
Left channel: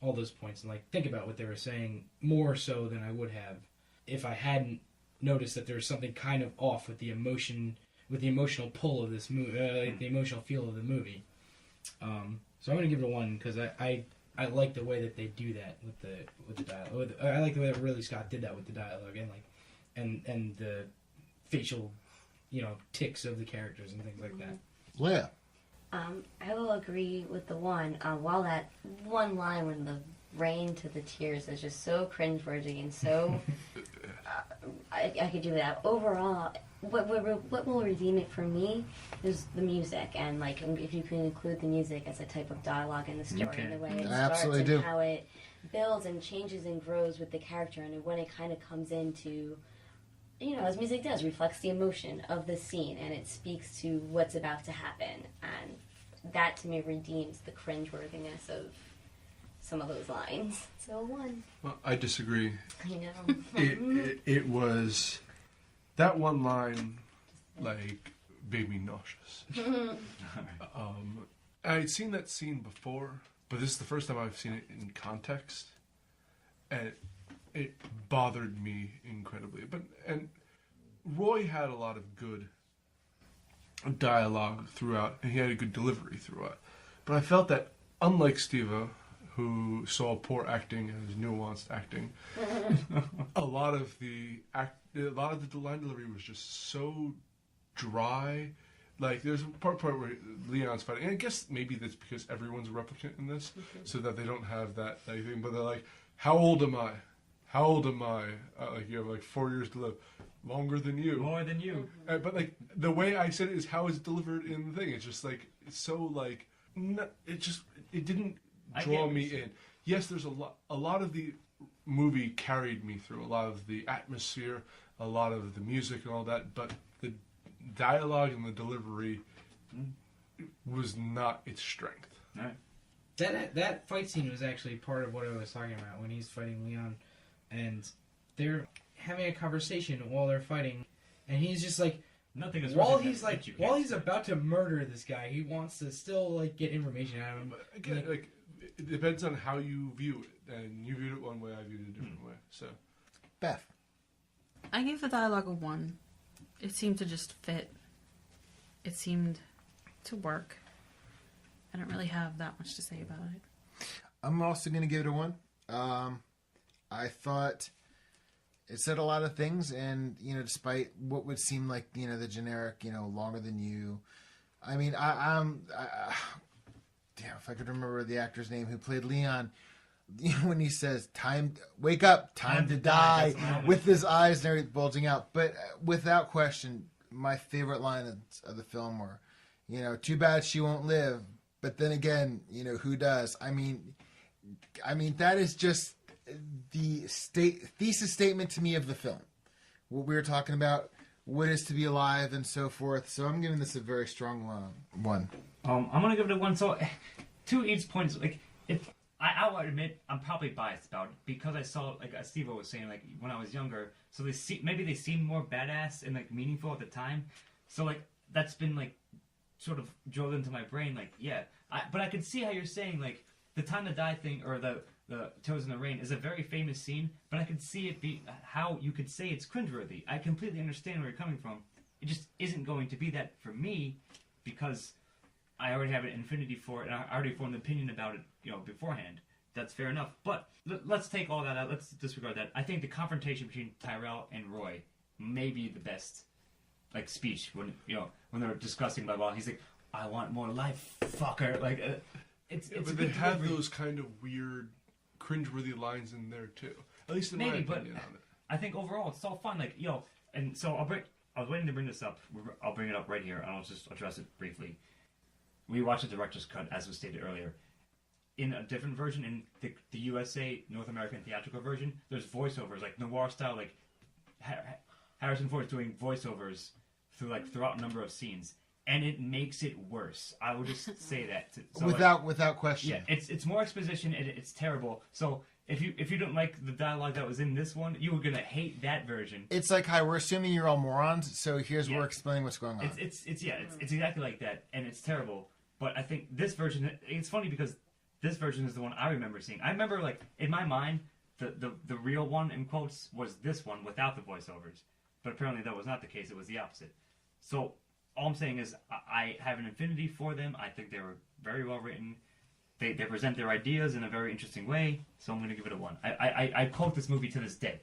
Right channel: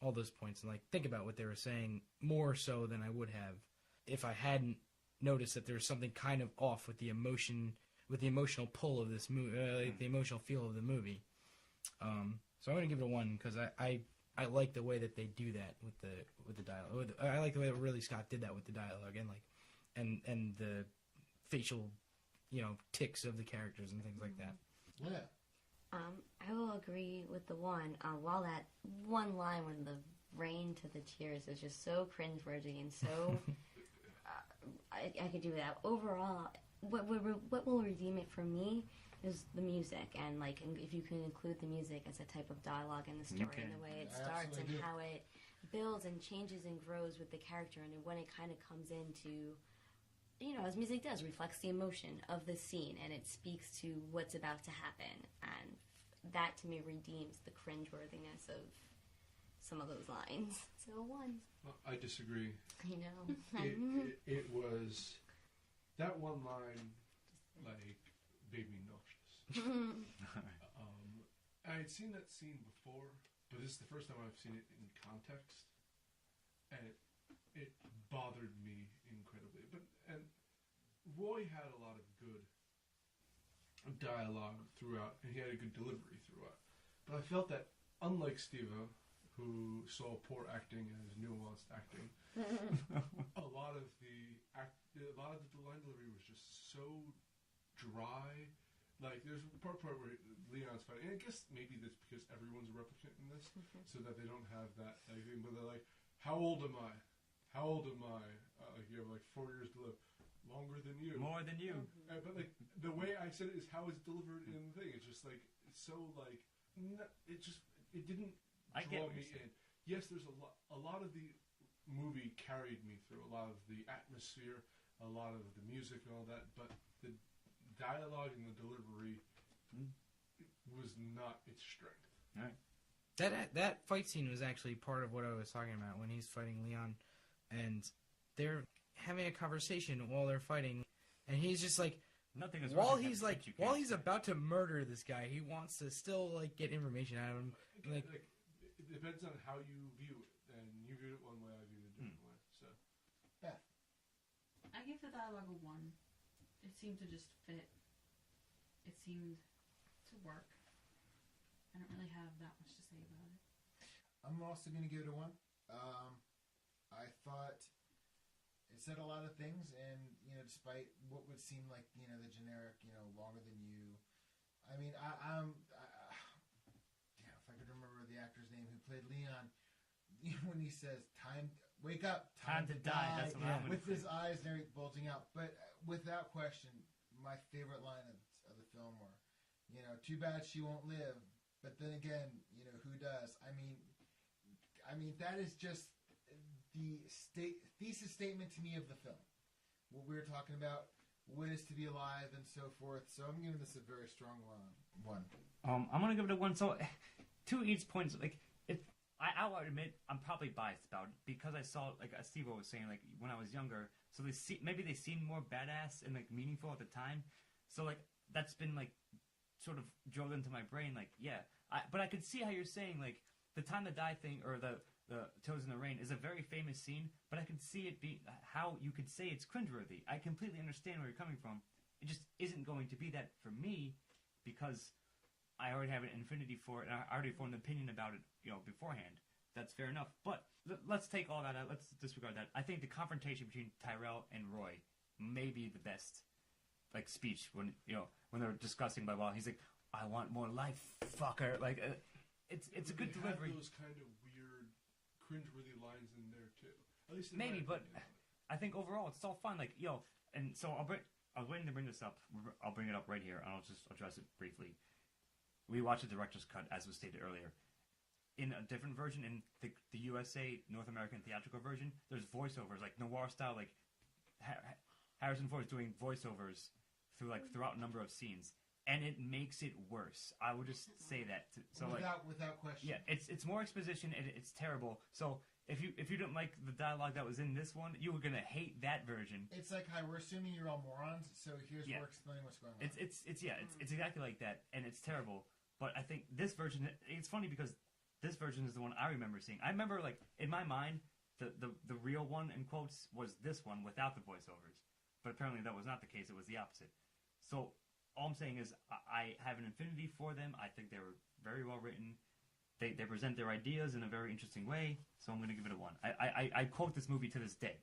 all those points and like think about what they were saying more so than I would have if I hadn't noticed that there was something kind of off with the emotion. With the emotional pull of this movie, like the emotional feel of the movie, so I'm gonna give it a 1 because I like the way that they do that with the dialogue. I like the way that Ridley Scott did that with the dialogue and like and the facial, tics of the characters and things like that. Leah, I will agree with the 1. While that one line when the rain to the tears is just so cringeworthy and so I could do that overall. what will redeem it for me is the music, and like if you can include the music as a type of dialogue in the story, and the way it starts and how it builds and changes and grows with the character, and when it kind of comes into, you know, as music does, reflects the emotion of the scene, and it speaks to what's about to happen, and that to me redeems the cringeworthiness of some of those lines. So 1. Well, I disagree. I know. It was that one line, like, made me nauseous. I'd seen that scene before, but this is the first time I've seen it in context, and it bothered me incredibly. And Roy had a lot of good dialogue throughout, and he had a good delivery throughout. But I felt that, unlike Steve-O, who saw poor acting as nuanced acting, a lot of the line delivery was just so dry. Like, there's a part where Leon's fighting, and I guess maybe that's because everyone's a replicant in this, so that they don't have that thing. But they're like, "How old am I? How old am I?" Like, you have like 4 years to live. Longer than you. More than you. But like the way I said it is how it's delivered in the thing. It's just like it's so like it didn't draw me in. Yes, there's a lot of the movie carried me through, a lot of the atmosphere, a lot of the music and all that, but the dialogue and the delivery was not its strength. All right. That fight scene was actually part of what I was talking about when he's fighting Leon, and they're having a conversation while they're fighting, and he's just like, nothing is while he's about to murder this guy, he wants to still like get information out of him. But again, like it depends on how you view it, and you viewed it one way, I viewed it a different way. So, Beth, I gave the dialogue a 1. It seemed to just fit. It seemed to work. I don't really have that much to say about it. I'm also going to give it a 1. I thought it said a lot of things, and, you know, despite what would seem like, you know, the generic, you know, longer than you. I mean, damn, if I could remember the actor's name who played Leon, you know, when he says, wake up, time to die, with his eyes and everything bulging out. But without question, my favorite lines of the film were, you know, too bad she won't live, but then again, you know, who does? I mean, that is just the thesis statement to me of the film. What we were talking about, what is to be alive and so forth. So I'm giving this a very strong 1. I'm gonna give it a 1. So, to each point, like I will admit I'm probably biased about it because I saw, like as Steve was saying, like when I was younger. So maybe they seemed more badass and like meaningful at the time. So like that's been like sort of drilled into my brain. Like but I could see how you're saying like the time to die thing or the Toes in the Rain is a very famous scene, but I could see it be how you could say it's cringeworthy. I completely understand where you're coming from. It just isn't going to be that for me because I already have an affinity for it, and I already formed an opinion about it, you know, beforehand. That's fair enough. But let's take all that out. Let's disregard that. I think the confrontation between Tyrell and Roy may be the best, like, speech when they're discussing blah blah. He's like, "I want more life, fucker." Like, it's. But they have those kind of weird, cringeworthy lines in there too. At least in my opinion on it. I think overall it's all fun. Like, and so I was waiting to bring this up. I'll bring it up right here, and I'll just address it briefly. We watched the director's cut, as was stated earlier. In a different version, in the USA North American theatrical version, there's voiceovers, like noir style, like Harrison Ford doing voiceovers throughout a number of scenes, and it makes it worse. I would just say that. So without question. Yeah, it's more exposition, and it's terrible. So if you don't like the dialogue that was in this one, you were gonna hate that version. It's like, hi, we're assuming you're all morons, so we're explaining what's going on. It's exactly like that, and it's terrible. But I think this version, it's funny because this version is the one I remember seeing. I remember, like, in my mind, the real one, in quotes, was this one without the voiceovers. But apparently that was not the case. It was the opposite. So all I'm saying is I have an affinity for them. I think they were very well written. They present their ideas in a very interesting way. So I'm going to give it a 1. I quote this movie to this day.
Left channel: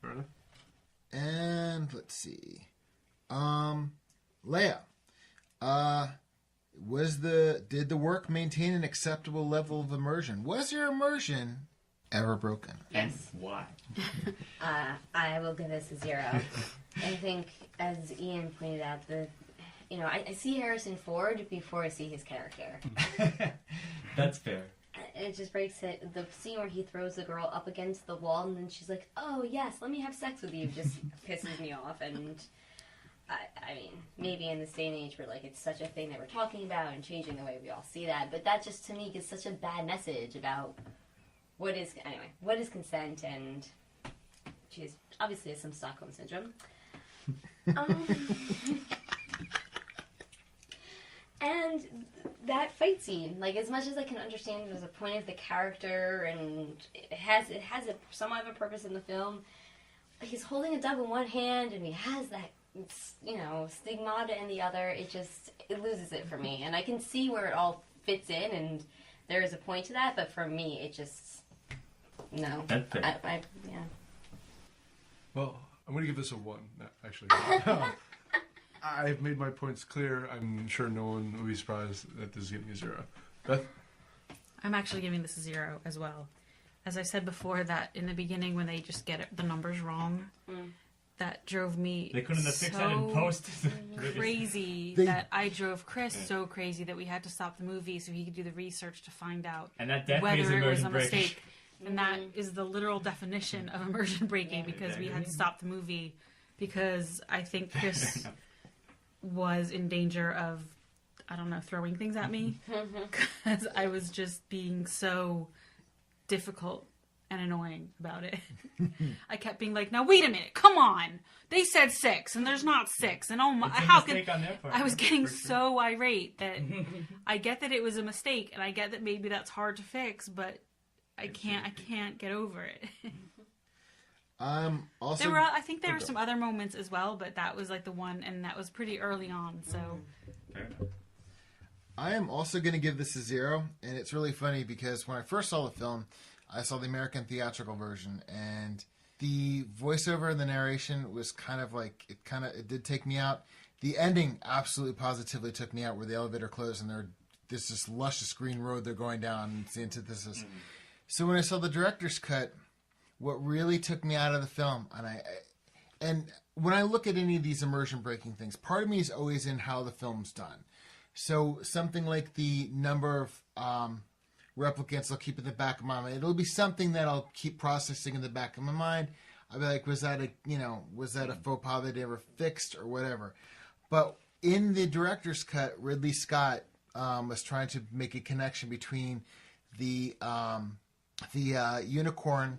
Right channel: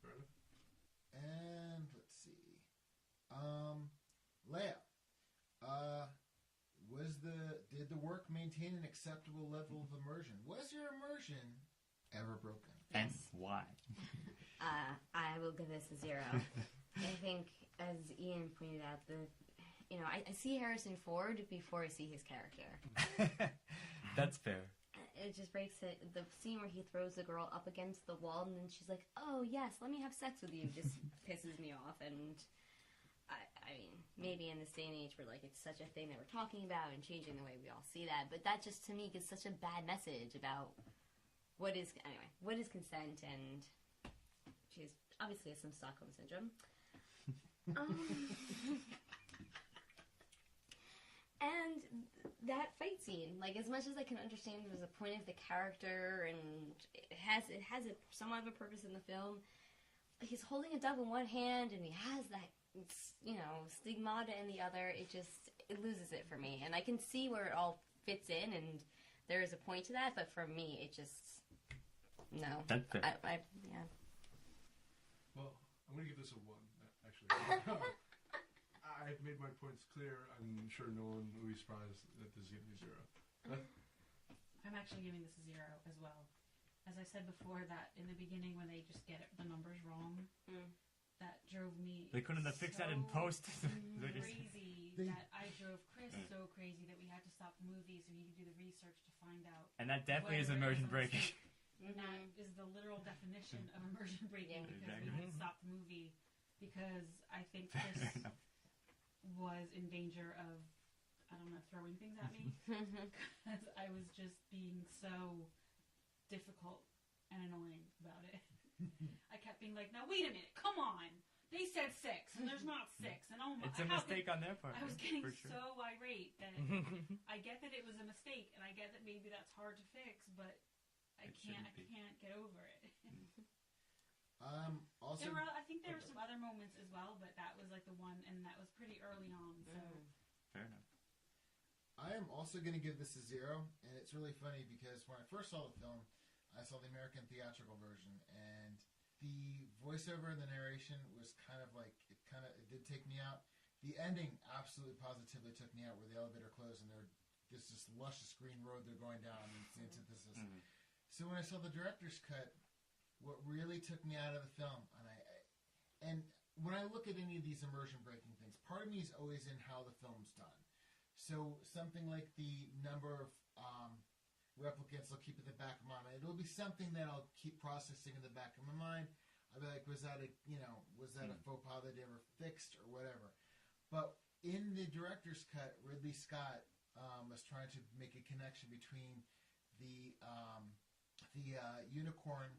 Fair enough. And let's see. Leah. Did the work maintain an acceptable level of immersion? Was your immersion ever broken? Yes. And why? I will give this a 0. I think, as Ian pointed out, I see Harrison Ford before I see his character. That's fair. It just breaks it. The scene where he throws the girl up against the wall and then she's like, "Oh yes, let me have sex with you," just pisses me off. And I mean, maybe in this day and age where like it's such a thing that we're talking about and changing the way we all see that, but that just to me gives such a bad message about what is consent, and she's obviously has some Stockholm syndrome. And that fight scene, like as much as I can understand there's a point of the character and it has somewhat of a purpose in the film, he's holding a dove in one hand and he has that, stigmata in the other. It loses it for me. And I can see where it all fits in and there is a point to that, but for me it just, no. Yeah. Well, I'm going to give this a 1, actually. I've made my points clear. I'm sure no one will be surprised that this is getting a 0. Beth? I'm actually giving this a 0 as well. As I said before, that in the beginning when they just get the numbers wrong, that drove me They couldn't have fixed that in post. Crazy that I drove Chris so crazy that we had to stop the movie so he could do the research to find out and that definitely whether is it was a immersion breaking. mistake. And that is the literal definition of immersion breaking because we had to stop the movie because I think Chris was in danger of, I don't know, throwing things at me because I was just being so difficult and annoying about it. I kept being like, now wait a minute, come on. They said 6 and there's not 6 and oh my, how could I was getting so irate that I get that it was a mistake and I get that maybe that's hard to fix, but I can't get over it. Also, I think there were some other moments as well, but that was like the one, and that was pretty early on. So, fair enough. I am also going to give this a 0, and it's really funny because when I first saw the film, I saw the American theatrical version, and the voiceover and the narration was kind of like it did take me out. The ending absolutely positively took me out, where the elevator closed and there's this luscious green road they're going down, and it's the antithesis. So when I saw the director's cut, what really took me out of the film, and when I look at any of these immersion breaking things, part of me is always in how the film's done. So something like the number of replicants I'll keep in the back of my mind. It'll be something that I'll keep processing in the back of my mind. I'll be like, was that a faux pas that they ever fixed or whatever? But in the director's cut, Ridley Scott was trying to make a connection between the unicorn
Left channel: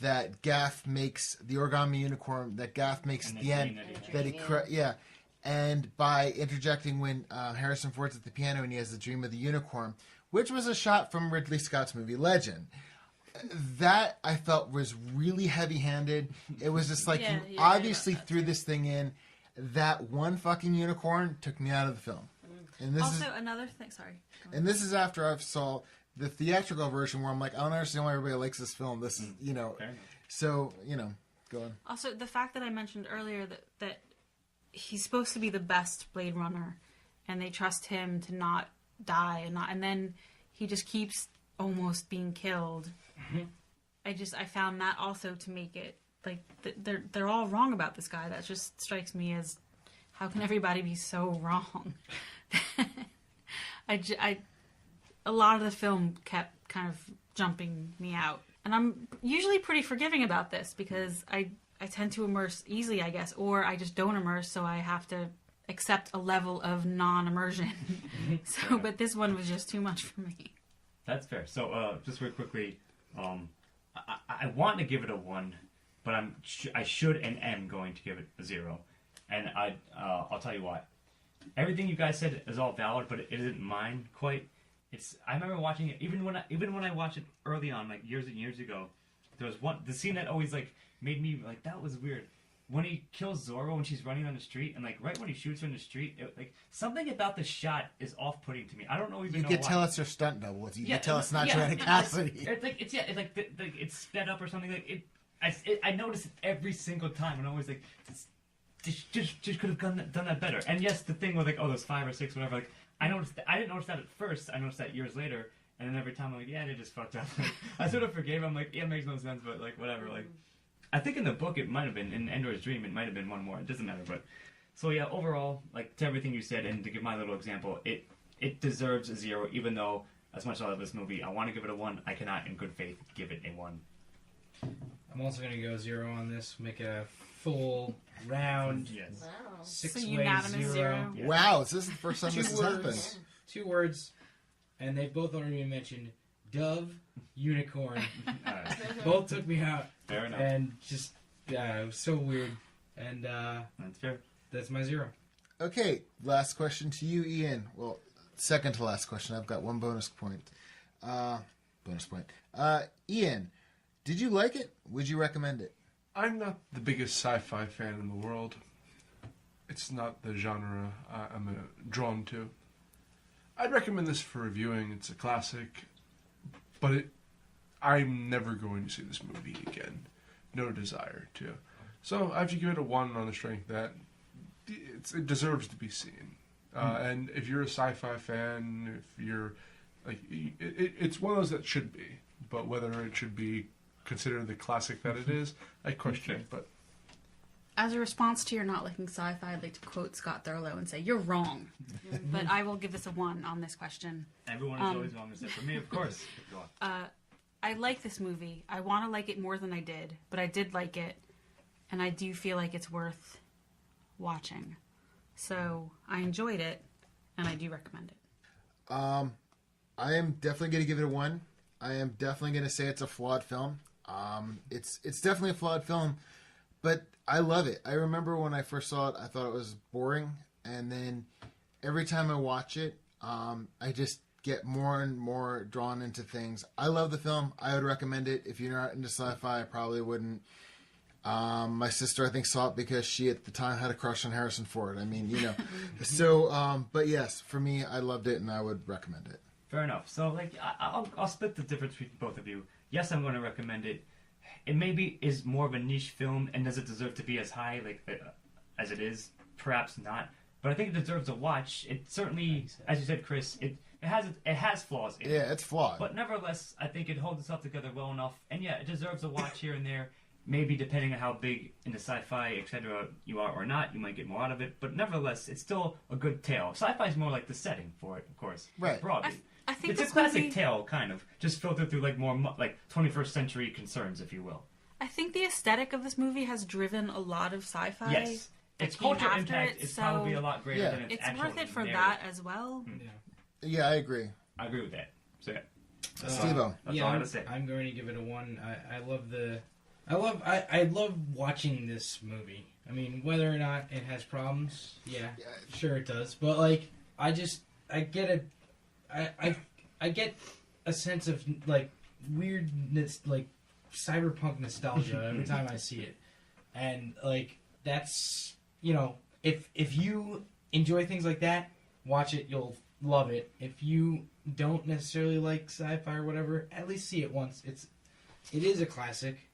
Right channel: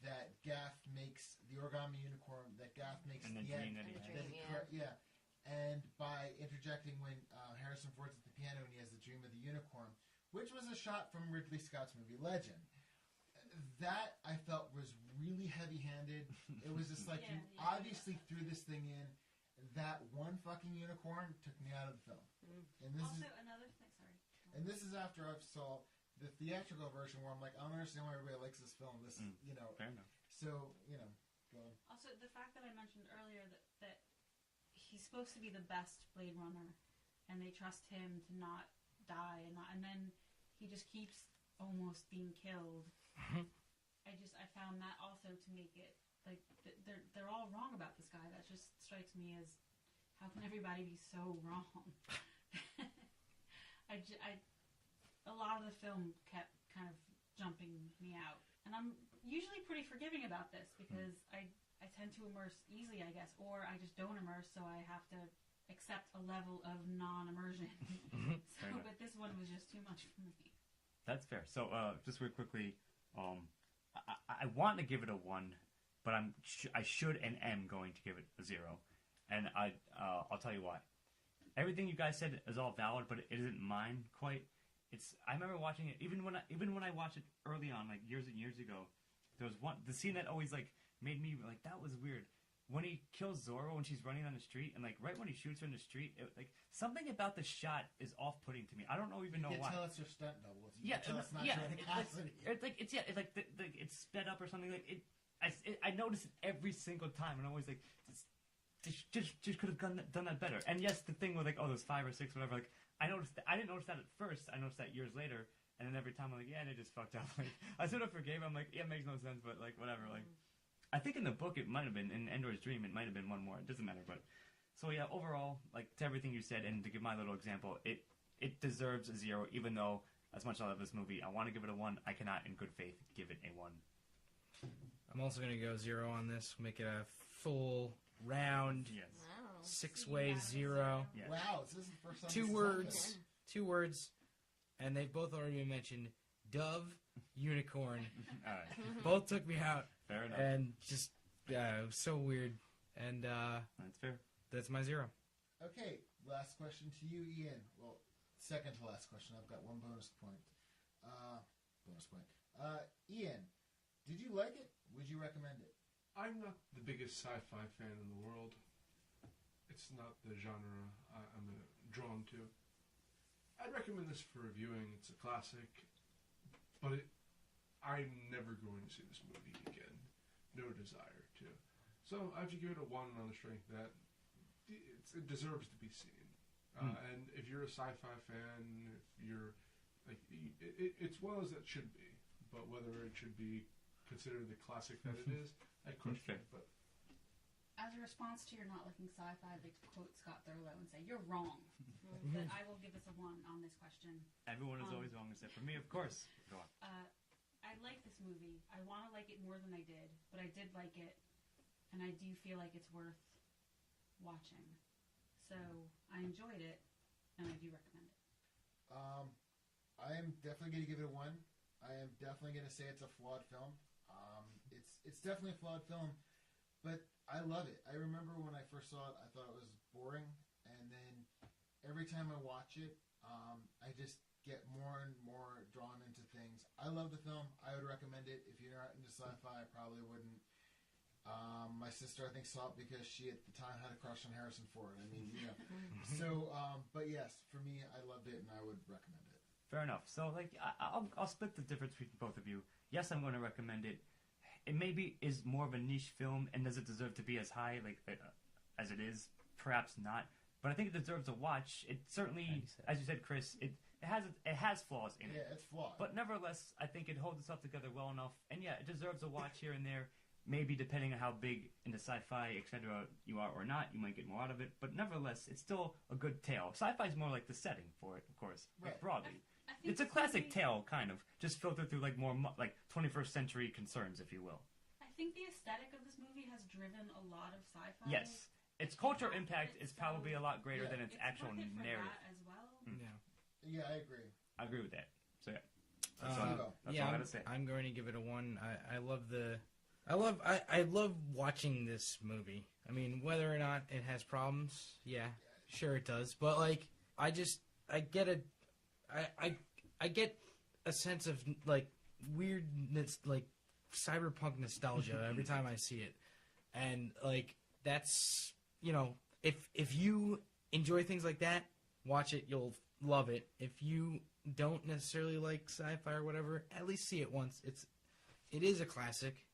that Gaff makes, the origami unicorn that Gaff makes at the end, and by interjecting when Harrison Ford's at the piano and he has the dream of the unicorn, which was a shot from Ridley Scott's movie Legend. That I felt was really heavy-handed. It was just like you obviously threw this thing in. That one fucking unicorn took me out of the film. And this also, another thing. Sorry. And this is after I've saw the theatrical version where I'm like, I don't understand why everybody likes this film. This is, so, go on. Also, the fact that I mentioned earlier that he's supposed to be the best Blade Runner, and they trust him to not die, and then he just keeps almost being killed. I found that also to make it like they're all wrong about this guy. That just strikes me as, how can everybody be so wrong? A lot of the film kept kind of jumping me out. And I'm usually pretty forgiving about this because I tend to immerse easily, I guess, or I just don't immerse, so I have to accept a level of non-immersion. But this one was just too much for me. That's fair. So, just very quickly, I want to give it a 1, but I should and am going to give it a 0. And I'll tell you why. Everything you guys said is all valid, but it isn't mine quite. I remember watching it even when I watched it early on, like years and years ago. There was the scene that always like made me like, that was weird. When he kills Zorro when she's running on the street, and like right when he shoots her in the street, like something about the shot is off-putting to me. I don't know even. You know can why. tell it's her stunt double. You can tell it's not Joanna Cassidy. It's like it's sped up or something. Like I notice it every single time, and I'm always like, just could have done that better. And yes, the thing with like, there's 5 or 6, whatever. Like I didn't notice that at first. I noticed that years later, and then every time I'm like, they just fucked up. Like, I sort of forgave. I'm like, it makes no sense, but like whatever. Like I think in the book it might have been, in Endor's Dream, it might have been one more. It doesn't matter, but... So yeah, overall, like, to everything you said, and to give my little example, it deserves a 0, even though, as much as I love this movie, I want to give it a 1, I cannot, in good faith, give it a 1. I'm also going to go 0 on this, make a full round, yes. Wow. 6-way 0. Yeah. Wow, this is the first time this has happened. 2 words, and they've both already been mentioned. Dove, unicorn. Both took me out. Fair enough. And just, it was so weird. And that's fair. That's my 0. Okay, last question to you, Ian. Well, second to last question. I've got one bonus point. Ian, did you like it? Would you recommend it? I'm not the biggest sci-fi fan in the world. It's not the genre I'm drawn to. I'd recommend this for reviewing. It's a classic, but I'm never going to see this movie again. No desire to. So I have to give it a 1 on the strength that it deserves to be seen. And if you're a sci-fi fan, if you're like, it's one of those that should be. But whether it should be considered the classic that it is, I question. But as a response to your not liking sci-fi, I'd like to quote Scott Thurlow and say, you're wrong. But I will give this a 1 on this question. Everyone is always wrong except for me, of course. Go on. I like this movie. I want to like it more than I did, but I did like it. And I do feel like it's worth watching. So I enjoyed it, and I do recommend it. I am definitely going to give it a 1. I am definitely going to say it's a flawed film. It's definitely a flawed film, but I love it. I remember when I first saw it, I thought it was boring, and then every time I watch it, I just get more and more drawn into things. I love the film. I would recommend it. If you're not into sci-fi, I probably wouldn't. My sister, I think, saw it because she at the time had a crush on Harrison Ford. I mean, you know. So, but yes, for me, I loved it, and I would recommend it. Fair enough. So, like, I'll split the difference between both of you. Yes, I'm going to recommend it. It maybe is more of a niche film, and does it deserve to be as high as it is? Perhaps not. But I think it deserves a watch. It certainly, as you said, Chris, it has flaws in it. Yeah, it's flawed. But nevertheless, I think it holds itself together well enough. And yeah, it deserves a watch here and there. Maybe depending on how big into sci-fi, etc. you are or not, you might get more out of it. But nevertheless, it's still a good tale. Sci-fi is more like the setting for it, of course. Right. Broadly. I think it's a classic tale, kind of. Just filtered through more 21st century concerns, if you will. I think the aesthetic of this movie has driven a lot of sci-fi. Yes. Its cultural impact is probably a lot greater than its actual worth it for narrative. that as well. Yeah, I agree. I agree with that. So yeah. Steve-O. That's all I gotta say. I'm going to give it a 1. I love watching this movie. I mean, whether or not it has problems, yeah, sure it does. But I get a sense of weirdness, cyberpunk nostalgia every time I see it, and that's if you enjoy things like that, watch it, you'll love it. If you don't necessarily like sci-fi or whatever, at least see it once. It is a classic.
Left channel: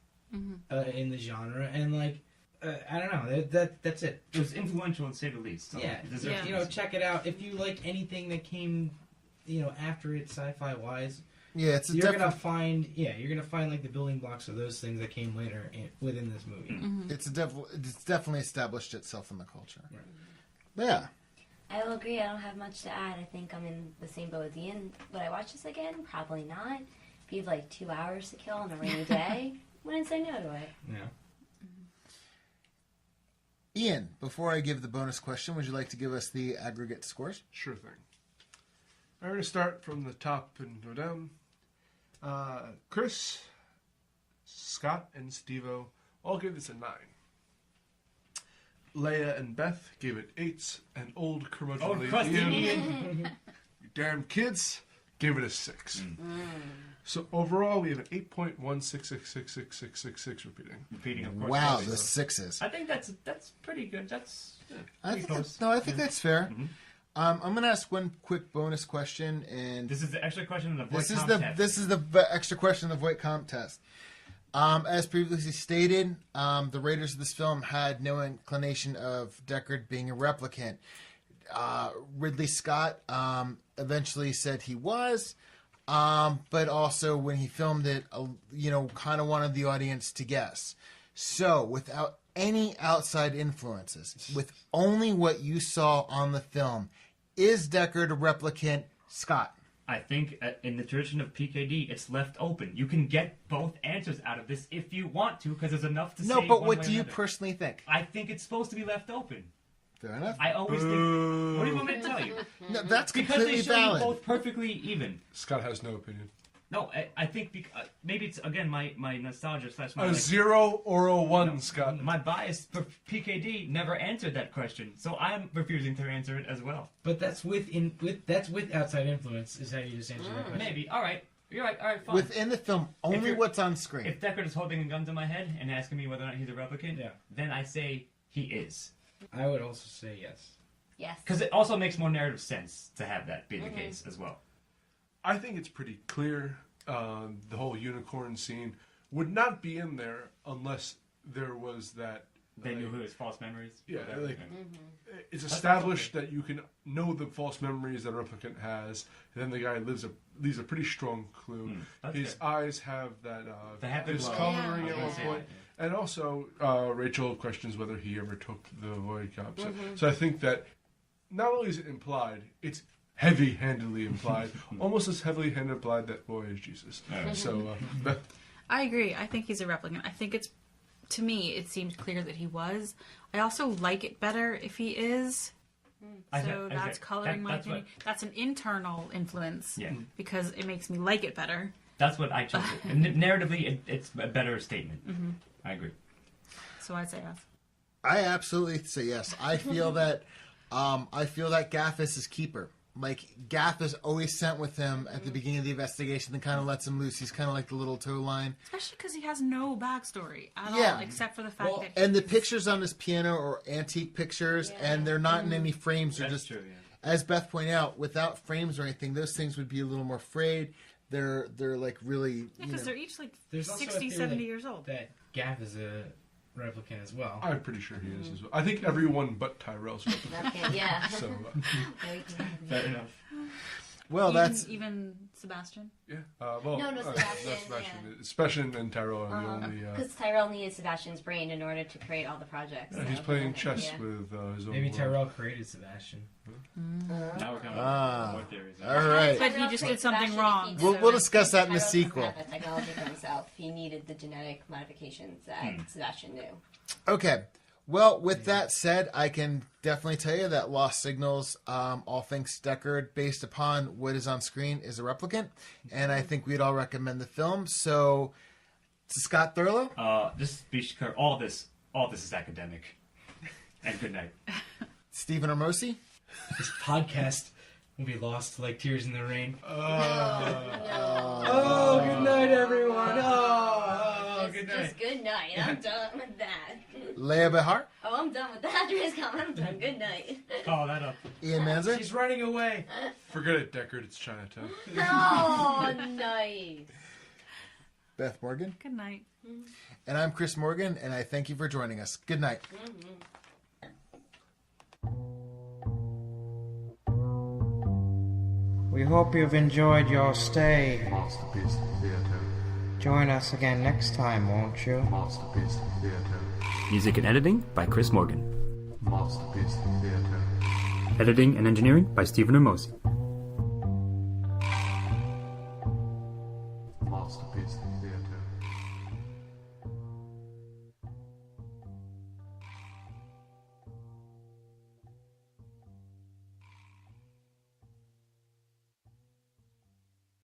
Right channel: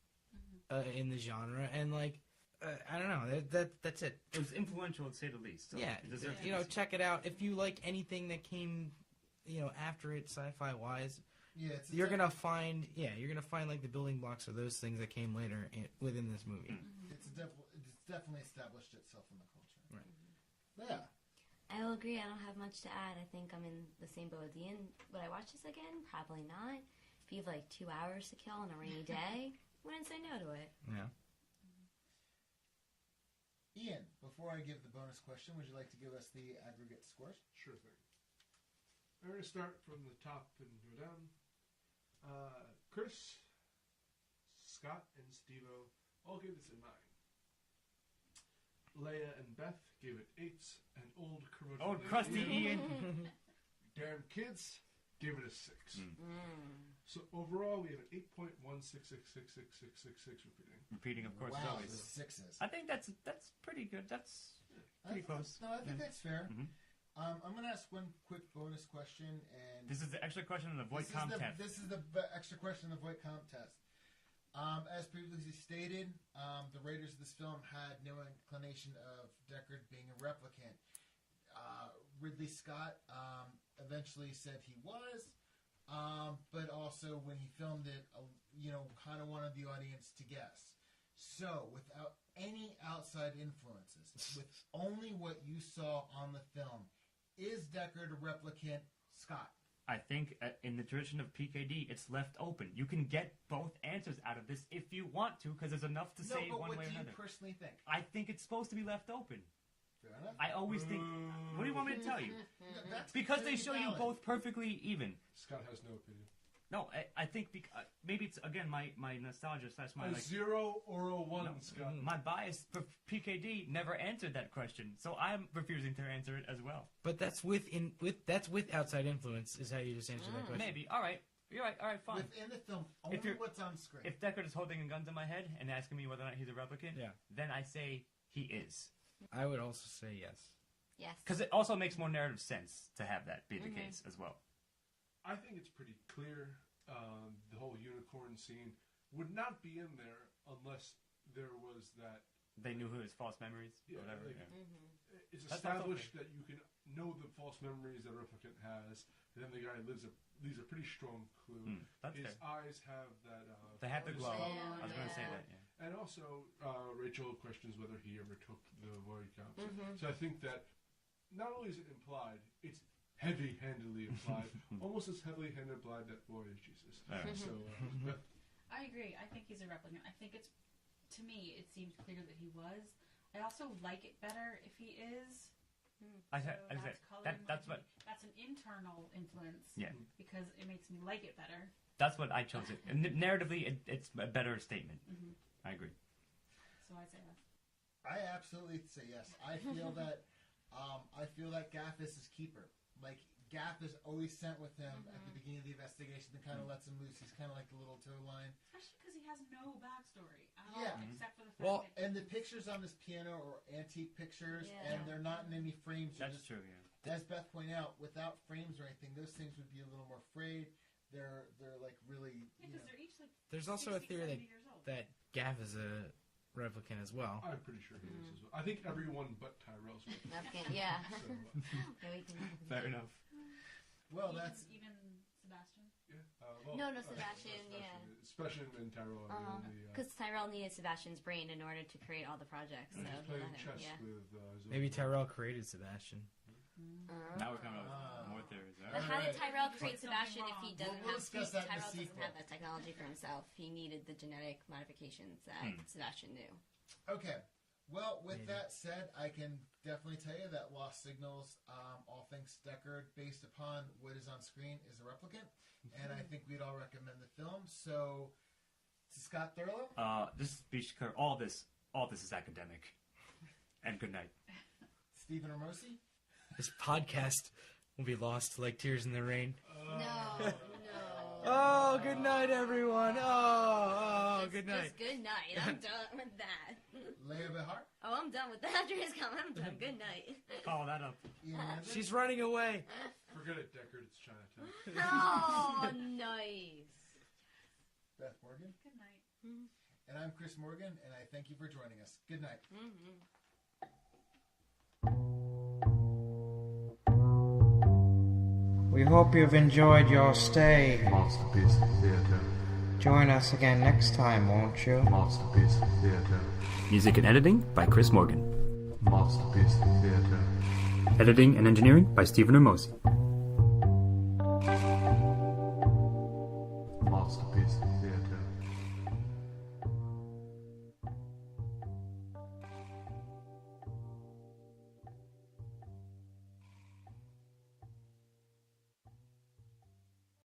In the genre, and I don't know, that's it. It was influential to say the least. So check it out if you like anything that came, after it sci-fi wise. Yeah, you're gonna find the building blocks of those things that came later within this movie. It's definitely established itself in the culture. Right. Yeah. I will agree. I don't have much to add. I think I'm in the same boat as Ian. Would I watch this again? Probably not. If you have 2 hours to kill on a rainy day, wouldn't say no to it. Yeah. Ian, before I give the bonus question, would you like to give us the aggregate scores? Sure thing. I'm going to start from the top and go down. Chris, Scott, and Steve-O all gave this a 9. Leah and Beth gave it 8s, and old curmudgeonly Ian, you damn kids, gave it a 6. So overall, we have an 8.1666666 repeating. Of course. Wow, the 6s. I think that's pretty good. That's I think that's fair. I'm going to ask one quick bonus question, and this is the extra question in the voice test. This is the extra question in the voice comp test. As previously stated, the writers of this film had no inclination of Deckard being a replicant. Ridley Scott eventually said he was, but also when he filmed it, kind of wanted the audience to guess. So, without any outside influences, with only what you saw on the film, is Deckard a replicant? Scott? I think in the tradition of PKD, it's left open. You can get both answers out of this if you want to, because there's enough to say. No, but one what way do or you another. personally think? I think it's supposed to be left open. Fair enough. I always think. What do you want me to tell you? No, that's because completely they show valid. you both perfectly even. Scott has no opinion. No, I think maybe it's again my nostalgia / my A 0 or a 1, Scott. My bias for PKD never answered that question, so I'm refusing to answer it as well. But that's with outside influence is how you just answer that question. Maybe. All right. You're right. All right. Fine. Within the film, only what's on screen. If Deckard is holding a gun to my head and asking me whether or not he's a replicant, then I say he is. I would also say yes. Yes. Because it also makes more narrative sense to have that be the case as well. I think it's pretty clear the whole unicorn scene would not be in there unless there was that... They knew who his false memories? Yeah, like, it's established that you can know the false memories that a replicant has, and then the guy leaves a pretty strong clue. His eyes have that discoloring at one point. And also, Rachel questions whether he ever took the Void Cup. So I think that not only is it implied, it's heavy-handedly implied, almost as heavily-handed implied that boy is Jesus. So, Beth? I agree. I think he's a replicant. I think it's, to me, it seemed clear that he was. I also like it better if he is. So that's coloring my opinion. That's an internal influence because it makes me like it better. That's what I chose. Narratively, it's a better statement. I agree. So I'd say yes. I absolutely say yes. I feel that Gaff is his keeper. Like, Gaff is always sent with him at the beginning of the investigation and kind of lets him loose. He's kind of like the little tow line. Especially because he has no backstory at all, except for the fact that... And the pictures on his piano are antique pictures, and they're not in any frames. They're just, as Beth pointed out, without frames or anything, those things would be a little more frayed. They're like really... Yeah, because they're each like There's 60, 70 years old. That Gaff is a replicant as well. I'm pretty sure he is as well. I think everyone but Tyrell's replicant. Yeah. So, fair enough. Well, even Sebastian. Yeah. No, Sebastian. Sebastian and Tyrell are the only. Because Tyrell needed Sebastian's brain in order to create all the projects. He's playing chess with his own. Maybe Tyrell created Sebastian. Now we're coming up with more theories. All right. But he just did something wrong. We'll discuss that in the sequel. Tyrell didn't have that technology for himself. He needed the genetic modifications that Sebastian knew. Okay. Well, with that said, I can definitely tell you that Lost Signals, all things Deckard, based upon what is on screen, is a replicant, and I think we'd all recommend the film. So, Scott Thurlow? Just be clear, all this is academic. And good night. Stephen Ormosi? This podcast will be lost like tears in the rain. Oh, good night, everyone. Good night. Just good night. I'm done with that. Leah Behar? Oh, I'm done with that. After his comment, I'm done. Good night. Follow that up. Ian Manzer? She's running away. Forget it, Deckard. It's Chinatown. Oh, nice. Beth Morgan? Good night. And I'm Chris Morgan, and I thank you for joining us. Good night. We hope you've enjoyed your stay. MOTSterpiece Theater. Join us again next time, won't you? MOTSterpiece Theater. Music and editing by Chris Morgan. MOTSterpiece Theater. Editing and engineering by Stephen Ormosi.